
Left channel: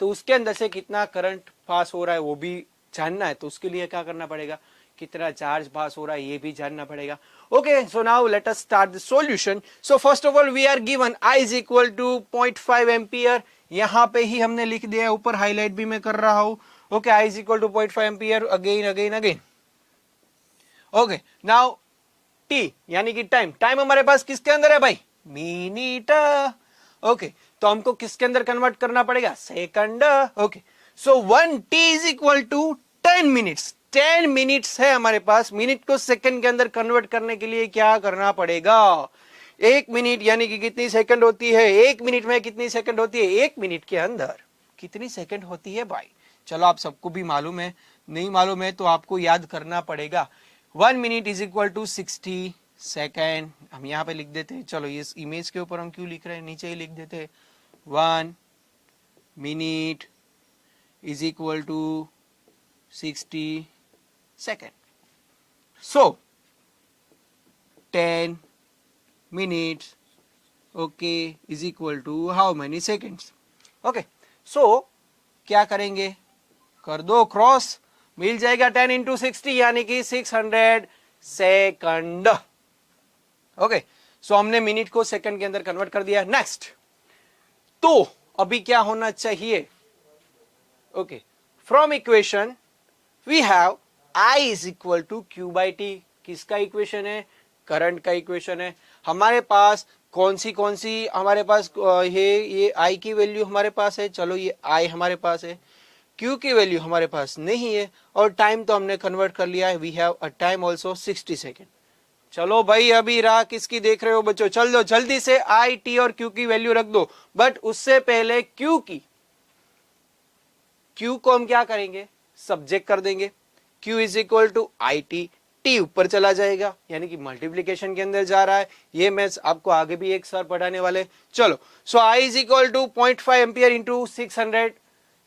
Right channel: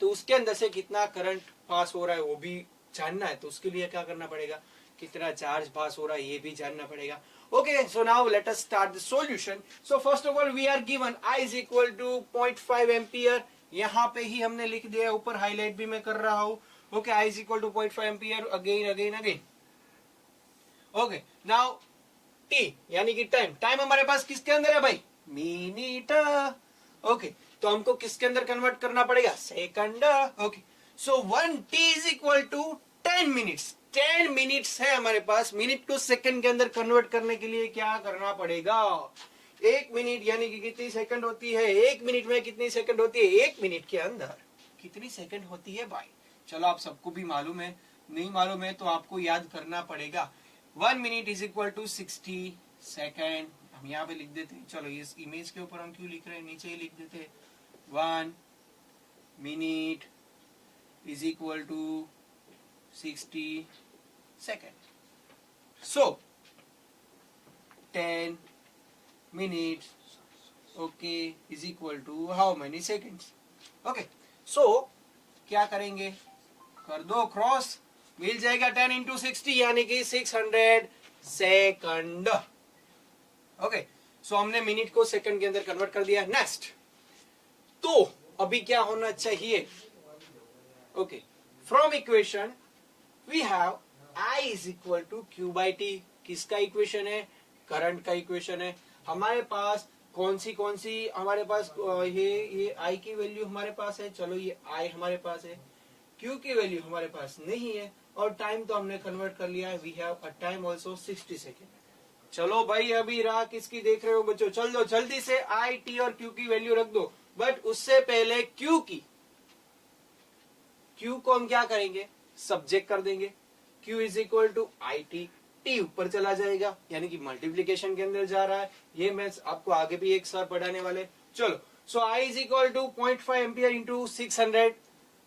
तो उसके अंदर से कितना करंट पास हो रहा है वो भी जानना है. तो उसके लिए क्या करना पड़ेगा, कितना चार्ज पास हो रहा है ये भी जानना पड़ेगा. Okay, so now let us start the solution. So first of all we are given I is equal to 0.5 ampere, यहाँ पे ही हमने लिख दिया है, ऊपर हाईलाइट भी मैं कर रहा हूं. Okay, I is equal to 0.5 ampere again. Okay, now T यानी कि टाइम हमारे पास किसके अंदर है भाई? मिनट. ओके, तो हमको किसके अंदर कन्वर्ट करना पड़ेगा? Second. Okay, so 1T is equal to 10 minutes. 10 minutes है हमारे पास. मिनट को सेकंड के अंदर कन्वर्ट करने के लिए क्या करना पड़ेगा? 1 मिनट यानी कि कितनी सेकंड होती है? 1 मिनट में कितनी सेकंड होती है? 1 मिनट के अंदर कितनी सेकंड होती है भाई? चलो, आप सबको भी मालूम है, नहीं मालूम है तो आपको याद करना पड़ेगा. 1 minute is equal to 60 second. हम यहाँ पे लिख देते हैं. चलो, इस इमेज के ऊपर हम क्यों लिख रहे हैं, नीचे ही लिख देते हैं. 1 minute is equal to 60 second. So 10 minutes okay is equal to how many seconds? Okay, so क्या करेंगे? कर दो क्रॉस, मिल जाएगा 10 इंटू 60 यानी कि 600 सेकंड. ओके, सो हमने मिनट को सेकंड के अंदर कन्वर्ट कर दिया. नेक्स्ट, तो अभी क्या होना चाहिए? Okay, from equation we have I is equal to Q by T. किसका इक्वेशन है? करंट का इक्वेशन है. हमारे पास कौन सी हमारे पास ये I की वैल्यू हमारे पास है. चलो, ये I हमारे पास है, Q की वैल्यू हमारे पास नहीं है, और टाइम तो हमने कन्वर्ट कर लिया है. We have a time also 60 second. चलो भाई, अभी राह किसकी देख रहे हो बच्चों? चल दो जल्दी से I, T और Q की वैल्यू रख दो. बट उससे पहले Q को हम क्या करेंगे? सब्जेक्ट कर देंगे. Q is equal to I T. T ऊपर चला जाएगा यानी कि मल्टीप्लीकेशन के अंदर जा रहा है. ये मैथ्स आपको आगे भी एक सर पढ़ाने वाले. चलो, so I is equal to 0.5 ampere into 600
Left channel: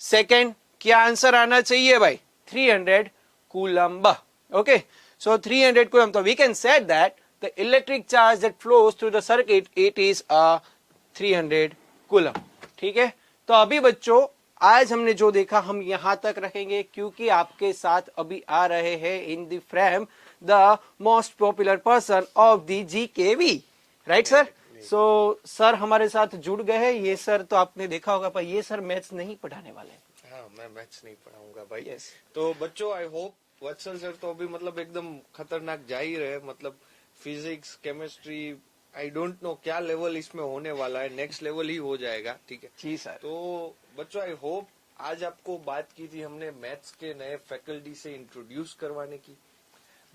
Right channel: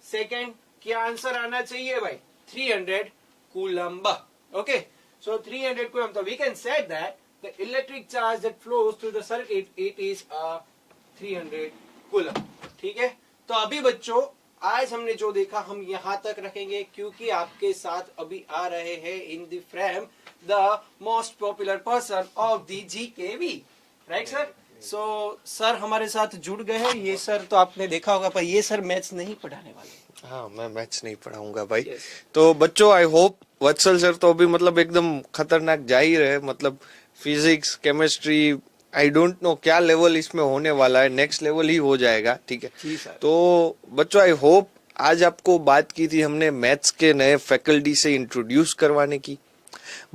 second. क्या आंसर आना चाहिए भाई? 300 कूलम्ब. Okay, so 300 coulomb. तो we can set that the electric charge that flows through the circuit, it is 300 coulomb. ठीक है, तो अभी बच्चों आज हमने जो देखा हम यहां तक रखेंगे, क्योंकि आपके साथ अभी आ रहे हैं in the frame the most popular person of the GKV. Right sir? So sir हमारे साथ जुड़ गए हैं. ये सर तो आपने देखा होगा, पर ये सर मैथ्स नहीं पढ़ाने वाले. हाँ, मैं मैथ्स नहीं पढ़ाऊंगा भाई. तो बच्चों, आई होप वत्सल सर तो अभी मतलब एकदम खतरनाक जा ही रहे. मतलब physics, chemistry, I don't know क्या लेवल इसमें होने वाला है. नेक्स्ट लेवल ही हो जाएगा. ठीक है जी सर. तो बच्चों, आई होप आज आपको बात की थी हमने मैथ्स के नए फैकल्टी से इंट्रोड्यूस करवाने की.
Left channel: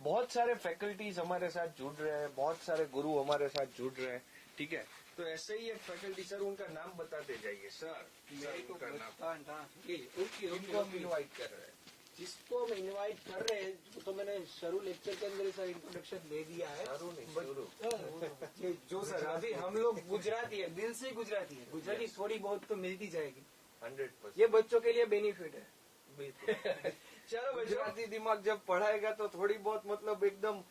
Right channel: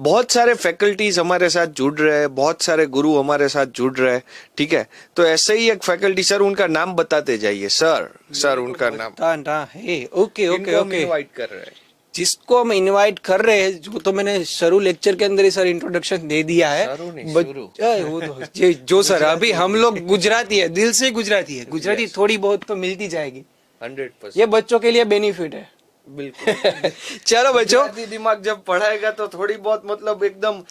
बहुत सारे फैकल्टीज हमारे साथ जुड़ रहे हैं, बहुत सारे गुरु हमारे साथ जुड़ रहे हैं. ठीक है, तो ऐसे ही एक फैकल्टी, सर उनका नाम बताते जाइए. सर उनका नाम है. ओके ओके ओके, इनवाइट कर रहे हैं. जिसको हम इनवाइट कर रहे हैं, जो तो मैंने शुरू लेक्चर के अंदर ही सर इंट्रोडक्शन दे दिया है. वो तो जो सर अभी हम लोग गुजराती है, दिल से गुजराती है. गुजराती थोड़ी बहुत तो मिलती जाएगी. 100%. ये बच्चों के लिए बेनिफिट है. बिल्कुल. चलो बच्चों, गुजराती दिमाग जब पढ़ाएगा तो थोड़ी बहुत मतलब एकदम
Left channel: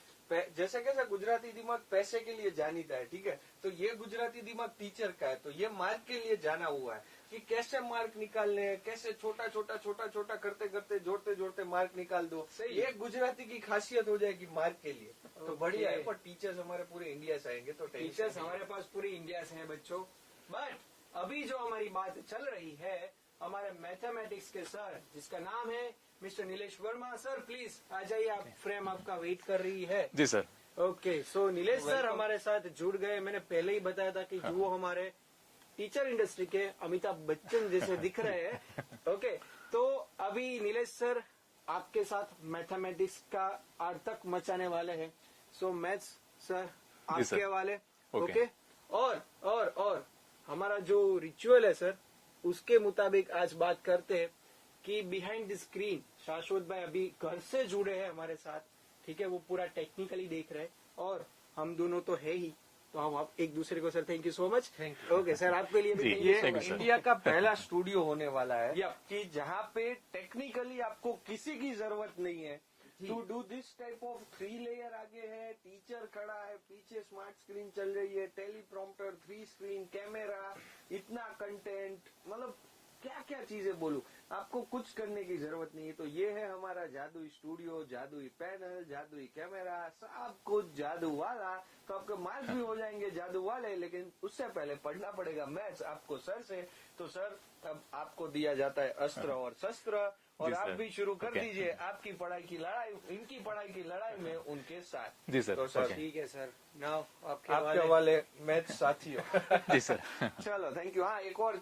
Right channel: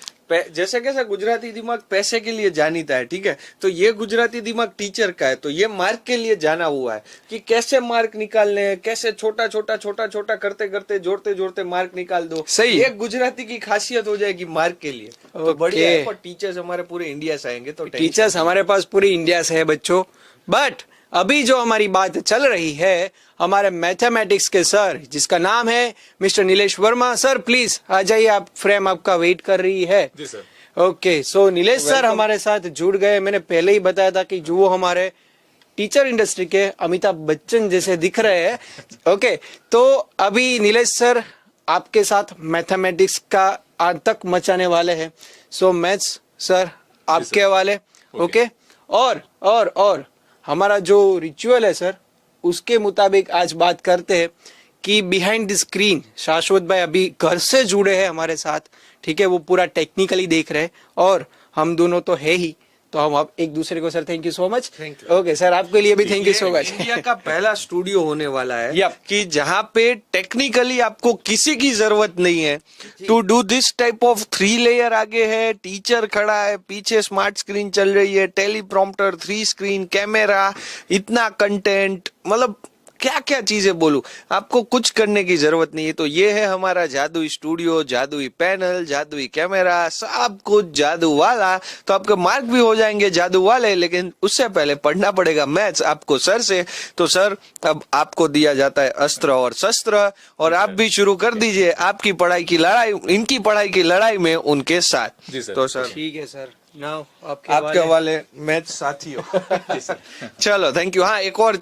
जैसे कैसे गुजराती दिमाग पैसे के लिए जानीता है. ठीक है, तो ये गुजराती दिमाग टीचर का है, तो ये मार्क के लिए जाना हुआ है कि कैसे मार्क निकालने हैं, कैसे छोटा छोटा करते करते जोड़ते जोड़ते मार्क निकाल दो. सही. ये गुजराती की खासियत हो जाएगी मार्क के लिए. तो बढ़िया है. पर टीचर्स हमारे पूरे इंडिया से आएंगे, तो टीचर्स हमारे पास पूरी इंडिया से है बच्चों. बट अभी जो हमारी बात चल रही है हमारे मैथमेटिक्स के सर, जिसका नाम है mister Nilesh Verma. Sir please आ जाइए, आप फ्रेम आपका वेट कर रही है. जी sir. Okay, so Nilesh sir हमारे साथ जुड़ गए. मैंने पहले ही बताया था कि जो हमारे टीचर इंडस्ट्री के अमिताभ बच्चन जैसे दिख रहे हैं. ओके, तो अभी नीलेश सर आपके साथ मैथमेटिक्स का आतंक मचाने वाले हैं. सो मैथ्स सर आपके हवाले. ओके, और हमारा जो रिचुअल है सर, उसके मुताबिक आज बात करते हैं कि बिहाइंड द स्क्रीन शाश्वत भाई अभी घर से जुड़े हैं हमारे साथ. ठीक है, वो पूरा टेक्निकली देख रहे हैं, और हम दोनों तो है ही. तो हम आप एक दूसरे को sir thank you so much. Okay sir, आपके लिए भी thank you so much. India का पहला स्टूडियो होने वाला है Yep. कि जहाँ पे टेक्निकली आपको किसी की जरूरत नहीं है to do this type of 3 layer. आगे है टीचर खड़ा है, पीछे स्मार्ट स्क्रीन चल रही है, टेलीप्रॉम्प्टर, 3 स्क्रीन, कैमरा, इतना कंटेंट, मतलब क्या क्या चीजें बोलूं, आपको कुछ करने की जरूरत नहीं है। तो ये है हमारा जादुई स्टूडियो, जादुई पैनल, जादुई कैमरा, सब कुछ जादू वाला। तो आपके मार्क भी हो जाएंगे जादू वाले, लेकिन उससे पहले पढ़ना पड़ेगा मैथ्स आपको सर से। तो सर अब आपको दिया जाता है अस्त्र और शस्त्र, और आप भी शुरू कर दीजिए आपकी पढ़ाई की लड़ाई, इनकी पढ़ाई की लड़ाई में उनके साथ। जी सर। तो सर ठीक है सर, नाउ आपके आपके वाले। वाले मैच साथियों। जी सर। चलो थैंक यू। हाँ एक और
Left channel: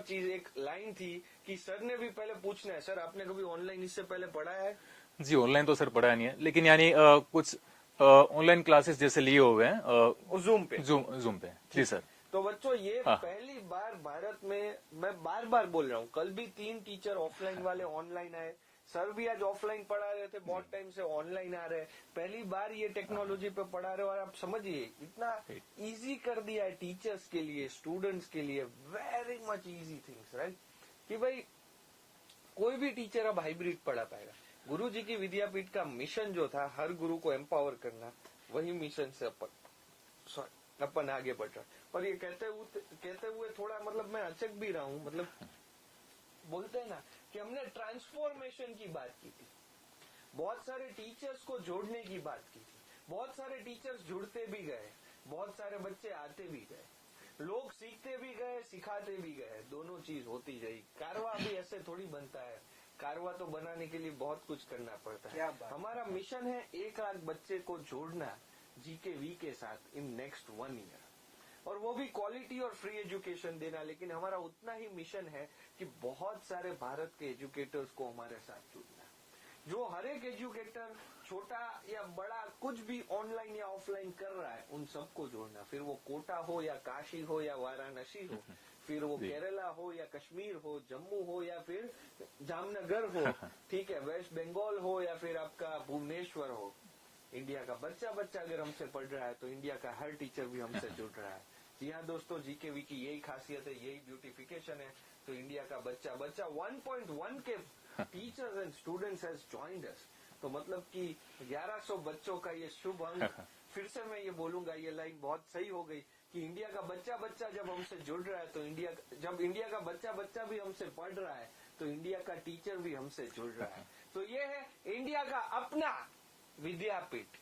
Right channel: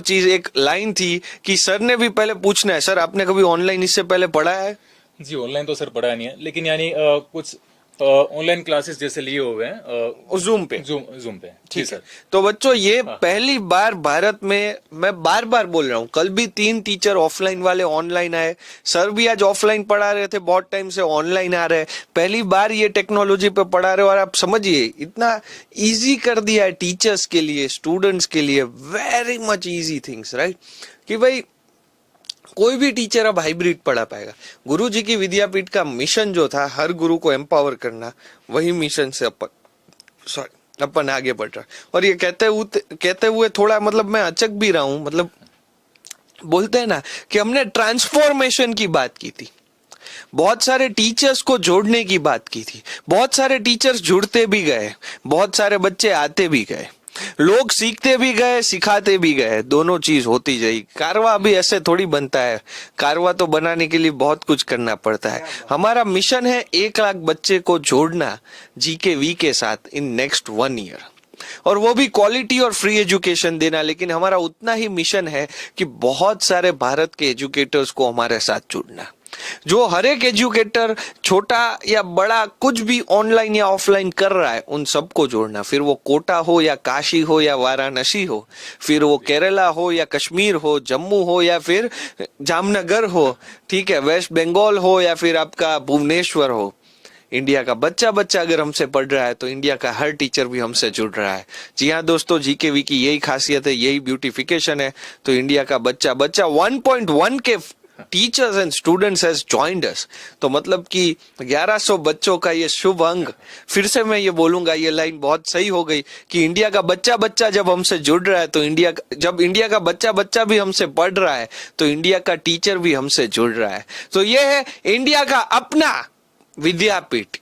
चीज, एक लाइन थी कि सर ने भी पहले पूछना है, सर आपने कभी ऑनलाइन इससे पहले पढ़ा है? जी ऑनलाइन तो सर पढ़ा नहीं है, लेकिन यानी कुछ ऑनलाइन क्लासेस जैसे लिए हुए हैं जूम पे। जूम पे। जी ठीक सर। है। तो बच्चों ये पहली बार भारत में, मैं बार बार बोल रहा हूँ, कल भी 3 टीचर ऑफलाइन वाले ऑनलाइन आए, सर भी आज ऑफलाइन पढ़ा रहे थे, बहुत टाइम से ऑनलाइन आ रहे हैं, पहली बार ये टेक्नोलॉजी पे पढ़ा रहे हो। और आप समझिए इतना इजी कर दिया है टीचर्स के लिए, स्टूडेंट्स के लिए, very much easy things, right? कि भाई कोई भी टीचर अब हाइब्रिड पढ़ा पाएगा। गुरु जी की विद्यापीठ का मिशन जो था हर गुरु को एम्पावर करना, वही मिशन से अपन आगे बढ़ रहा। और ये कहते हुए थोड़ा मतलब मैं अचक भी रहा हूं, मतलब बोलते हैं ना कि हमने ट्रांसफॉर्मेशन की बात की थी, बहुत सारे टीचर्स को जोड़ने की बात की थी, बहुत सारे टीचर्स जुड़ते भी गए, बहुत सारे बच्चे आते भी गए, लोग सीखते भी गए, सिखाते भी गए, दोनों चीज होती जाएगी। कारवा भी ऐसे थोड़ी बनता है, कारवा तो बनाने के लिए बहुत कुछ करना पड़ता है। हमारा मिशन है 1 लाख बच्चे को जोड़ना GKV के साथ इन नेक्स्ट 1 ईयर, और वो भी क्वालिटी और फ्री एजुकेशन देना। लेकिन हमारा उतना ही मिशन है कि बहुत सारे भारत के एजुकेटर्स को हमारे साथ जुड़ना, जो हर एक एजुकेटर छोटा या बड़ा कुछ भी ऑनलाइन या ऑफलाइन कर रहा है, उन सबको जोड़ना। फिर वो कोटा हो या काशी हो या वाराणसी हो, फिर वो केरला हो या कश्मीर हो, जम्मू हो या फिर जामनगर हो, ठीक है, वेस्ट बंगाल हो या फिर आपका भुवनेश्वर हो। इंडिया का बच्चा अगर हमसे पढ़ रहा है तो इंडिया का हर टीचर भी हमसे जुड़ रहा है। जी हाँ दोस्तों, GKV की यही खासियत है, यही ब्यूटिफिकेशन है। तो इंडिया का बच्चा 1.1 के teachers and students has joined us. तो मतलब कि 1100 बच्चों का ये शुभ अंक, फिर से मैं ये बोलूंगा, ये लाइन बहुत सही हो गई कि इंडिया का बच्चा जब हमसे जुड़ रहा है, तो जब इंडिया का बच्चा भी हमसे पढ़ रहा है, तो इंडिया का टीचर भी हमसे जुड़ रहा है। तो ये है इंडिया का अपना विद्यापीठ,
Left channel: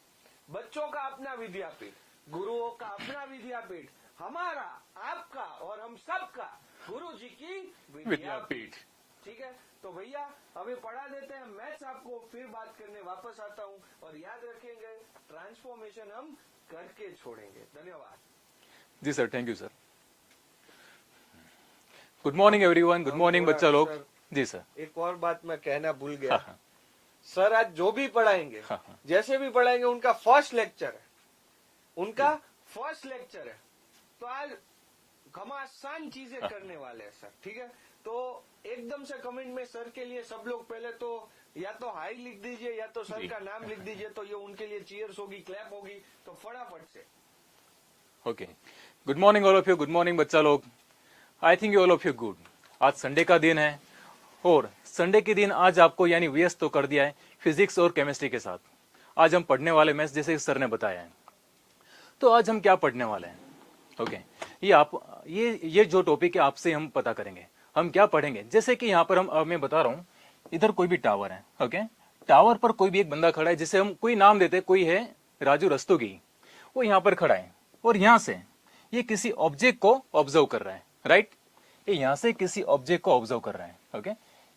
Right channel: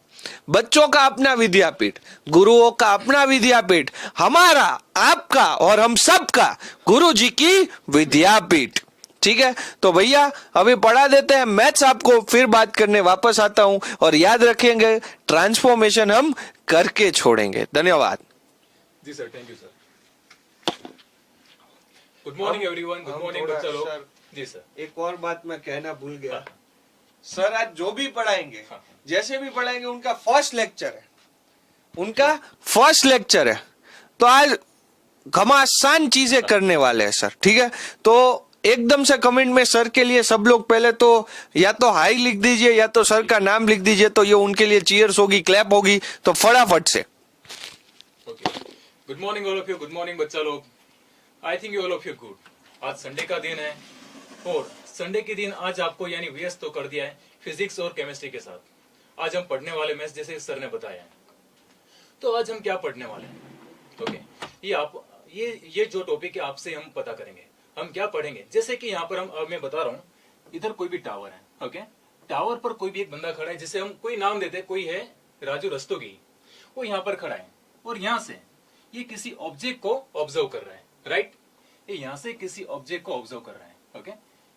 बच्चों का अपना विद्यापीठ, गुरुओं का अपना विद्यापीठ, हमारा, आपका और हम सबका गुरु जी की विद्यापीठ। ठीक है, तो भैया अभी पढ़ा देते हैं मैथ्स आपको, फिर बात करने वापस आता हूं। और याद रखेंगे ट्रांसफॉर्मेशन हम करके छोड़ेंगे। धन्यवाद। जी सर, thank you sir. Good morning everyone, good morning बच्चा लोग। जी सर। एक और बात मैं कहना भूल गया, सर आज जो भी पढ़ाएंगे, जैसे भी पढ़ाएंगे, उनका फर्स्ट लेक्चर है, तो आज घमासान चीजें करने वाले हैं सर। ठीक है, तो एकदम से कमेंट में सर के लिए सब लोग पहले तो या तो हाई लिख दीजिए या तो सर का नाम लिख दीजिए, तो ये उनके लिए चीयर्स होगी, क्लैप होगी। तो फटाफट से okay, good morning all of you, good morning बच्चा लोग। I think you all of you good. आज संडे का दिन है, और संडे के दिन आज आपको यानी व्यस्त तो कर दिया है फिजिक्स और केमिस्ट्री के साथ। आज हम पढ़ने वाले मैथ्स, जैसे सर ने बताया है। तो आज हम क्या पढ़ने वाले हैं? ओके, ये जो टॉपिक है आपसे हम पता करेंगे। हम क्या पढ़ेंगे, जैसे कि यहाँ पर मैं बता रहा हूँ, इधर कोई भी टावर है, ओके, टावर पर कोई भी एक बंदा खड़ा है, जिसे हम कोई नाम देते हैं, कोई है राजू रस्तोगी, वो यहाँ पर खड़ा है, और यहाँ से ये किसी ऑब्जेक्ट को ऑब्जर्व कर रहा है, राइट? ये यहाँ से किसी ऑब्जेक्ट को ऑब्जर्व कर रहा है, ओके,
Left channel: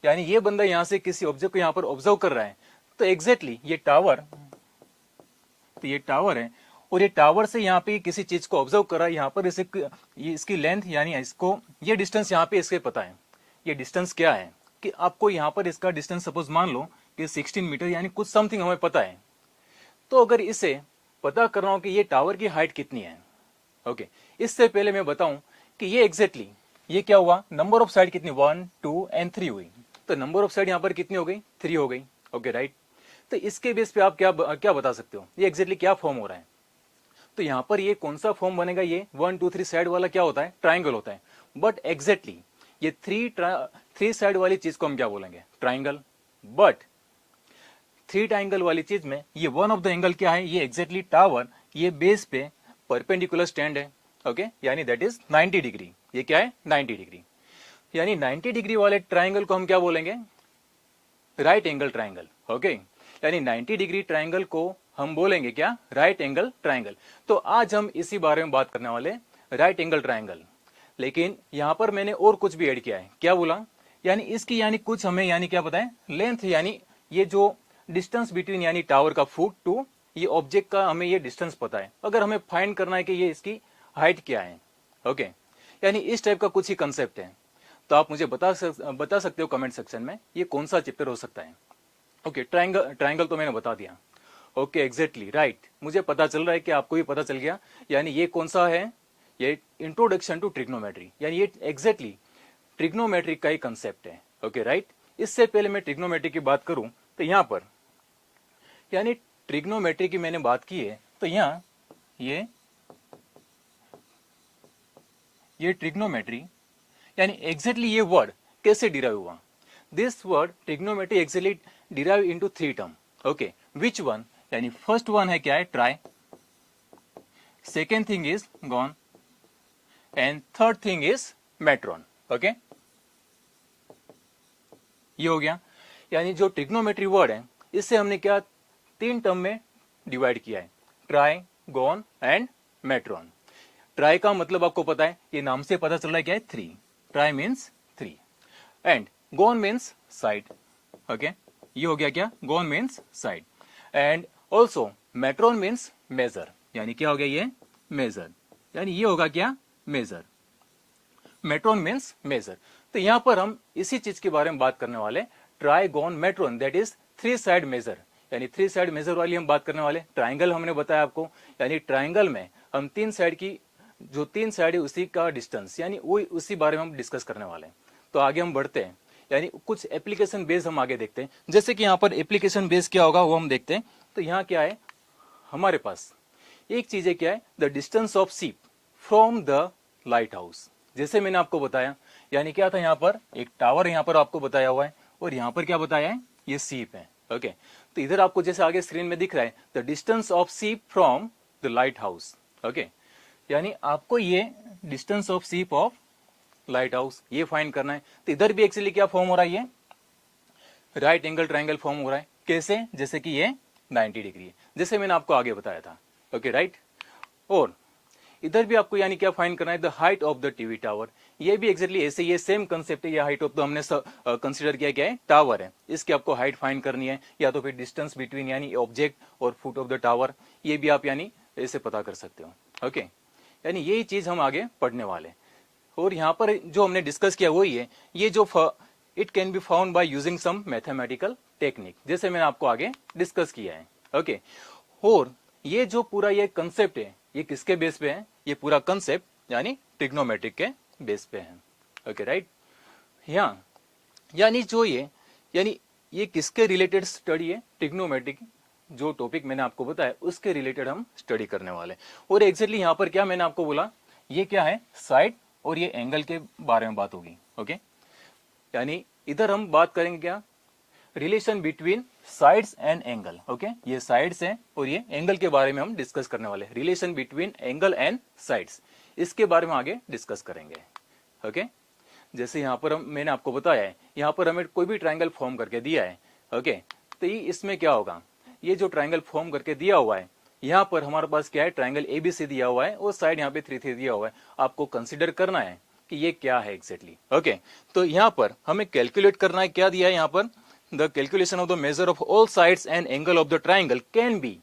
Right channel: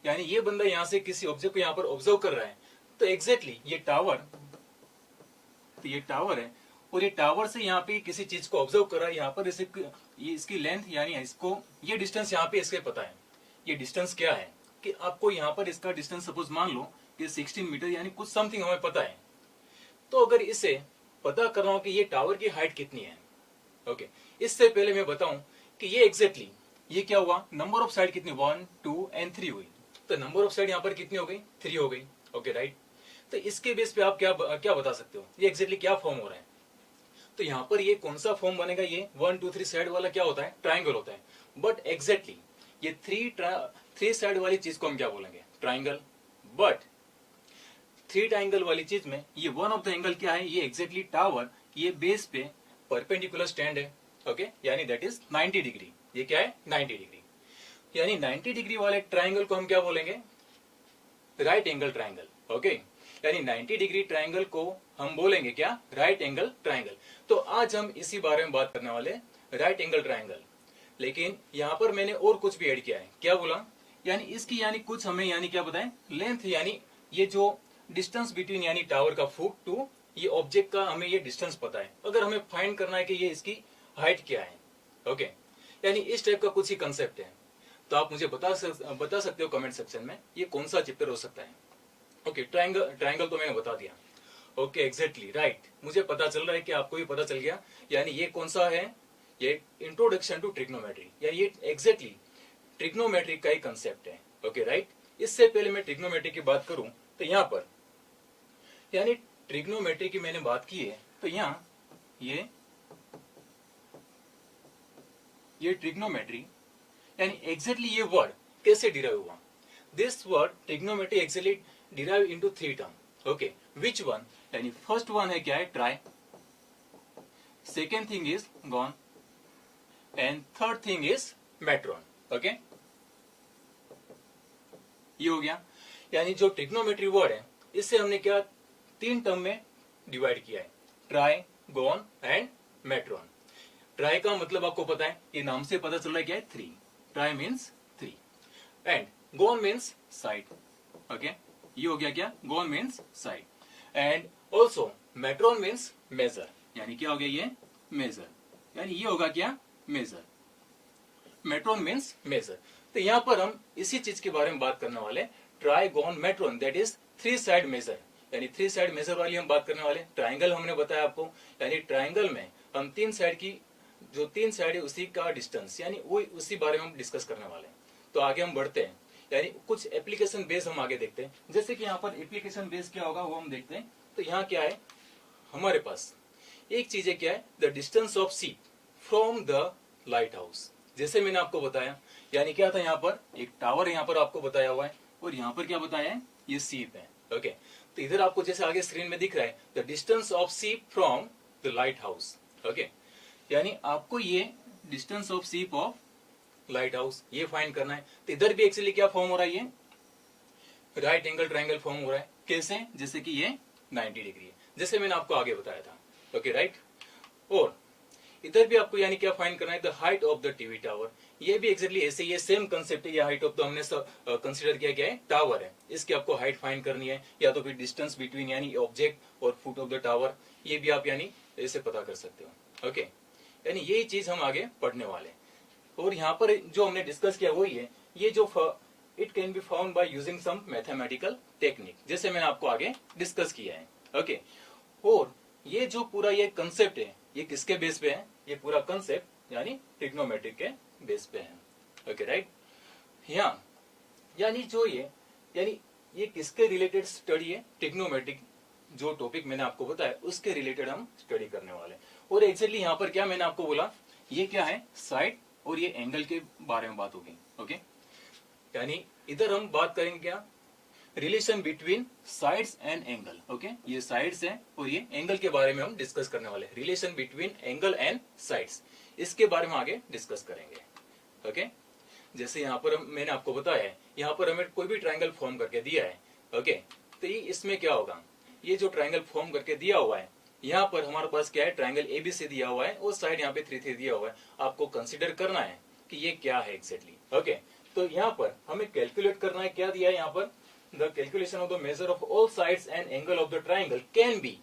यानी ये बंदा यहाँ से किसी ऑब्जेक्ट को यहाँ पर ऑब्जर्व कर रहा है। तो एग्जैक्टली ये टावर है, और ये टावर से यहाँ पे किसी चीज को ऑब्जर्व कर रहा है। यहाँ पर ये इसकी लेंथ यानी इसको ये डिस्टेंस यहाँ पे इसके पता है। ये डिस्टेंस क्या है कि आपको यहाँ पर इसका डिस्टेंस सपोज मान लो कि 16 मीटर यानी कुछ समथिंग हमें पता है। तो अगर इसे पता कर रहा हूं कि ये टावर की हाइट कितनी है, ओके, इससे पहले मैं बताऊं कि ये एग्जैक्टली ये क्या हुआ, नंबर ऑफ साइड कितनी, 1 2 एंड 3 हुई। तो नंबर ऑफ साइड यहाँ पर कितनी हो गई, 3 हो गई, ओके, राइट। तो इसके बेस पे आप क्या बता सकते हो, ये एग्जैक्टली क्या फॉर्म हो रहा है। तो यहाँ पर ये कौन सा फॉर्म बनेगा, ये 1 2 3 साइड वाला क्या होता है, ट्राइंगल होता है। बट एग्जैक्टली ये 3 साइड वाली चीज को हम क्या बोलेंगे, ट्राइंगल। बट 3 ट्राइंगल वाली चीज में ये वन ऑफ द एंगल क्या है, ये एग्जैक्टली टावर, ये बेस पे परपेंडिकुलर स्टैंड है, ओके, यानी दैट इज 90 डिग्री। ये क्या है, 90 डिग्री। यानी 90 डिग्री वाले ट्राइंगल को हम क्या बोलेंगे? Right angle triangle. ओके, यानी 90 डिग्री ट्राइंगल को हम बोलेंगे क्या? Right angle triangle. तो आज हम इसी बारे में बात करने वाले, राइट एंगल ट्राइंगल। लेकिन यहां पर मैंने और कुछ भी ऐड किया है। क्या बोला? यानी इसकी यानी कुछ हमें यानी क्या पता है? लेंथ, यानी ये जो डिस्टेंस बिटवीन यानी टावर का फुट टू ये ऑब्जेक्ट का हमें ये डिस्टेंस पता है। अगर हमें फाइंड करना है कि ये इसकी हाइट क्या है। ओके, यानी इस टाइप का कुछ ही कंसेप्ट है। तो आप मुझे बता सकते हो कमेंट सेक्शन में ये कौन सा चैप्टर हो सकता है। ओके, ट्राइंगल तो मैंने बता दिया। ओके, एग्जैक्टली राइट, मुझे पता चल रहा है कि आपको भी पता चल गया। यानी ये कौन सा है? ये इंट्रोडक्शन टू ट्रिग्नोमेट्री, यानी ये एग्जैक्टली ट्रिग्नोमेट्री का ही कंसेप्ट है। ओके राइट, इससे पहले मैं ट्रिग्नोमेट्री की बात करूं तो यहां पर यानी ट्रिग्नोमेट्री की मैंने बात की है तो यहां ये ट्रिग्नोमेट्री यानी एग्जैक्टली ये वर्ड कैसे डिराइव हुआ? This word trigonometry exactly derive into 3 term. Okay, which one? यानी फर्स्ट वन है क्या है? Tri, second thing is gon and third thing is metron. Okay, ये हो गया। यानी जो ट्रिग्नोमेट्री वर्ड है इससे हमने क्या 3 टर्म में डिवाइड किया है, ट्राई, गॉन एंड मेट्रॉन। ट्राई का मतलब आपको पता है, ये नाम से पता चल रहा है क्या है? 3। Tri means 3 and gon means side. Okay, ये हो गया क्या? Gon means side and also metron means major. यानी क्या हो गया? ये मेजर, यानी ये होगा क्या? मेजर। Metron means measure. तो यहां पर हम इसी चीज के बारे में बात करने वाले, tri, gon, metron, that is 3 side measure. यानी 3 साइड मेजर वाली हम बात करने वाले। ट्राइंगल हमने बताया आपको, यानी ट्राइंगल में हम 3 साइड की जो 3 साइड है उसी का डिस्टेंस, यानी वो उसी बारे में हम डिस्कस करने वाले। तो आगे हम बढ़ते हैं, यानी कुछ एप्लीकेशन बेस हम आगे देखते हैं। जैसे कि यहाँ पर एप्लीकेशन बेस क्या होगा वो हम देखते हैं। तो यहाँ क्या है हमारे पास? एक चीज है क्या है? द डिस्टेंस ऑफ सीप फ्रॉम द लाइट हाउस। जैसे मैंने आपको बताया, यानी क्या था यहाँ पर? एक टावर यहाँ पर आपको बताया हुआ है और यहाँ पर क्या बताया है? ये सीप है। ओके, तो इधर आपको जैसे आगे स्क्रीन में दिख रहा है द डिस्टेंस ऑफ सीप from the light house. Okay, यानी आपको ये डिस्टेंस ऑफ सीप ऑफ लाइट हाउस ये फाइंड करना है। तो इधर भी एक्चुअली क्या फॉर्म हो रहा है? ये राइट एंगल ट्राइंगल फॉर्म हो रहा है। कैसे? जैसे कि ये 90 डिग्री है, जैसे मैंने आपको आगे बताया था। ओके राइट, और इधर भी आपको यानी क्या फाइंड करना है? The height of the TV tower. ये भी एक्जैक्टली ऐसे ये सेम कंसेप्ट है। ये हाइट ऑफ तो हमने कंसीडर किया गया है टावर है, इसकी आपको हाइट फाइंड करनी है, या तो फिर डिस्टेंस बिटवीन यानी ऑब्जेक्ट और फुट ऑफ द टावर, ये भी आप यानी ऐसे पता कर सकते हो। ओके, यानी यही चीज हम आगे पढ़ने वाले। और यहाँ पर जो हमने डिस्कस किया वही है, ये जो it can be found by using some mathematical technique, जैसे मैंने आपको आगे डिस्कस किया है। ओके, और ये जो पूरा ये कंसेप्ट है ये किसके बेस पे है? ये पूरा कंसेप्ट यानी ट्रिग्नोमेट्रिक के बेस पे है। ओके राइट, यहाँ यानी जो ये किसके रिलेटेड स्टडी है? ट्रिग्नोमेट्रिक, जो टॉपिक मैंने आपको बताया उसके रिलेटेड हम स्टडी करने वाले। और एक्चुअली यहाँ पर क्या मैंने आपको बोला, ये क्या है? साइड और ये एंगल के बारे में बात होगी। ओके, यानी इधर हम बात करेंगे क्या? Relation between sides and angle. Okay, ये साइड्स है और ये एंगल के बारे में हम डिस्कस करने वाले। Relation between angle and sides, इसके बारे में आगे डिस्कस करेंगे। ओके, जैसे यहाँ पर मैंने आपको बताया है, यहाँ पर हमें कोई भी ट्राइंगल फॉर्म करके दिया है। ओके, तो ये इसमें क्या होगा? ये जो ट्राइंगल फॉर्म करके दिया हुआ है, यहाँ पर हमारे पास क्या है? ट्राइंगल एबीसी दिया हुआ है और साइड यहाँ पे 3 दिया हुआ है। आपको कंसिडर करना है कि ये क्या है एग्जैक्टली। ओके, तो यहाँ पर हमें कैलकुलेट करना है, क्या दिया है यहाँ पर? The calculation of the measure of all sides and angle of the triangle can be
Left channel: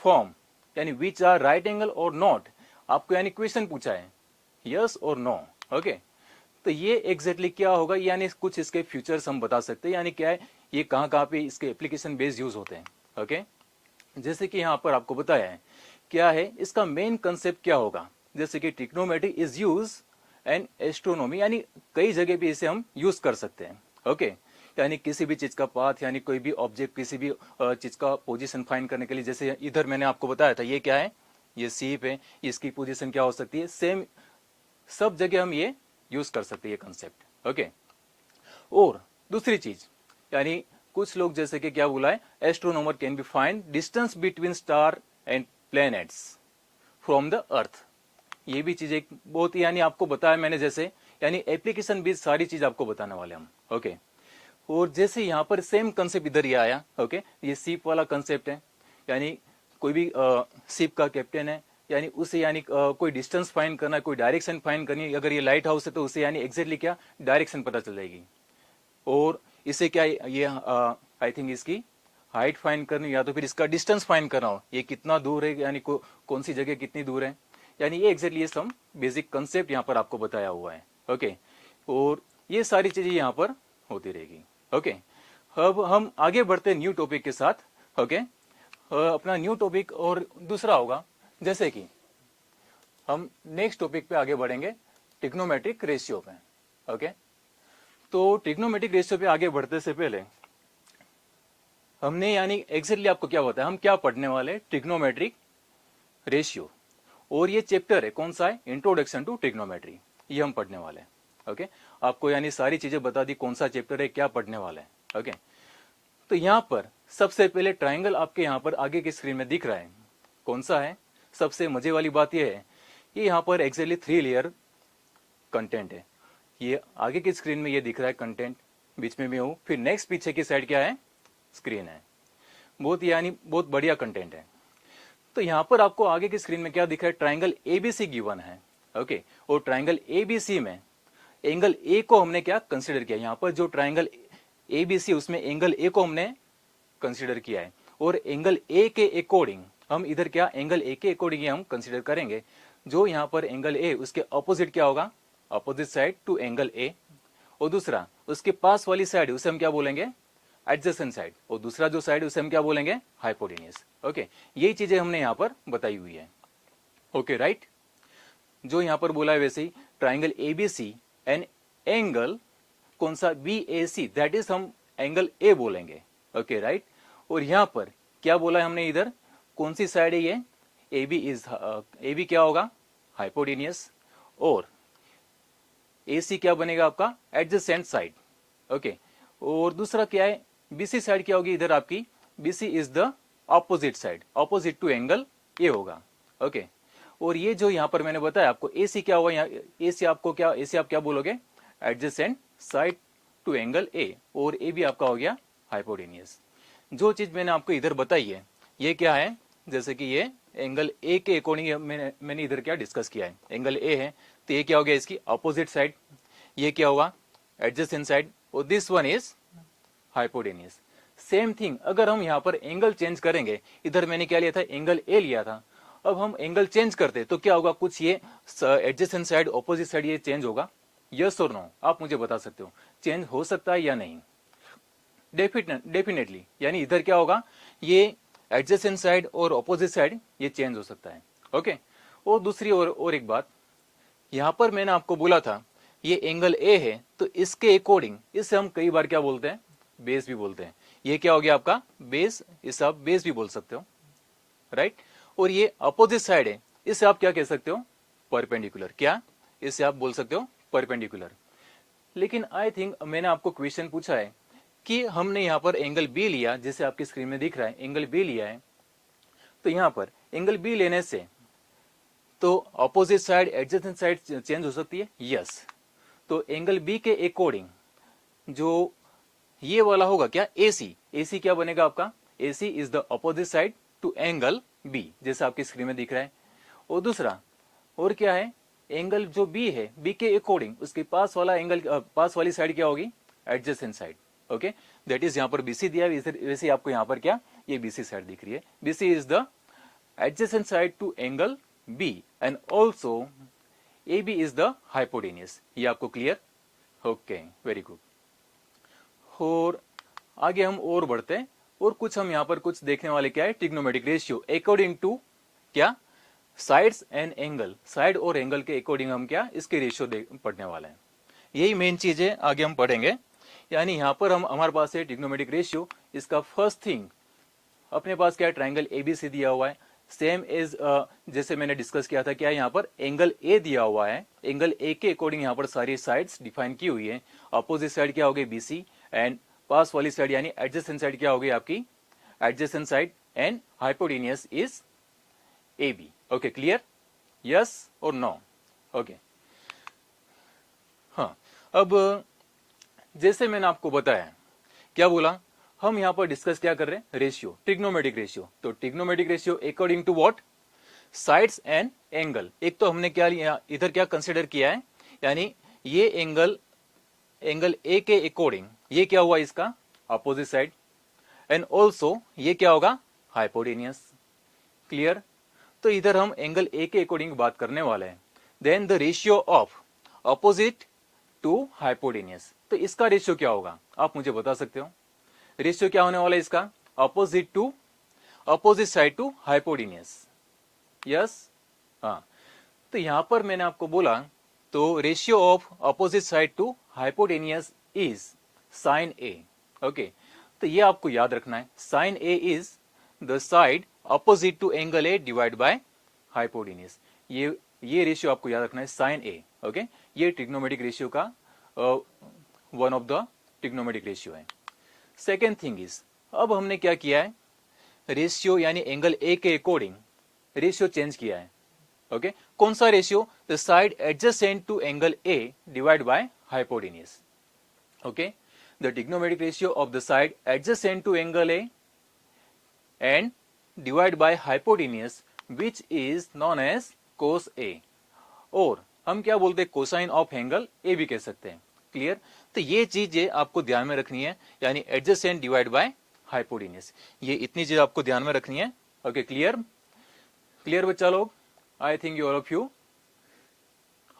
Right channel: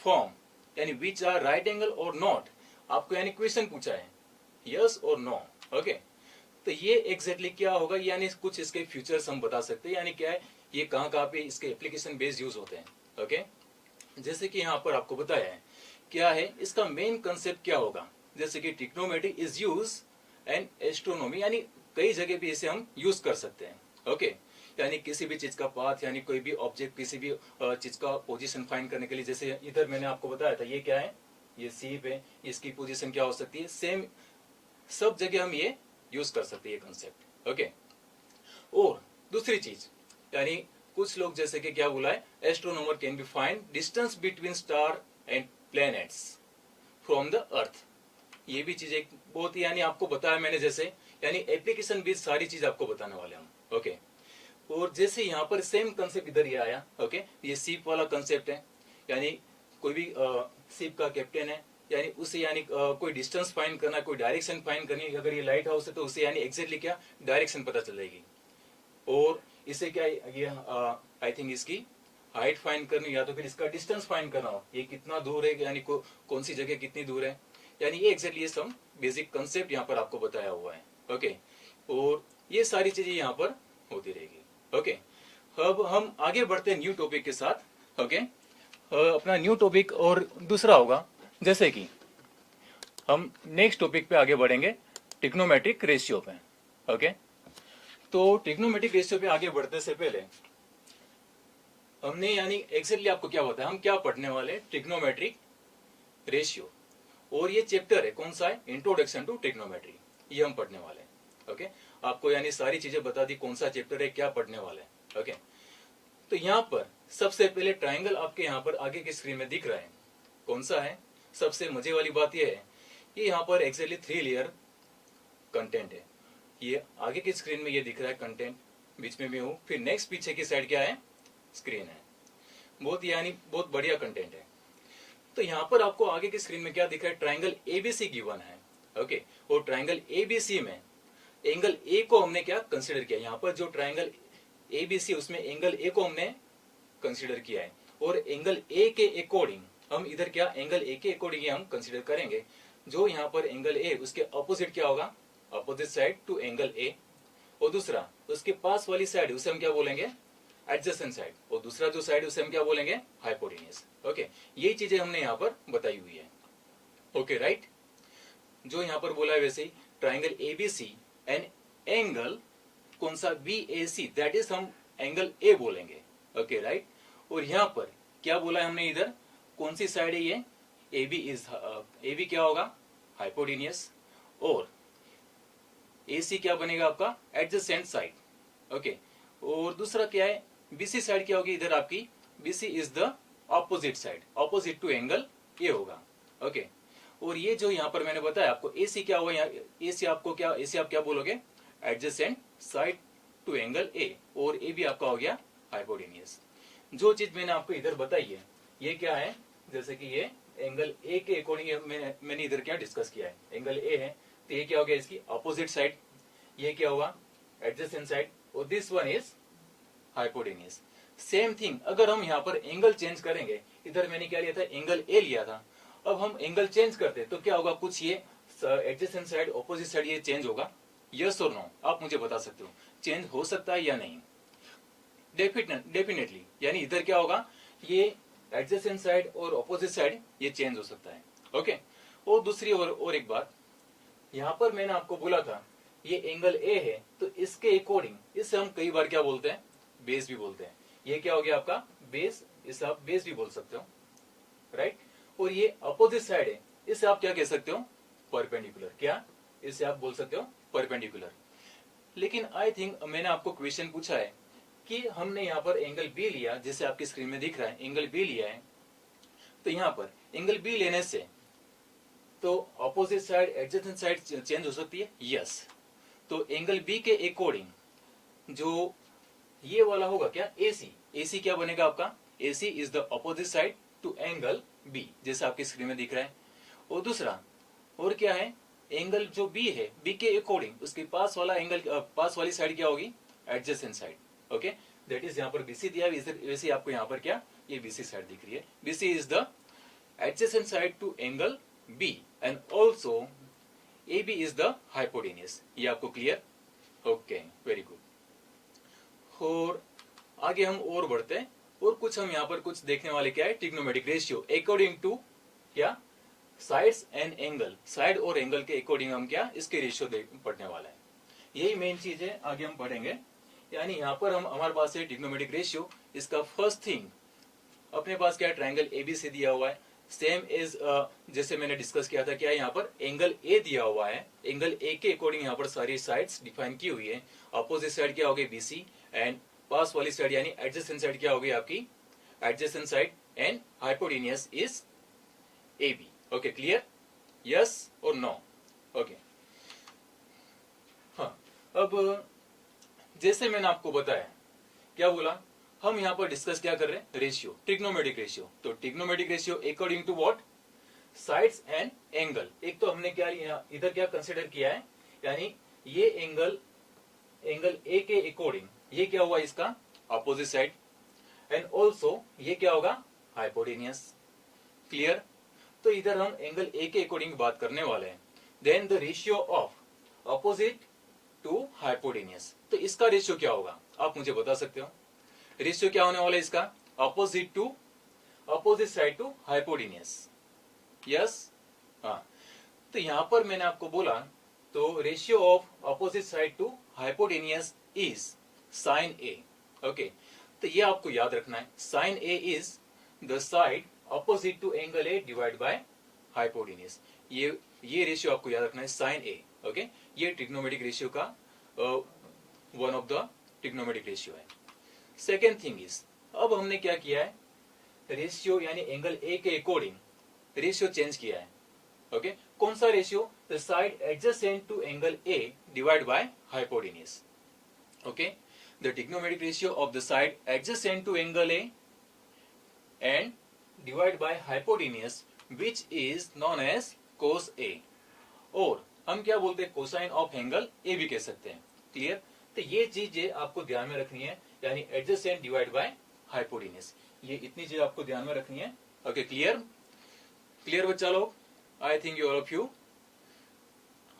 form, यानी विच आर राइट एंगल और नॉट। आपको यानी क्वेश्चन पूछा है, यस और नो। ओके, तो ये एग्जैक्टली क्या होगा? यानी कुछ इसके फ्यूचर्स हम बता सकते हैं, यानी क्या है ये कहाँ पे इसके एप्लीकेशन बेस्ड यूज होते हैं। ओके, जैसे कि यहाँ पर आपको बताया है क्या है इसका मेन कंसेप्ट क्या होगा। जैसे कि trigonometry is use and astronomy, यानी कई जगह भी इसे हम यूज कर सकते हैं। ओके, यानी किसी भी चीज का पाथ, यानी कोई भी ऑब्जेक्ट किसी भी चीज का पोजीशन फाइंड करने के लिए। जैसे इधर मैंने आपको बताया था, ये क्या है? ये सीप है, इसकी पोजीशन क्या हो सकती है? सेम सब जगह हम ये यूज कर सकते हैं ये कंसेप्ट। ओके, और दूसरी चीज यानी कुछ लोग जैसे कि क्या बोला है, astronomer can be find distance between star and planets from the earth. ये भी चीज एक बहुत यानी आपको बताया मैंने, जैसे यानी एप्लीकेशन बेस्ड सारी चीज आपको बताने वाले हम। ओके, और जैसे यहाँ पर सेम कंसेप्ट इधर ये आया। ओके, ये शिप वाला कंसेप्ट है, यानी कोई भी शिप का कैप्टन है, यानी उसे यानी कोई डिस्टेंस फाइंड करना है, कोई डायरेक्शन फाइंड करनी है। अगर ये लाइट हाउस है तो उसे यानी एग्जैक्टली क्या डायरेक्शन पता चल जाएगी। और इसे क्या ये आई थिंक इसकी हाइट फाइंड करनी, या तो फिर इसका डिस्टेंस फाइंड करना हो, ये कितना दूर है, यानी कौन सी जगह कितनी दूर है, यानी ये एग्जैक्टली सम बेसिक कंसेप्ट यहाँ पर आपको बताया हुआ है। ओके, और ये सारी चीजें यहाँ पर होती रहेगी। ओके, अब हम आगे बढ़ते हैं न्यू टॉपिक के साथ। ओके, अपना न्यू टॉपिक और दूसरा होगा, जैसे कि हम नेक्स्ट टॉपिक पे आगे बढ़ेंगे ट्रिग्नोमेट्रिक रेशियो पे। ओके, तो ट्रिग्नोमेट्रिक रेशियो पे आगे बढ़ने से पहले हमने यानी एग्जैक्टली आपको क्या होता है, हम क्या पढ़ने वाले, ट्रिग्नोमेट्रिक रेशियो। और ये चैप्टर है कौन सा है, इंट्रोडक्शन टू ट्रिग्नोमेट्री, ये हम पढ़ने वाले हैं। ओके, आपको यानी सारी चीजें बता दी कौन सा चैप्टर है, क्या पढ़ने वाले हैं। ओके, तो यहाँ पर सबसे पहले ट्राइंगल आपके यहाँ पर आगे की स्क्रीन में दिख रहा है, कौन सा है। सबसे मजे वाली बात यह है, ये यहाँ पर एक्चुअली 3 लेयर कंटेंट है। ये आगे की स्क्रीन में ये दिख रहा है कंटेंट, बीच में मैं हूं, फिर नेक्स्ट पीछे की साइड क्या है, स्क्रीन है। बहुत यानी बहुत बढ़िया कंटेंट है। तो यहाँ पर आपको आगे की स्क्रीन में क्या दिख रहा है, ट्राइंगल एबीसी गिवन है। ओके, और ट्राइंगल एबीसी में एंगल ए को हमने क्या कंसिडर किया, यहाँ पर जो ट्राइंगल एबीसी उसमें एंगल ए को हमने कंसिडर किया है। और एंगल ए के अकॉर्डिंग हम इधर क्या एंगल ए के अकॉर्डिंग हम कंसिडर करेंगे। जो यहाँ पर एंगल ए उसके ऑपोजिट क्या होगा, opposite side to angle A. और दूसरा उसके पास वाली साइड उसे हम क्या बोलेंगे, एडजेसेंट साइड। और दूसरा जो साइड उसे हम क्या बोलेंगे, हाइपोटेन्यूस। ओके, यही चीजें हमने यहाँ पर बताई हुई है। ओके राइट, जो यहाँ पर बोला है वैसे ही ट्राइंगल एबीसी एंड एंगल कौन सा, बीएसी, दैट इज हम एंगल ए बोलेंगे। ओके राइट, और यहाँ पर क्या बोला है हमने, इधर कौन सी साइड है ये, एबी इज, एबी क्या होगा, हाइपोटेन्यूस। और एसी क्या बनेगा आपका, एडजेसेंट साइड। ओके, और दूसरा क्या है, बीसी साइड क्या होगी इधर आपकी, BC is the opposite side, opposite to angle A होगा। ओके, और ये जो यहाँ पर मैंने बताया आपको एसी क्या होगा, यहाँ एसी आपको क्या, एसी आप क्या बोलोगे, adjacent side to angle A. और ए भी आपका हो गया हाइपोटेन्यूस। जो चीज मैंने आपको इधर बताई है ये क्या है, जैसे कि ये एंगल ए के अकॉर्डिंग मैंने इधर क्या डिस्कस किया है, एंगल ए है तो ये क्या हो गया, इसकी अपोजिट साइड, ये क्या होगा, एडजेसेंट साइड, और this one is hypotenuse. Same thing अगर हम यहाँ पर एंगल चेंज करेंगे, इधर मैंने क्या लिया था, एंगल ए लिया था, अब हम एंगल चेंज करते तो क्या होगा, कुछ ये एडजेसेंट साइड ऑपोजिट साइड ये चेंज होगा, यस और नो, आप मुझे बता सकते हो चेंज हो सकता है या नहीं। डेफिनेटली, यानी इधर क्या होगा, ये एडजेसेंट साइड और ऑपोजिट साइड ये चेंज हो सकता है। ओके, और दूसरी और एक बात, यहां पर मैंने आपको बोला था ये एंगल ए है तो इसके अकॉर्डिंग इसे हम कई बार क्या बोलते हैं, बेस भी बोलते हैं। ये क्या हो गया आपका बेस, इसे आप बेस भी बोल सकते हो, राइट। और ये अपोजिट साइड है, इसे आप क्या कह सकते हो, परपेंडिकुलर। क्या, इसे आप बोल सकते हो परपेंडिकुलर। लेकिन आई थिंक मैंने आपको क्वेश्चन पूछा है कि हमने यहाँ पर एंगल बी लिया, जैसे आपकी स्क्रीन में दिख रहा है एंगल बी लिया है, तो यहाँ पर एंगल बी लेने से तो opposite side adjacent side change हो सकती है, यस। तो एंगल बी के अकॉर्डिंग जो ये वाला होगा क्या, एसी, एसी क्या बनेगा आपका, AC is the opposite side to angle B, जैसे आपकी स्क्रीन में दिख रहा है। और दूसरा और क्या है, एंगल जो बी है बी के अकॉर्डिंग उसके पास वाला एंगल, पास वाली साइड क्या होगी, adjacent side. Okay, that is यहाँ पर बीसी दिया है, वैसे आपको यहाँ पर क्या ये बीसी साइड दिख रही है। BC is the adjacent side to angle B and also A B is the hypotenuse. ये आपको क्लियर, ओके, वेरी गुड। और आगे हम और बढ़ते हैं, और कुछ हम यहाँ पर कुछ देखने वाले क्या है, ट्रिग्नोमेट्रिक रेशियो अकॉर्डिंग टू क्या, साइड्स एंड एंगल, साइड और एंगल के अकॉर्डिंग हम क्या इसके रेशियो पढ़ने वाले हैं। यही मेन चीज है, आगे हम पढ़ेंगे। यानी यहाँ पर हम हमारे पास है ट्रिग्नोमेट्रिक रेशियो, इसका फर्स्ट थिंग अपने पास क्या है, ट्राइंगल एबीसी दिया हुआ है, सेम एज जैसे मैंने डिस्कस किया था, क्या यहाँ पर एंगल ए दिया हुआ है, एंगल ए के अकॉर्डिंग यहाँ पर सारी साइड्स डिफाइन की हुई है। अपोजिट साइड क्या होगी, बीसी, एंड पास वाली साइड यानी एडजेसेंट साइड क्या होगी आपकी, adjacent side, and hypotenuse is A B. Okay, clear, yes और नो। ओके, अब जैसे मैंने आपको बताया, क्या बोला, हम यहाँ पर डिस्कस क्या कर रहे हैं, रेशियो, ट्रिग्नोमेट्रिक रेशियो। तो trigonometric ratio according to what, sides and angle. एक तो हमने क्या लिया इधर, क्या कंसिडर किया है, यानी ये एंगल ए के अकॉर्डिंग ये क्या हुआ, इसका अपोजिट साइड, एंड ऑल्सो ये क्या होगा, हाइपोटेनियस। क्लियर। तो इधर हम एंगल ए के अकॉर्डिंग बात करने वाले हैं। Then the ratio of opposite to hypotenuse, तो इसका रेशियो क्या होगा, आप मुझे बता सकते हो। रेशियो क्या होने वाला है इसका, opposite side to hypotenuse. Yes, हाँ। तो यहां पर मैंने आपको बोला, तो ratio of opposite side to hypotenuse is sine A. Okay, तो ये आपको याद रखना है, sine A is the side opposite to angle A divide by hypotenuse. ये रेशियो आपको याद रखना है, साइन ए। ओके, ये ट्रिग्नोमेट्रिक रेशियो का one of the trigonometric ratio है। सेकेंड थिंग इज, अब हमने क्या किया है, रेशियो यानी एंगल ए के अकॉर्डिंग रेशियो चेंज किया है। ओके, कौन सा ratio, the side adjacent to angle A divide by hypotenuse. Okay, the trigonometric ratio of the side adjacent to angle A and divide by hypotenuse which is known as cos A, और हम क्या बोलते हैं, cosine of angle ए भी कह सकते हैं। Clear. तो ये चीजें आपको ध्यान में रखनी है, यानी एडजेसेंट डिवाइड बाय हाइपोटेनियस, ये इतनी चीज आपको ध्यान में रखनी है। Okay, clear. क्लियर बच्चा लोग, I think you all of you.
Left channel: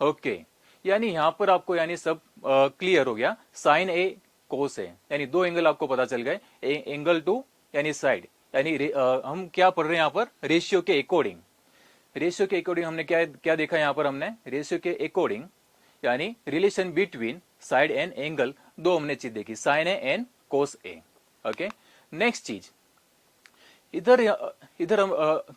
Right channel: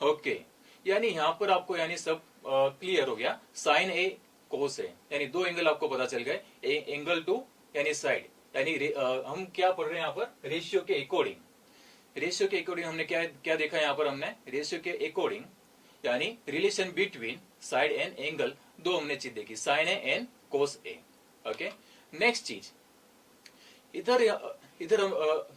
Okay, यानी यहां पर आपको यानी सब क्लियर हो गया, साइन ए कोस ए, यानी दो एंगल आपको पता चल गए, एंगल टू यानी साइड, यानी हम क्या पढ़ रहे हैं यहाँ पर, रेशियो के अकॉर्डिंग। रेशियो के अकॉर्डिंग हमने क्या देखा यहाँ पर, हमने रेशियो के अकॉर्डिंग यानी relation between side and angle, दो हमने चीज देखी, sine A and cos A. Okay, next चीज, इधर हम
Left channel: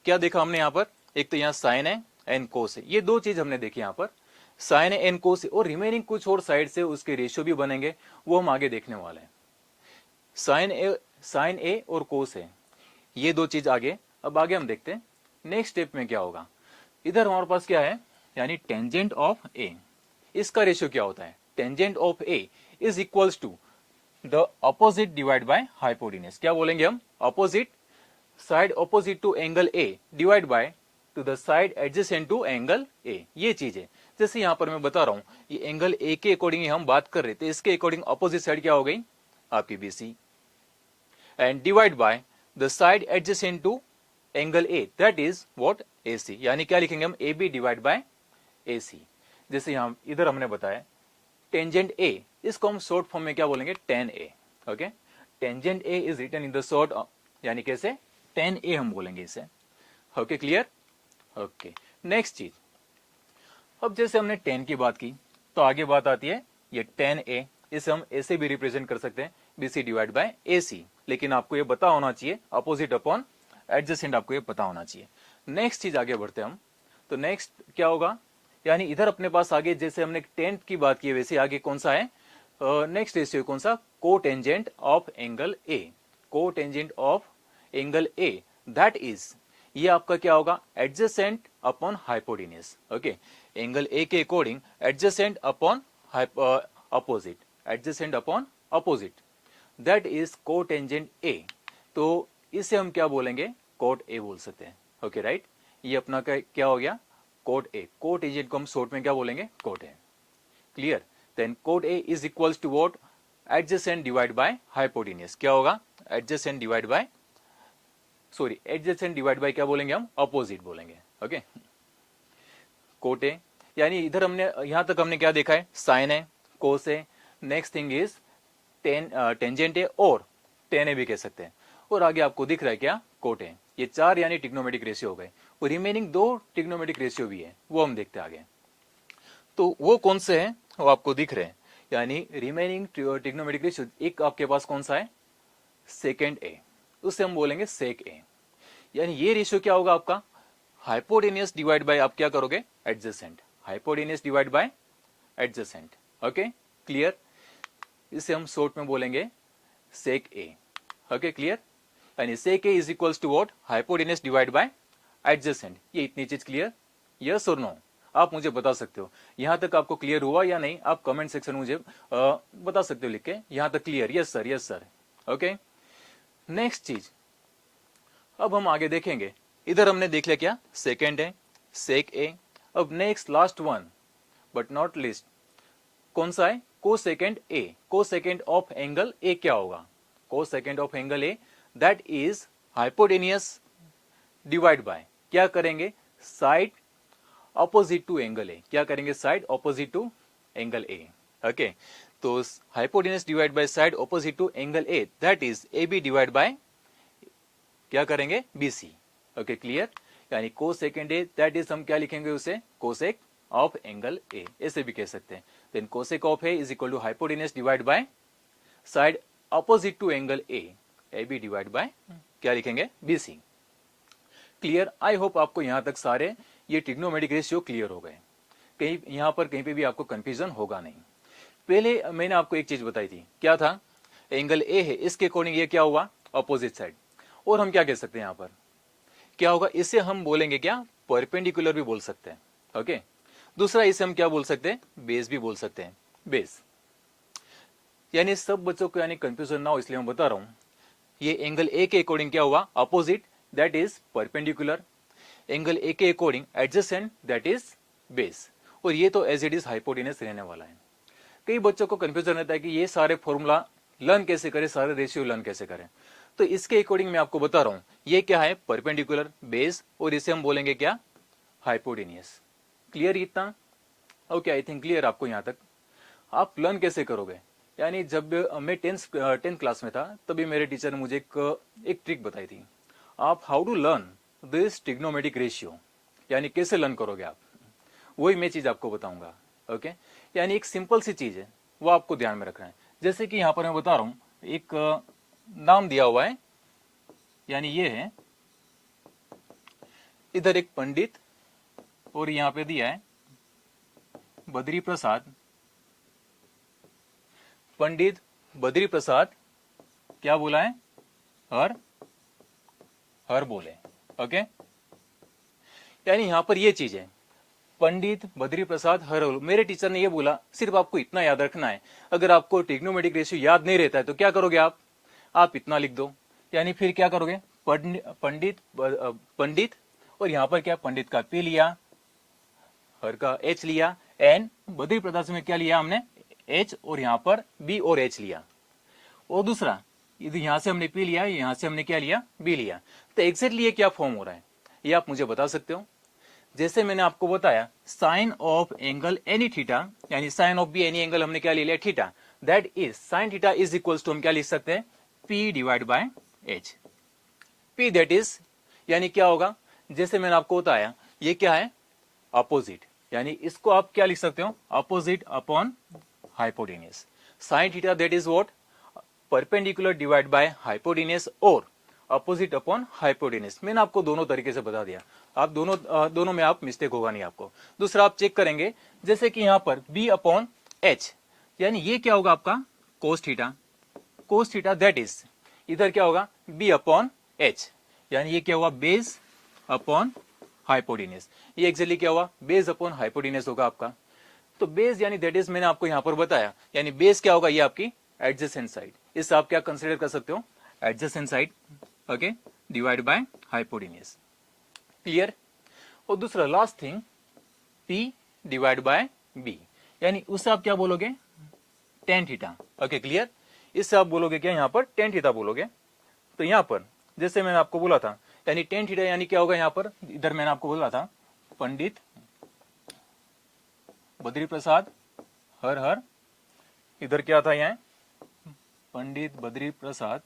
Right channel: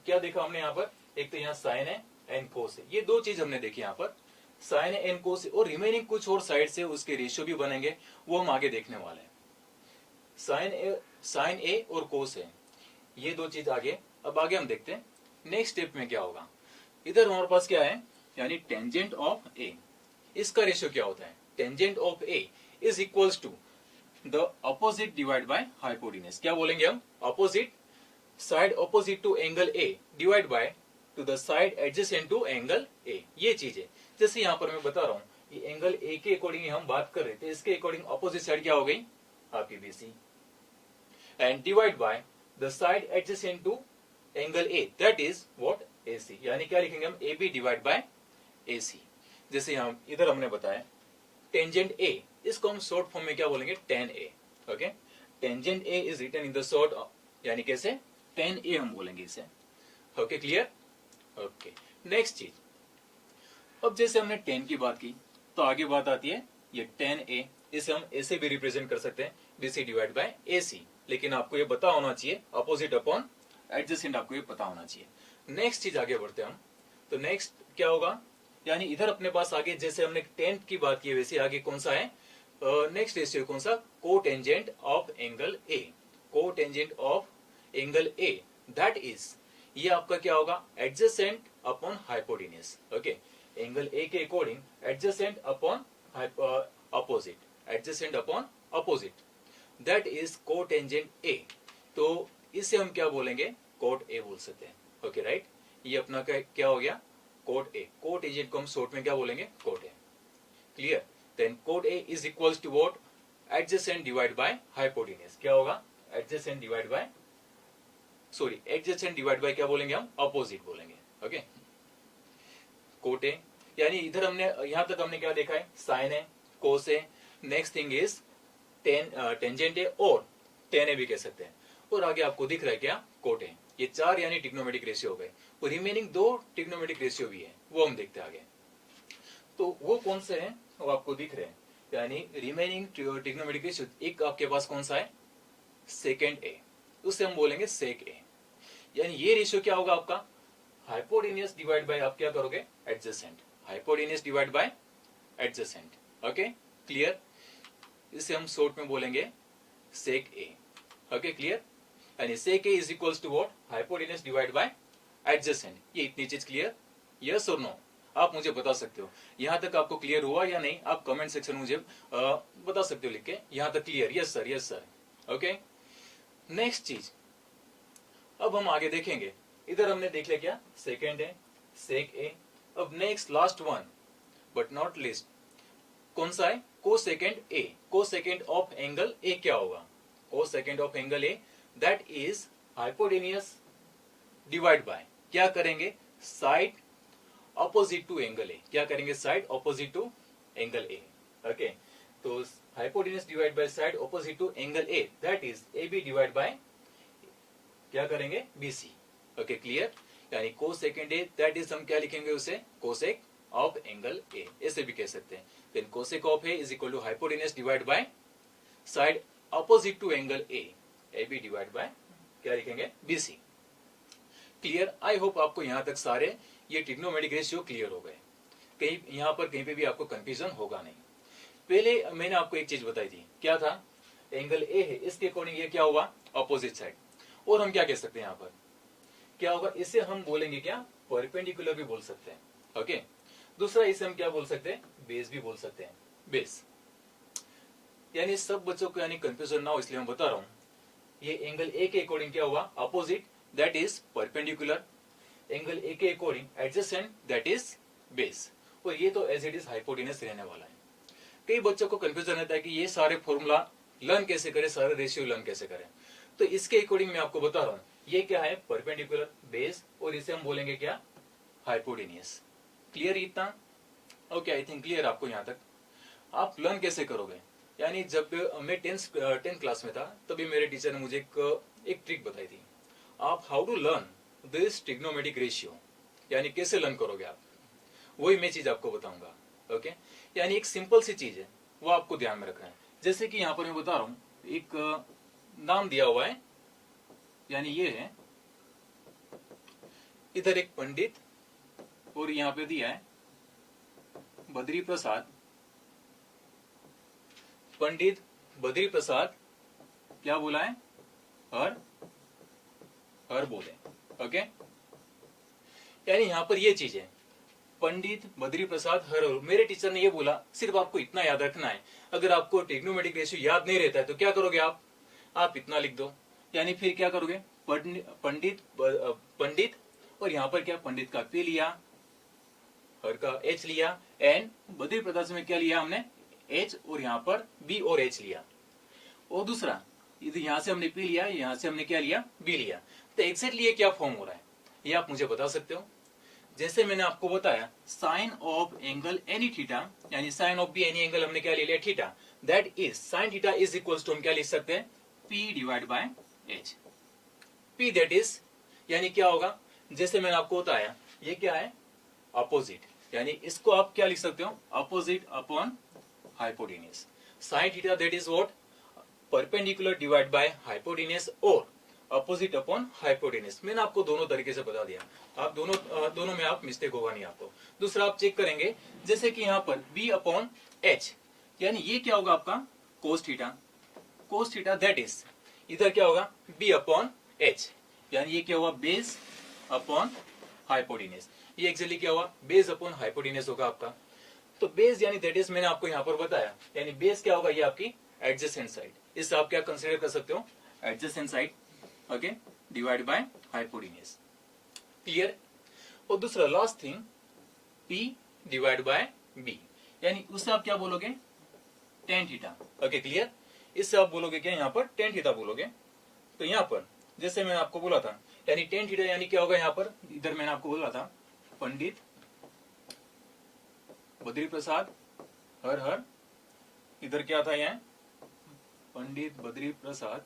क्या देखा हमने यहाँ पर, एक तो यहाँ साइन है एंड कोस है, ये दो चीज हमने देखी यहाँ पर, साइन एंड कोस, और रिमेनिंग कुछ और साइड से उसके रेशियो भी बनेंगे, वो हम आगे देखने वाले हैं। साइन ए और कोस है, ये दो चीज आगे, अब आगे हम देखते हैं नेक्स्ट स्टेप में क्या होगा। इधर हमारे पास क्या है, यानी टेंजेंट ऑफ ए, इसका रेशियो क्या होता है, tangent of A is equals to the opposite divide by hypotenuse. क्या बोलेंगे हम, opposite side opposite to angle A divide by to the side adjacent to angle A, ये चीज है। जैसे यहां पर मैं बता रहा हूं, ये एंगल ए के अकॉर्डिंग हम बात कर रहे थे, इसके अकॉर्डिंग अपोजिट साइड क्या हो गई, आपकी BC, and divide by the side adjacent to angle A, that is what, AC, यानी क्या लिखेंगे हम, A B divide by AC. जैसे यहां इधर हमने बताया टेंजेंट ए, इसको हम शॉर्ट फॉर्म में क्या बोलेंगे, tan A. Okay, tangent A is written in the short, यानी कैसे, टेन ए हम बोलेंगे इसे। Okay, clear. ओके, नेक्स्ट चीज, अब जैसे हमने 10 की बात की, तो आगे बात आती है ये 10a, इसे हम ऐसे भी रिप्रेजेंट कर सकते हैं, BC डिवाइड बाय AC, लेकिन आपको ये पता होना चाहिए अपोजिट अपॉन एडजेसेंट, आपको ये पता होना चाहिए। नेक्स्ट चीज आगे बढ़ते हैं हम, तो नेक्स्ट क्या होगा, यानी इधर अपने पास आगे जैसे हमने 10 की बात की है, वैसे आगे कौन सा है, नेक्स्ट रेशियो कौन सा, cotangent of angle A, cotangent of angle A, that is, ये आपका क्या होगा, adjacent upon hypotenuse. Okay, angle A के according adjacent upon opposite, adjacent upon opposite, that is cotangent A. तो इसे हम क्या बोलेंगे, कोट ए बोल सकते हैं। ओके, राइट, ये अपना क्या हो गया, कोट ए। कोट एजेंट को हम शॉर्ट में क्या बोलेंगे, cot A. Clear. Then cot A is equals to what, adjacent divide by hypotenuse. क्या होगा, adjacent divide by, sorry, adjacent divide by क्या बोलेंगे हम, अपोजिट बोलेंगे। ओके, कोट ए, यानी इधर हमने यहां तक हमने क्या देखा है, साइन है, कोस है, नेक्स्ट थिंग इज टेंजेंट है, और टेन ए भी कह सकते हैं, और आगे आपको दिख रहा है क्या, कोट है। ये चार यानी ट्रिग्नोमेट्रिक रेशियो हो गए, और रिमेनिंग दो ट्रिग्नोमेट्रिक रेशियो भी है, वो हम देखते हैं आगे। तो वो कौन से हैं, वो आपको दिख रहे हैं, यानी रिमेनिंग ट्रिग्नोमेट्रिक रेशियो, एक आपके पास कौन सा है, सेकेंड ए, उससे हम बोलेंगे सेक ए। यानी ये रेशियो क्या होगा आपका, हाइपोटेन्यूज डिवाइड बाय, आप क्या करोगे, adjacent, hypotenuse divide by adjacent. Okay, clear. इसे हम शॉर्ट में बोलेंगे सेक ए। Okay, clear. यानी sec A is equals to what, hypotenuse divide by adjacent. ये इतनी चीज क्लियर, यस और नो, आप मुझे बता सकते हो। यहाँ तक आपको क्लियर हुआ या नहीं, आप कमेंट सेक्शन में मुझे बता सकते हो लिख के, यहाँ तक clear, yes sir, yes sir. Okay, next चीज अब हम आगे देखेंगे। इधर हमने देख लिया क्या, सेकेंड है, सेक ए। अब next last one but not list कौन सा है, को सेकेंड ए। को सेकेंड ऑफ एंगल ए क्या होगा, cosecant of angle A that is hypotenuse divide by, क्या करेंगे, side opposite to angle A. क्या करेंगे, side opposite to angle A. Okay, तो hypotenuse divide by side opposite to angle A that is A B divide by क्या करेंगे, B C. Okay, clear. यानी को second A that is हम क्या लिखेंगे उसे, कोसेक ऑफ एंगल ए, ऐसे भी कह सकते हैं। Then cosec of A is equal to hypotenuse divide by side opposite to angle A B divide by क्या लिखेंगे, B C. Clear, I hope आपको यहां तक सारे ये ट्रिग्नोमेट्रिक रेशियो क्लियर हो गए, कहीं यहां पर कहीं पे भी आपको कंफ्यूजन होगा नहीं। पहले मैंने आपको एक चीज बताई थी, क्या था, एंगल ए है, इसके अकॉर्डिंग ये क्या हुआ, ऑपोजिट साइड। और हम क्या कह सकते हैं, यहां पर क्या होगा, इसे हम बोलेंगे क्या, परपेंडिकुलर भी बोल सकते हैं। ओके, दूसरा इसे हम क्या बोल सकते हैं, बेस भी बोल सकते हैं, बेस। यानी सब बच्चों को यानी कंफ्यूजन ना हो इसलिए मैं बता रहा हूं, ये एंगल ए के अकॉर्डिंग क्या हुआ, opposite that is perpendicular, angle A के according adjacent that is base, और ये तो एज इट इज हाइपोटेनस रहने वाला है। कई बच्चों को कंफ्यूजन रहता है कि ये सारे फॉर्मूला लर्न कैसे करें, सारे रेशियो लर्न कैसे करें। तो इसके अकॉर्डिंग मैं आपको बता रहा हूं, ये क्या है, परपेंडिकुलर, बेस, और इसे हम बोलेंगे क्या, हाइपोटेनियस। क्लियर इतना? ओके, आई थिंक क्लियर आपको यहां तक। आप लर्न कैसे करोगे, यानी जब मैं टेंथ क्लास में था तभी मेरे टीचर ने मुझे एक ट्रिक बताई थी। आप how to learn this trigonometric ratio, यानी कैसे लर्न करोगे आप, वही मैं चीज आपको बताऊंगा। ओके, यानी एक सिंपल सी चीज है, वो आपको ध्यान में रखना है। जैसे कि यहां पर मैं बता रहा हूं, एक नाम दिया हुआ है, यानी ये है, इधर एक पंडित और यहां पे दिया है बद्री प्रसाद। पंडित बद्री प्रसाद क्या बोला है, हर हर बोले। ओके, यानी यहां पर ये चीज है, पंडित बद्री प्रसाद हर हर। मेरे टीचर ने ये बोला, सिर्फ आपको इतना याद रखना है, अगर आपको ट्रिग्नोमेट्रिक रेशियो याद नहीं रहता है तो क्या करोगे आप इतना लिख दो। यानी फिर क्या करोगे, पंडित और यहां पर क्या, पंडित का पी लिया, हर का एच लिया, एंड बद्री प्रसाद में क्या लिया हमने, एच, और यहां पर बी और एच लिया। और दूसरा यहां से हमने पी लिया, यहां से हमने क्या लिया, बी लिया। तो एग्जैक्टली ये क्या फॉर्म हो रहा है, ये आप मुझे बता सकते हो। जैसे मैंने आपको बताया, sine of angle any theta, यानी sine of B any angle हमने क्या ले लिया, theta, that is sine theta is equals to हम क्या लिख सकते हैं, P divide by H. P that is, यानी क्या होगा, जैसे मैंने आपको बताया, ये क्या है, अपोजिट, यानी इसको आप क्या लिख सकते हो, opposite upon hypotenuse. Sine theta that is what, perpendicular divide by hypotenuse, और अपोजिट अपॉन हाइपोटेनियस। मैंने आपको दोनों तरीके से बता दिया, आप दोनों में आप मिस्टेक होगा नहीं आपको। दूसरा आप चेक करेंगे, जैसे कि यहां पर बी अपॉन एच, यानी ये क्या होगा आपका, cos theta. Cos theta that is, इधर क्या होगा, बी अपॉन एच, यानी ये क्या हुआ, बेस अपॉन हाइपोटेनियस। ये एक्चुअली क्या हुआ, बेस अपॉन हाइपोटेनियस होगा आपका। तो बेस यानी दैट इज मैंने आपको यहां पर बताया, यानी बेस क्या होगा, ये आपकी एडजेसेंट साइड, इस आप क्या कंसीडर कर सकते हो, adjacent side. Okay, divide by hypotenuse. Clear. और दूसरा last thing, P divide by B, यानी उससे आप क्या बोलोगे, टेन थीटा। Okay, clear. इससे आप बोलोगे क्या, यहां पर टेन थीटा बोलोगे। तो यहां पर जैसे मैंने आपको बोला था, यानी टेन थीटा यानी क्या होगा, यहां पर इधर मैंने आपको बोला था, पंडित बद्री प्रसाद हर हर, इधर क्या था, यहाँ पंडित बद्री प्रसाद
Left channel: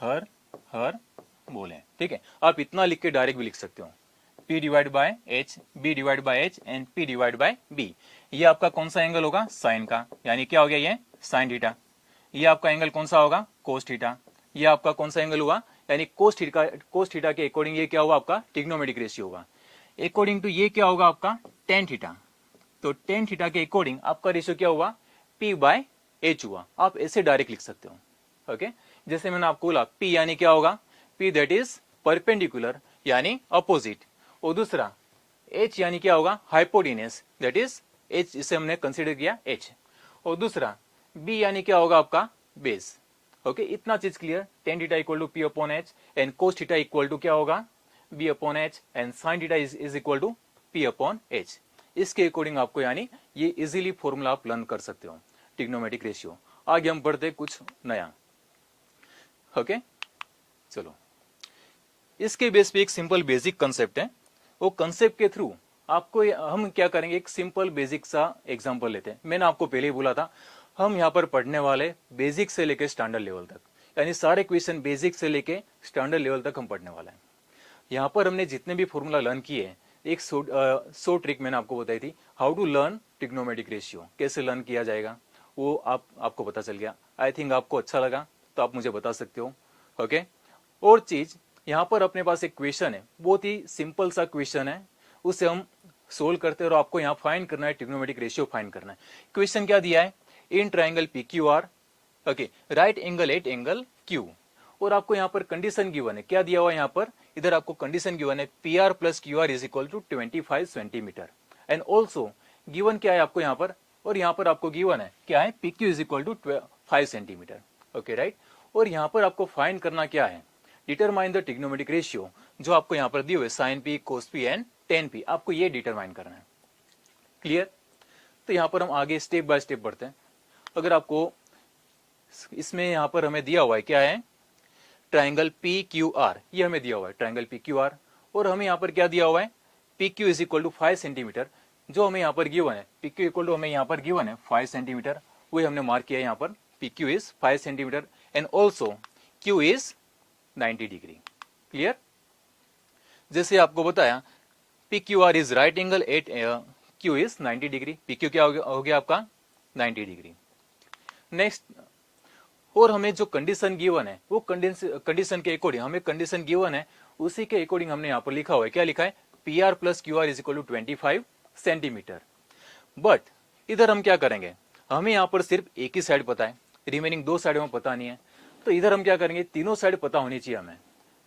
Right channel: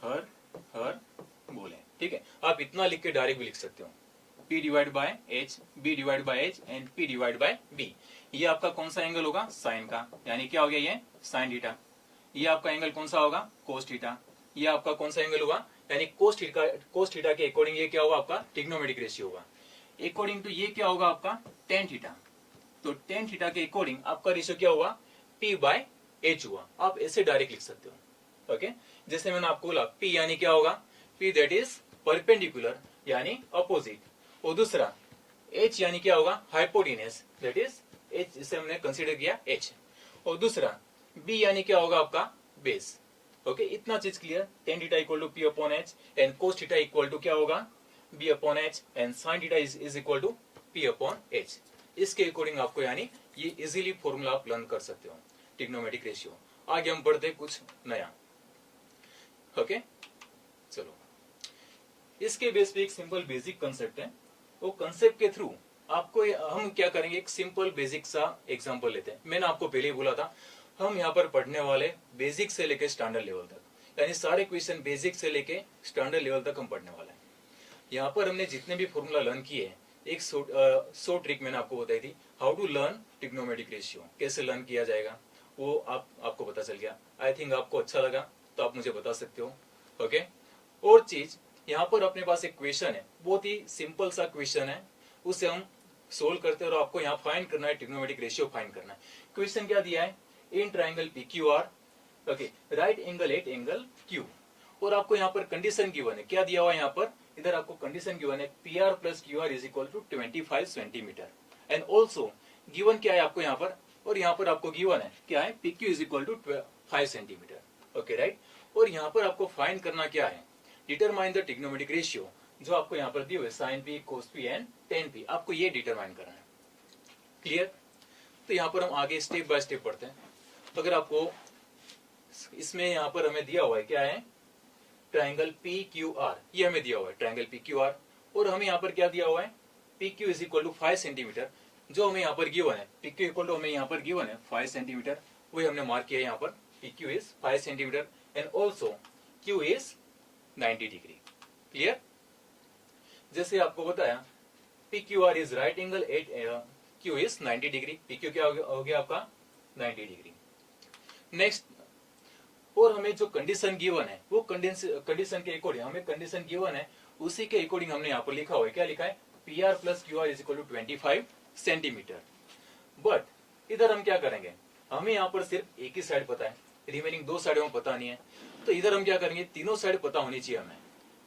हर हर बोले। ठीक है, आप इतना लिख के डायरेक्ट भी लिख सकते हो, P divide by H, B divide by H and P divide by B. ये आपका कौन सा एंगल होगा, साइन का, यानी क्या हो गया, ये साइन थीटा। ये आपका एंगल कौन सा होगा, कोस थीटा। ये आपका कौन सा एंगल हुआ, यानी कोस थीटा के अकॉर्डिंग ये क्या हुआ आपका, ट्रिग्नोमेट्रिक रेशियो होगा। अकॉर्डिंग टू ये क्या होगा आपका, टेन थीटा। तो टेन थीटा के अकॉर्डिंग आपका रेशियो क्या हुआ, P बाय एच हुआ। आप ऐसे डायरेक्ट लिख सकते हो। ओके, जैसे मैंने आपको बोला, P यानी क्या होगा, P दैट इज परपेंडिकुलर यानी अपोजिट, और दूसरा एच यानी क्या होगा, हाइपोटेन्यूस, दैट इज एच, इसे हमने कंसीडर किया एच। और दूसरा बी यानी क्या होगा आपका बेस। ओके, इतना चीज clear. Tan theta equal to P upon H and cos theta equal to क्या होगा, B upon H and sine theta is equal to P upon H. इसके अकॉर्डिंग आपको यानी ये इजीली फॉर्मूला आप लर्न कर सकते हो, ट्रिग्नोमेट्रिक रेशियो। आगे हम बढ़ते कुछ नया। ओके चलो, इसके बेस पे एक सिंपल बेसिक कंसेप्ट है। वो कंसेप्ट के थ्रू आपको हम क्या करेंगे, एक सिंपल बेसिक सा एग्जांपल लेते हैं। मैंने आपको पहले ही बोला था हम यहाँ पर पढ़ने वाले बेसिक से लेके स्टैंडर्ड लेवल तक, यानी सारे क्वेश्चन बेसिक से लेके स्टैंडर्ड लेवल तक हम पढ़ने वाले हैं। यहाँ पर हमने जितने भी फॉर्मूला लर्न किए हैं, एक सो ट्रिक मैंने आपको बताई थी, how to learn trigonometric ratio, कैसे लर्न किया जाएगा, वो आपको पता चल गया। आई थिंक आपको अच्छा लगा तो आप मुझे बता सकते हो। ओके, और चीज यहाँ पर अपने पास एक क्वेश्चन है, बहुत ही सिंपल सा क्वेश्चन है, उसे हम सोल्व करते हैं और आपको यहाँ फाइंड करना है, ट्रिग्नोमेट्रिक रेशियो फाइंड करना है। क्वेश्चन क्या दिया है, in triangle P Q R, okay, right angle at angle Q, और आपको यहाँ पर कंडीशन गिवन है, क्या दिया हुआ है यहाँ पर, इधर आपको कंडीशन गिवन है P R plus Q R is equal to 25 centimetre, and also given क्या है आपको यहाँ पर, और यहाँ पर आपको गिवन है क्या है, P Q is equal to 5 centimetre. Okay right, और यहाँ पर आपको फाइंड करना क्या है, डिटरमाइन द ट्रिग्नोमेट्रिक रेशियो, जो आपको यहाँ पर दिए हुए sine P, cos P and tan P, आपको ये डिटरमाइन करना है। क्लियर? तो यहाँ पर हम आगे स्टेप बाय स्टेप बढ़ते हैं। अगर आपको इसमें यहाँ पर हमें दिया हुआ है क्या है, ट्राइंगल पी क्यू आर, ये हमें दिया हुआ है ट्राइंगल पी क्यू आर, और हमें यहाँ पर क्या दिया हुआ है, P Q is equal to 5 centimetre, जो हमें यहाँ पर गिवन है, पी क्यू इक्वल टू हमें यहाँ पर गिवन है 5 सेंटीमीटर, वही हमने मार्क किया है यहाँ पर, P Q is 5 centimetre and also Q is 90 degree. Clear? जैसे आपको बताया P Q R is right angle at Q is 90 degree, P Q क्या हो गया आपका 90 डिग्री। नेक्स्ट, और हमें जो कंडीशन गिवन है, वो कंडीशन के अकॉर्डिंग हमें कंडीशन गिवन है, उसी के अकॉर्डिंग हमने यहाँ पर लिखा हुआ है, क्या लिखा है, P R plus Q R is equal to 25 centimetre. But इधर हम क्या करेंगे, हमें यहाँ पर सिर्फ एक ही साइड पता है, रिमेनिंग दो साइड में पता नहीं है, तो इधर हम क्या करेंगे, तीनों साइड पता होनी चाहिए हमें।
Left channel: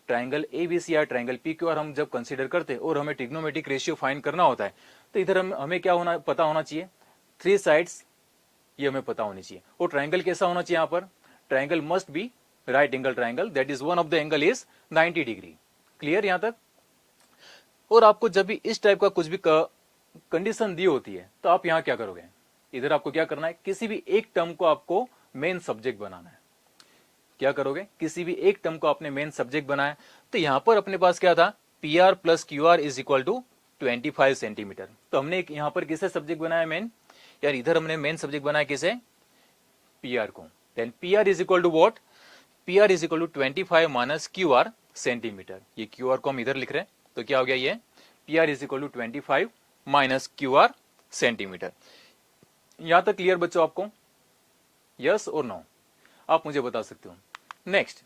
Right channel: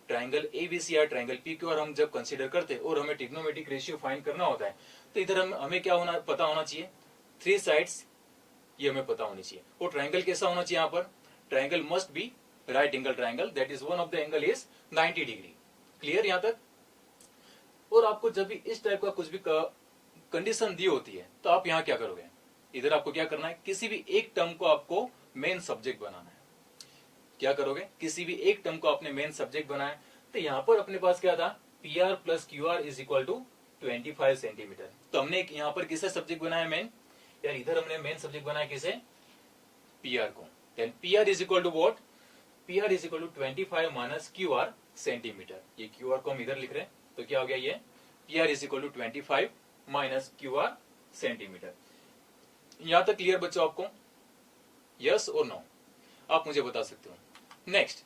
ट्राइंगल एबीसी या ट्राइंगल पी क्यू आर हम जब कंसीडर करते हैं और हमें ट्रिग्नोमेट्रिक रेशियो फाइंड करना होता है, तो इधर हमें क्या पता होना चाहिए, 3 साइड्स ये हमें पता होनी चाहिए। और ट्राइंगल कैसा होना चाहिए, यहाँ पर triangle must be right angle triangle, that is one of the angle is 90 degree. Clear यहाँ तक? और आपको जब भी इस टाइप का कुछ भी कंडीशन दी होती है, तो आप यहाँ क्या करोगे, इधर आपको क्या करना है, किसी भी एक टर्म को आपको मेन सब्जेक्ट बनाना है। क्या करोगे, किसी भी एक टर्म को आपने मेन सब्जेक्ट बनाया, तो यहाँ पर अपने पास क्या था, P R plus Q R is equal to 25 centimetre, तो हमने यहाँ पर किसे सब्जेक्ट बनाया मेन, यार इधर हमने मेन सब्जेक्ट बनाया किसे, पी आर को। Then P R is equal to what, P R is equal to 25 minus Q R centimetre, ये क्यू आर को हम इधर लिख रहे हैं, तो क्या हो गया, ये P R is equal to 25 minus Q R centimetre. यहां तक क्लियर बच्चों आपको, यस और नो, आप मुझे बता सकते हो। नेक्स्ट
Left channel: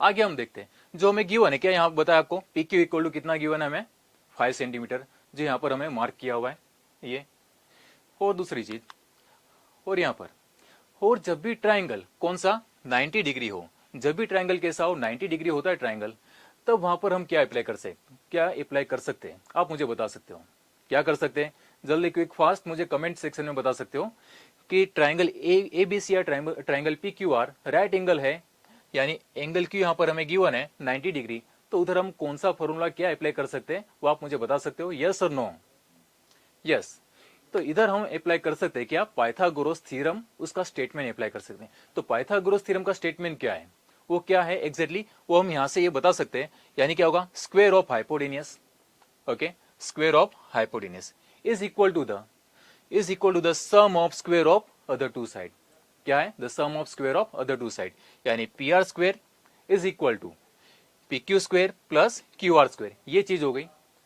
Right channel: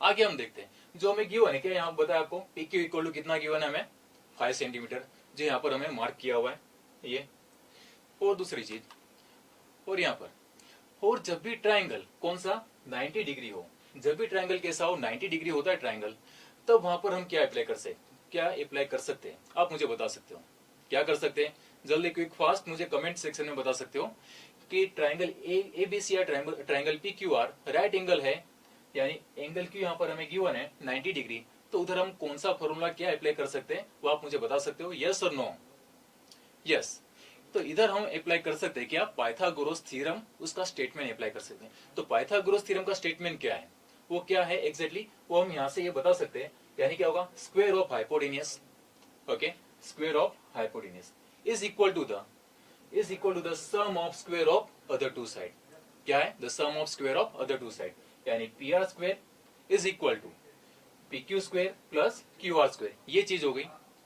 आगे हम देखते हैं, जो हमें गिवन है, क्या यहाँ बताया आपको, पी क्यू इक्वल टू कितना गिवन है हमें, 5 सेंटीमीटर, जो यहाँ पर हमें मार्क किया हुआ है ये। और दूसरी चीज, और यहाँ पर, और जब भी ट्राइंगल कौन सा 90 डिग्री हो, जब भी ट्राइंगल कैसा हो 90 डिग्री होता है ट्राइंगल, तब वहां पर हम क्या अप्लाई कर सकते हैं, आप मुझे बता सकते हो, क्या कर सकते हैं, जल्दी क्विक फास्ट मुझे कमेंट सेक्शन में बता सकते हो कि ट्राइंगल ए बी सी या triangle P Q are right angle है, यानी एंगल क्यू यहाँ पर हमें गिवन है 90 डिग्री, तो उधर हम कौन सा फॉर्मूला क्या अप्लाई कर सकते हैं, वो आप मुझे बता सकते हो, यस और नो। यस, तो इधर हम अप्लाई कर सकते हैं क्या, पाइथागोरस थ्योरम, उसका स्टेटमेंट अप्लाई कर सकते हैं। तो पाइथागोरस थ्योरम का स्टेटमेंट क्या है, वो क्या है एग्जैक्टली, वो हम यहाँ से ये बता सकते हैं, यानी क्या होगा, square of hypotenuse, okay, square of hypotenuse is equal to the sum of square of other two side. क्या है, the sum of square of other two side, यानी P R square is equal to P Q square plus Q R square, ये चीज हो गई।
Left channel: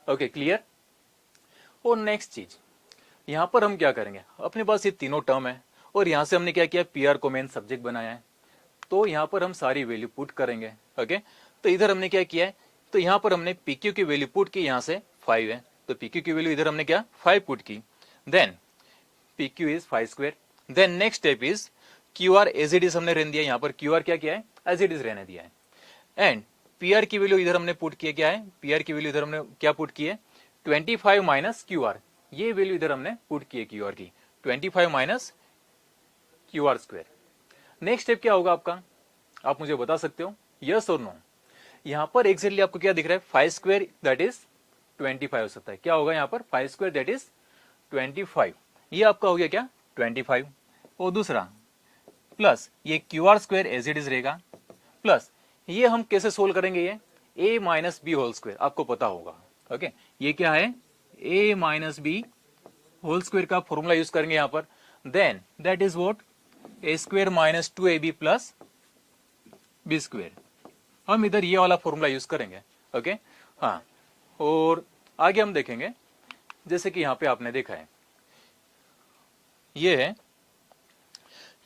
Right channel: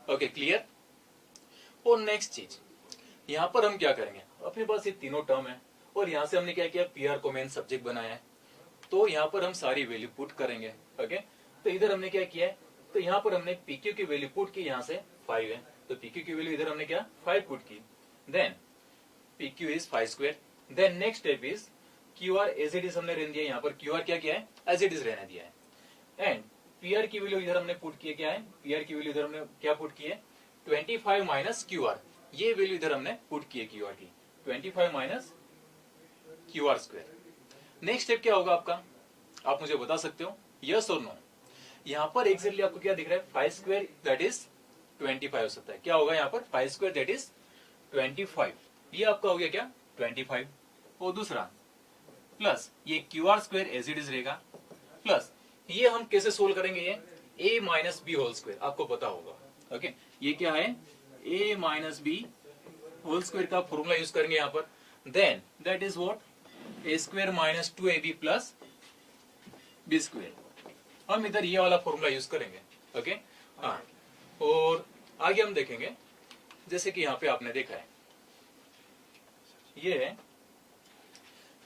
Okay clear? और next चीज, यहाँ पर हम क्या करेंगे, अपने पास ये तीनों टर्म है, और यहाँ से हमने क्या किया, पी आर को मेन सब्जेक्ट बनाया है, तो यहाँ पर हम सारी वैल्यू पुट करेंगे। ओके, तो इधर हमने क्या किया है, तो यहाँ पर हमने पी क्यू की वैल्यू पुट की, यहाँ से 5 है, तो पी क्यू की वैल्यू इधर हमने क्या 5 पुट की, then P Q is 5 square, then next step is Q R as it is हमने रहने दिया, यहाँ पर क्यू आर क्या किया है, एज इट इज रहने दिया है, एंड पी आर की वैल्यू इधर हमने पुट किया, क्या है, पी आर की वैल्यू इधर हमने क्या पुट की है, 25 माइनस क्यू आर, ये वैल्यू इधर हमने पुट की है क्यू आर की, 25 minus Q R square. Next step क्या होगा आपका, आप मुझे बता सकते हो, यस और नो। यहाँ पर एग्जैक्टली आपको क्या दिख रहा है, 5 स्क्वायर दैट इज 25 हो सकता है, क्या होगा यहाँ पर 5 स्क्वायर दैट इज 25, ये आपका हो गया क्या 25। और दूसरा प्लस ये Q R square as it is रहेगा, प्लस ये हम कैसे सोल्व करेंगे, ये a minus B whole square आपको पता होगा। ओके ये क्या है, a minus B whole square का फॉर्मूला यूज करेंगे यहाँ पर, then that is what a square minus 2ab plus B square, हम इधर ये वाला फॉर्मूला यूज करेंगे। ओके हाँ, और आगे हम देखेंगे जैसे कि यहाँ पे आपने देखा है, ये है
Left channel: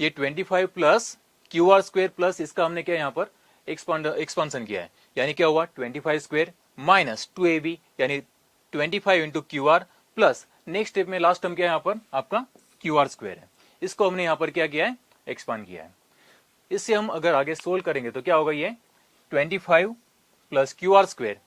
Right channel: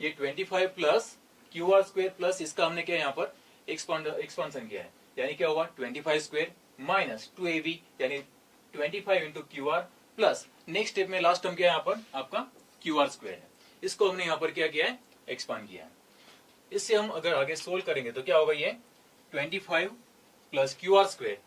ये 25 plus Q R square plus इसका हमने क्या यहाँ पर एक्सपांसन किया है, यानी क्या हुआ 25 स्क्वायर माइनस 2ab यानी 25 into Q R plus next step में लास्ट टर्म क्या है यहाँ पर आपका क्यू आर स्क्वायर है, इसको हमने यहाँ पर क्या किया है, एक्सपांड किया है। इससे हम अगर आगे सोल्व करेंगे तो क्या होगा, ये 25 प्लस क्यू आर स्क्वायर